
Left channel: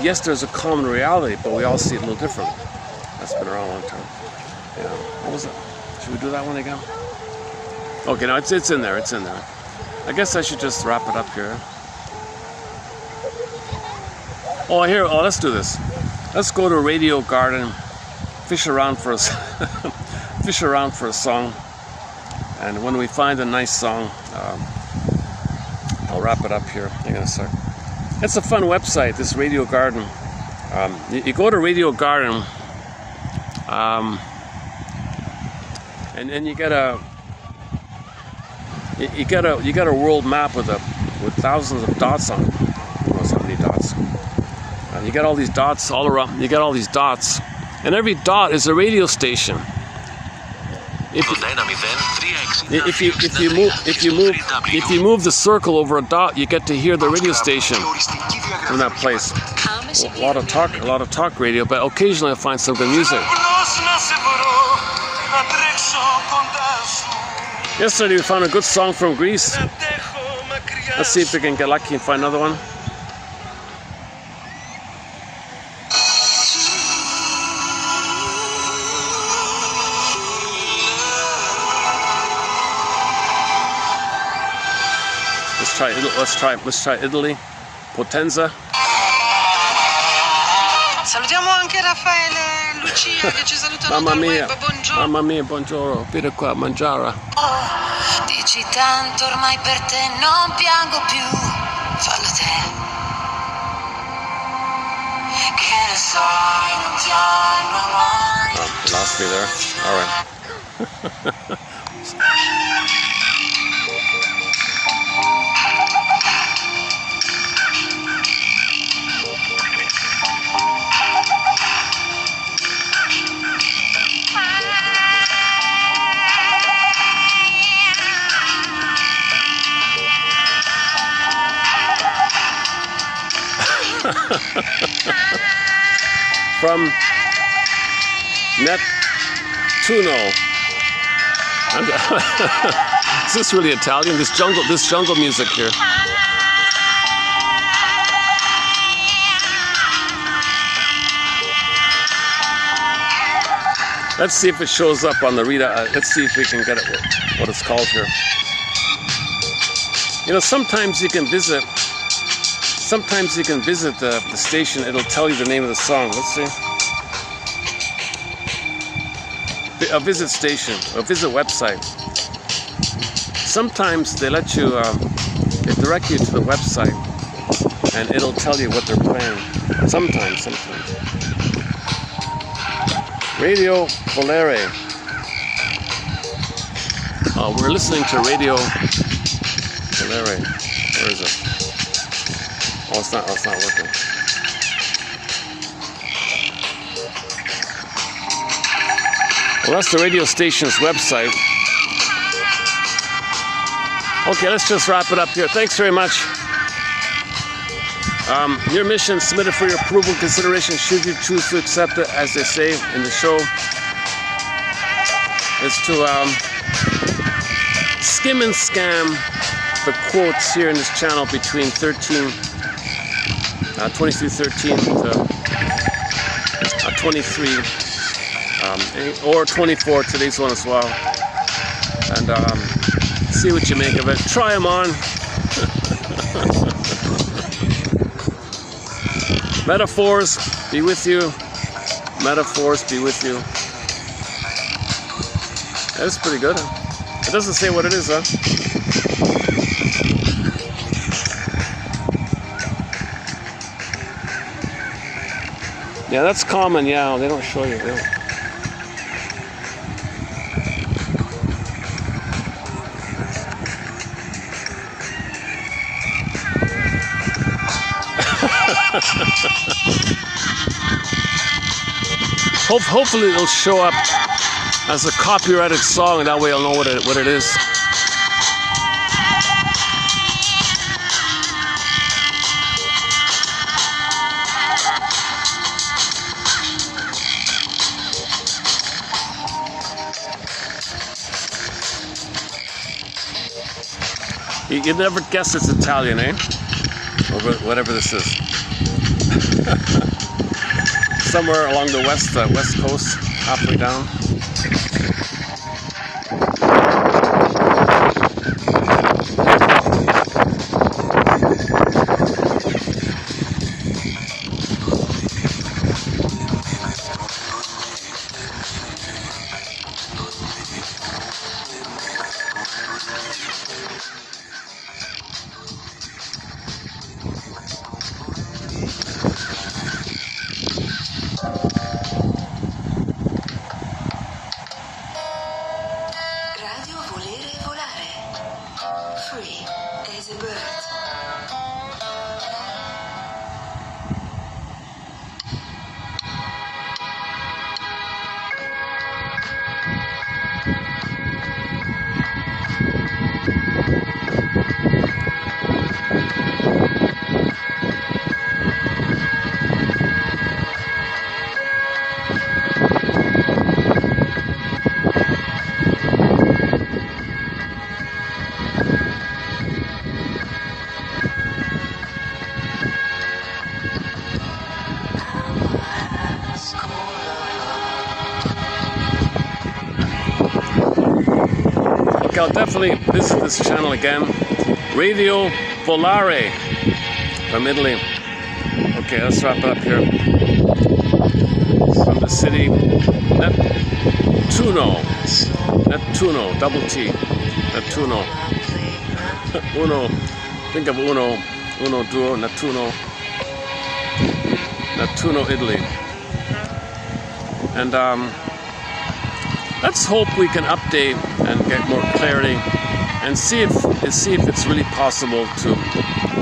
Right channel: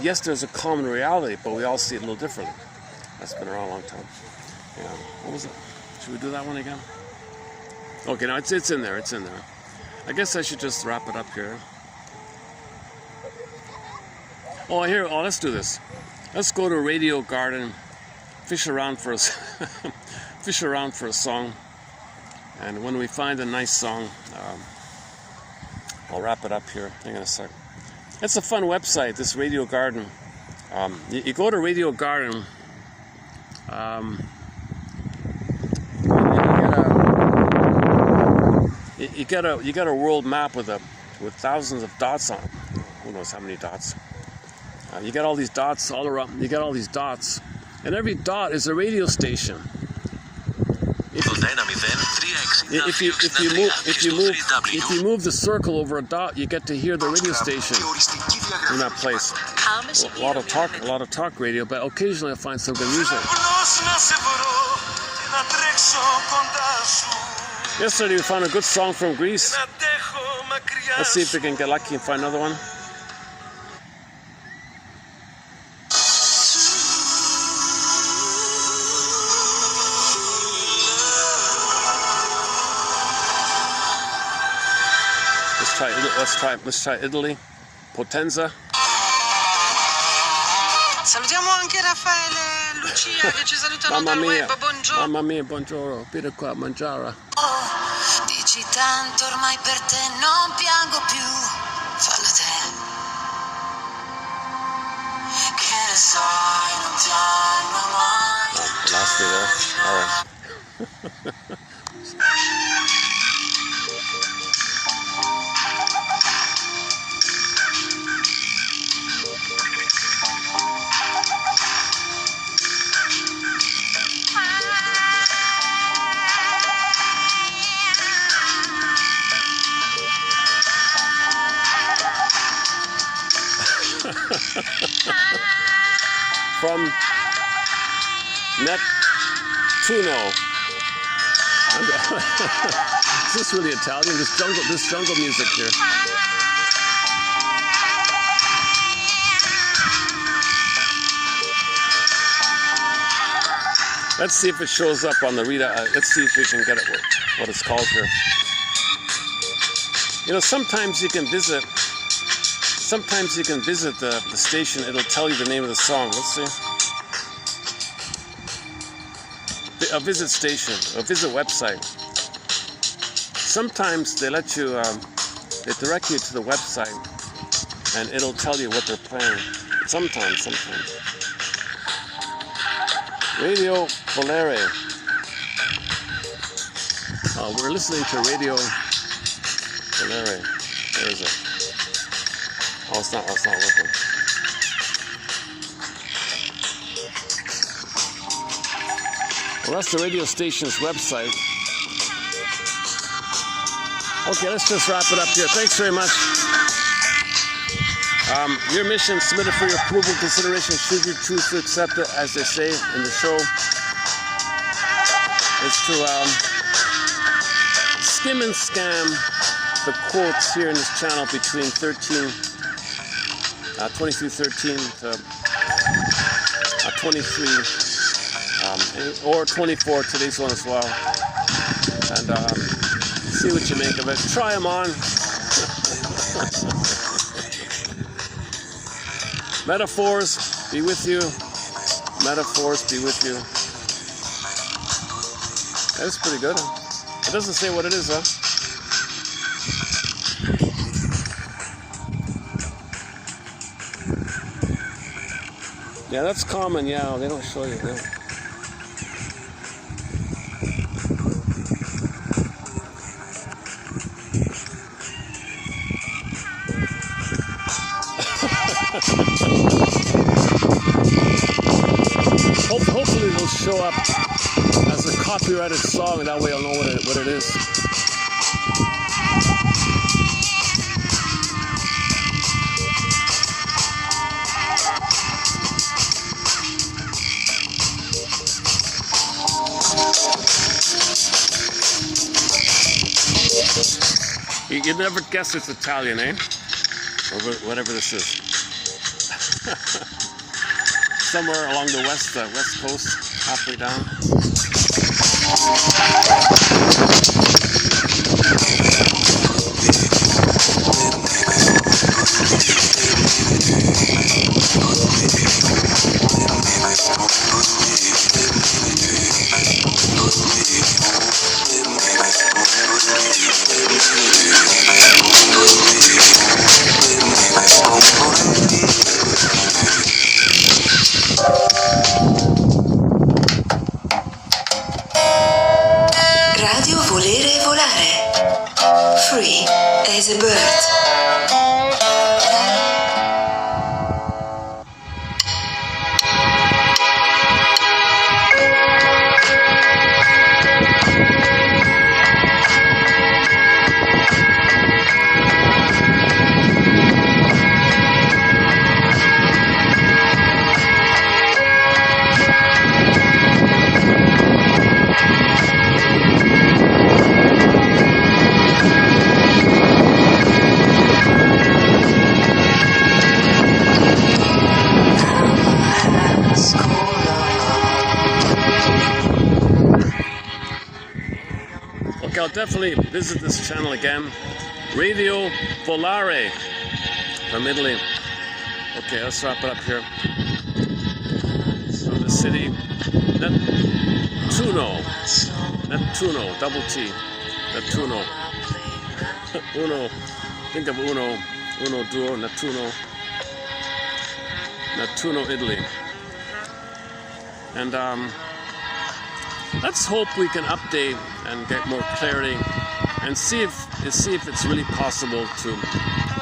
yes, there's a common reality, but we all see it a little different. That's been around a long time. Yeah. What was it? Should we do that one again? Okay, no, it's in there. It's in there. I guess I should just wrap it up here. Oh, here. Oh, let's do this. Let's go to Radio Garden, fish around for a song, and when we find a nice song, I'll wrap it up here. Hang on a sec. It's a fun website, this Radio Garden. You go to Radio Garden, and you get a world map with thousands of dots on it. Who knows how many dots? You get all these dots all around. You get all these dots, and every dot is a radio station. If you move the circle over a dot, you get to hear the radio station from that place. A lot of talk radio, but occasionally I find some good music. Yesterday we found a good song from Greece. Let's see if we can get lucky and find another one. Let's try Italy. Potenza. Salutiamo anche Raffaele, Lucia che ci salutano dal web, buongiorno. Mamma mia, buongiorno, vieni qua a mangiare. Dici tanto ormai per te non piango più, fallo te. Che ne sai, non ti hanno mai. Oh, lost me there. All right. From Nettuno. Is this really Italian? This jungle music here. Let's see if it shows up on the Rita. Let's see if we can get it. What it's called here. You know, sometimes you can visit. Sometimes you can visit the station. It'll tell you the name of the song. Let's see. A visit station, a visit website. Sometimes they let you, they direct you to the website, and it'll tell you what they're playing. Sometimes. Radio Volere. We're listening to Radio Volere. Where is it? Oh, it's not working. Well, that's the radio station's website. Okay, let's just wrap it up here. Thanks very much. Your mission submitted for your approval and consideration, should you choose to accept it, as they say in the show, is to skim and scam the quotes here in this channel between 2313 to 23 or 24, today's one as well, and see what you make of it. Try them on. Metaphors be with you. Metaphors be with you. That's pretty good. It doesn't say what it is, huh? Yeah, that's common. Yeah, they don't show you. They don't. Hopefully it'll show up as a copyrighted song, and that way I'll know what it is. You never guess it's Italian, eh? Or whatever this is. Somewhere along the west coast, halfway down. Radio Volere Volare. Free as a bird. I'll definitely visit this channel again. Radio Volare from Italy. Okay, let's wrap it up here. From the city Nettuno, double T, Nettuno. Uno, think of uno, duo, Nettuno, Italy. And let's hope we can update and get more clarity and see if it's really possible to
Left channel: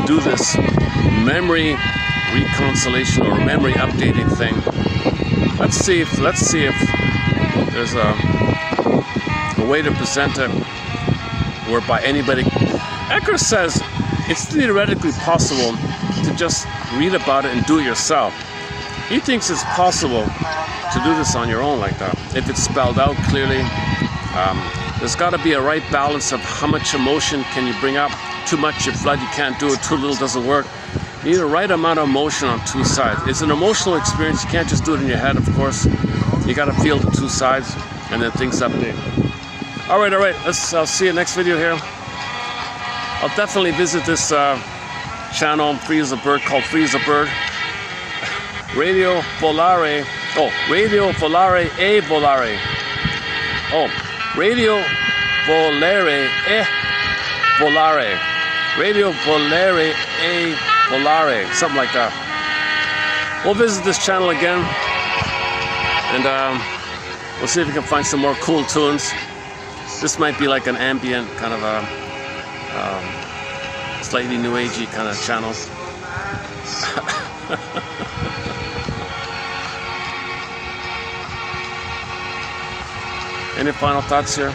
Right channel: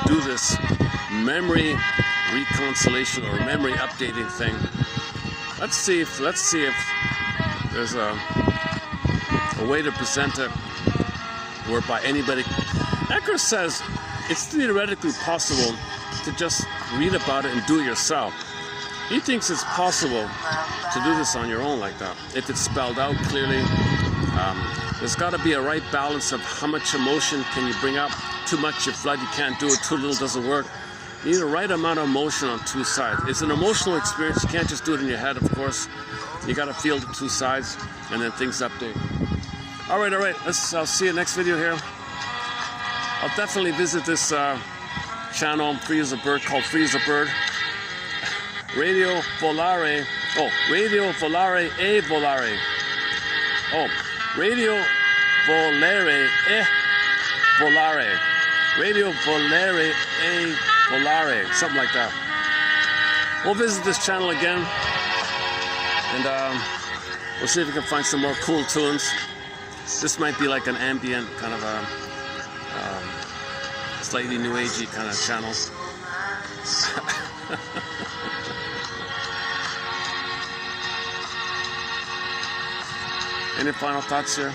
do this memory reconciliation or memory updating thing. Let's see if there's a way to present it whereby anybody. Ecker says it's theoretically possible to just read about it and do it yourself. He thinks it's possible to do this on your own like that if it's spelled out clearly. There's got to be a right balance of how much emotion can you bring up. Too much, you flood, you can't do it. Too little, doesn't work. You need a right amount of emotion on two sides. It's an emotional experience. You can't just do it in your head, of course. You got to feel the two sides, and then things update. All right. I'll see you next video here. I'll definitely visit this channel, Free as a Bird, called Free as a Bird. Radio Volare. Oh, Radio Volare e Volare. Oh, Radio Volare e Volare. Radio Volare e Volare. Something like that. We'll visit this channel again. And we'll see if we can find some more cool tunes. This might be like an ambient kind of a slightly new agey kind of channel. Any final thoughts here?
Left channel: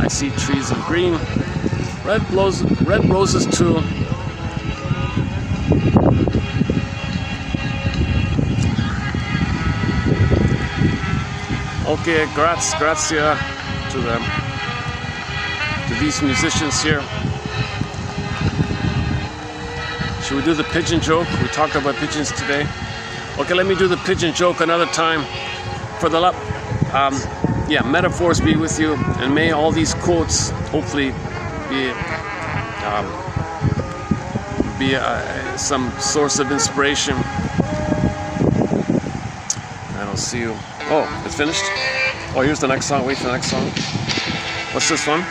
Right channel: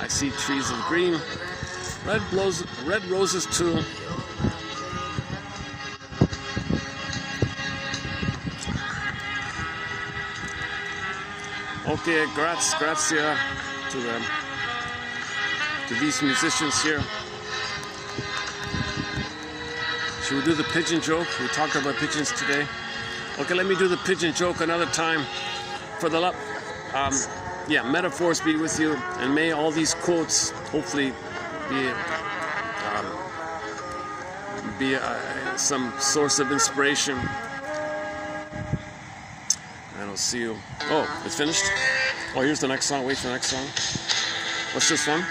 I see trees of green, red roses too. Okay, grazie to these musicians here. Should we do the pigeon joke? We talked about pigeons today. Okay, let me do the pigeon joke another time. For the yeah, metaphors be with you, and may all these quotes hopefully be some source of inspiration. And I'll see you. Oh, it's finished? Oh, here's the next song. Wait for the next song. What's this one?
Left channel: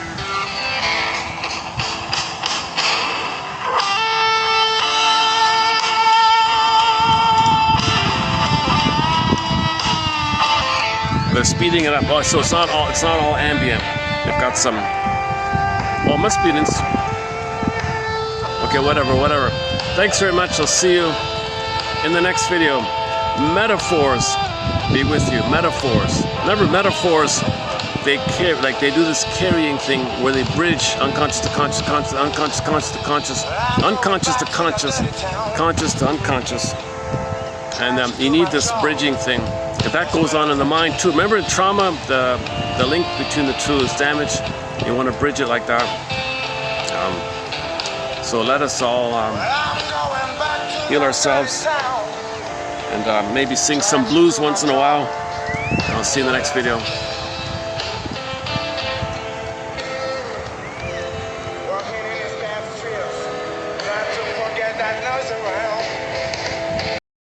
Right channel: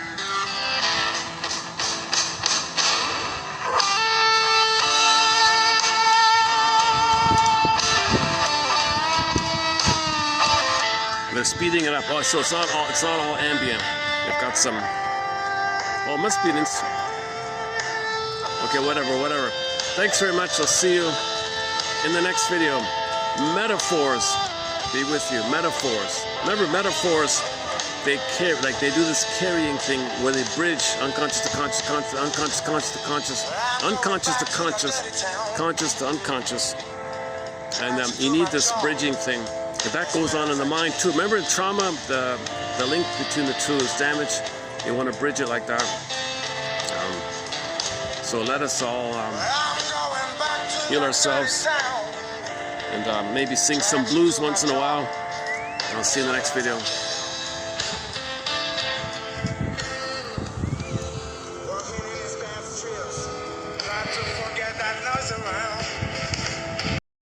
They're speeding it up. Oh, so it's not all ambient. They've got some. Well, it must be an okay, whatever. Thanks very much. I'll see you in the next video. Metaphors be with you. Metaphors. Remember, metaphors. They do this carrying thing where they bridge unconscious to conscious, unconscious to conscious, unconscious to conscious, conscious to unconscious. And you need this bridging thing. If that goes on in the mind too, remember in trauma, the link between the two is damaged. You want to bridge it like that. So let us all heal ourselves and maybe sing some blues once in a while. I'll see you in the next video.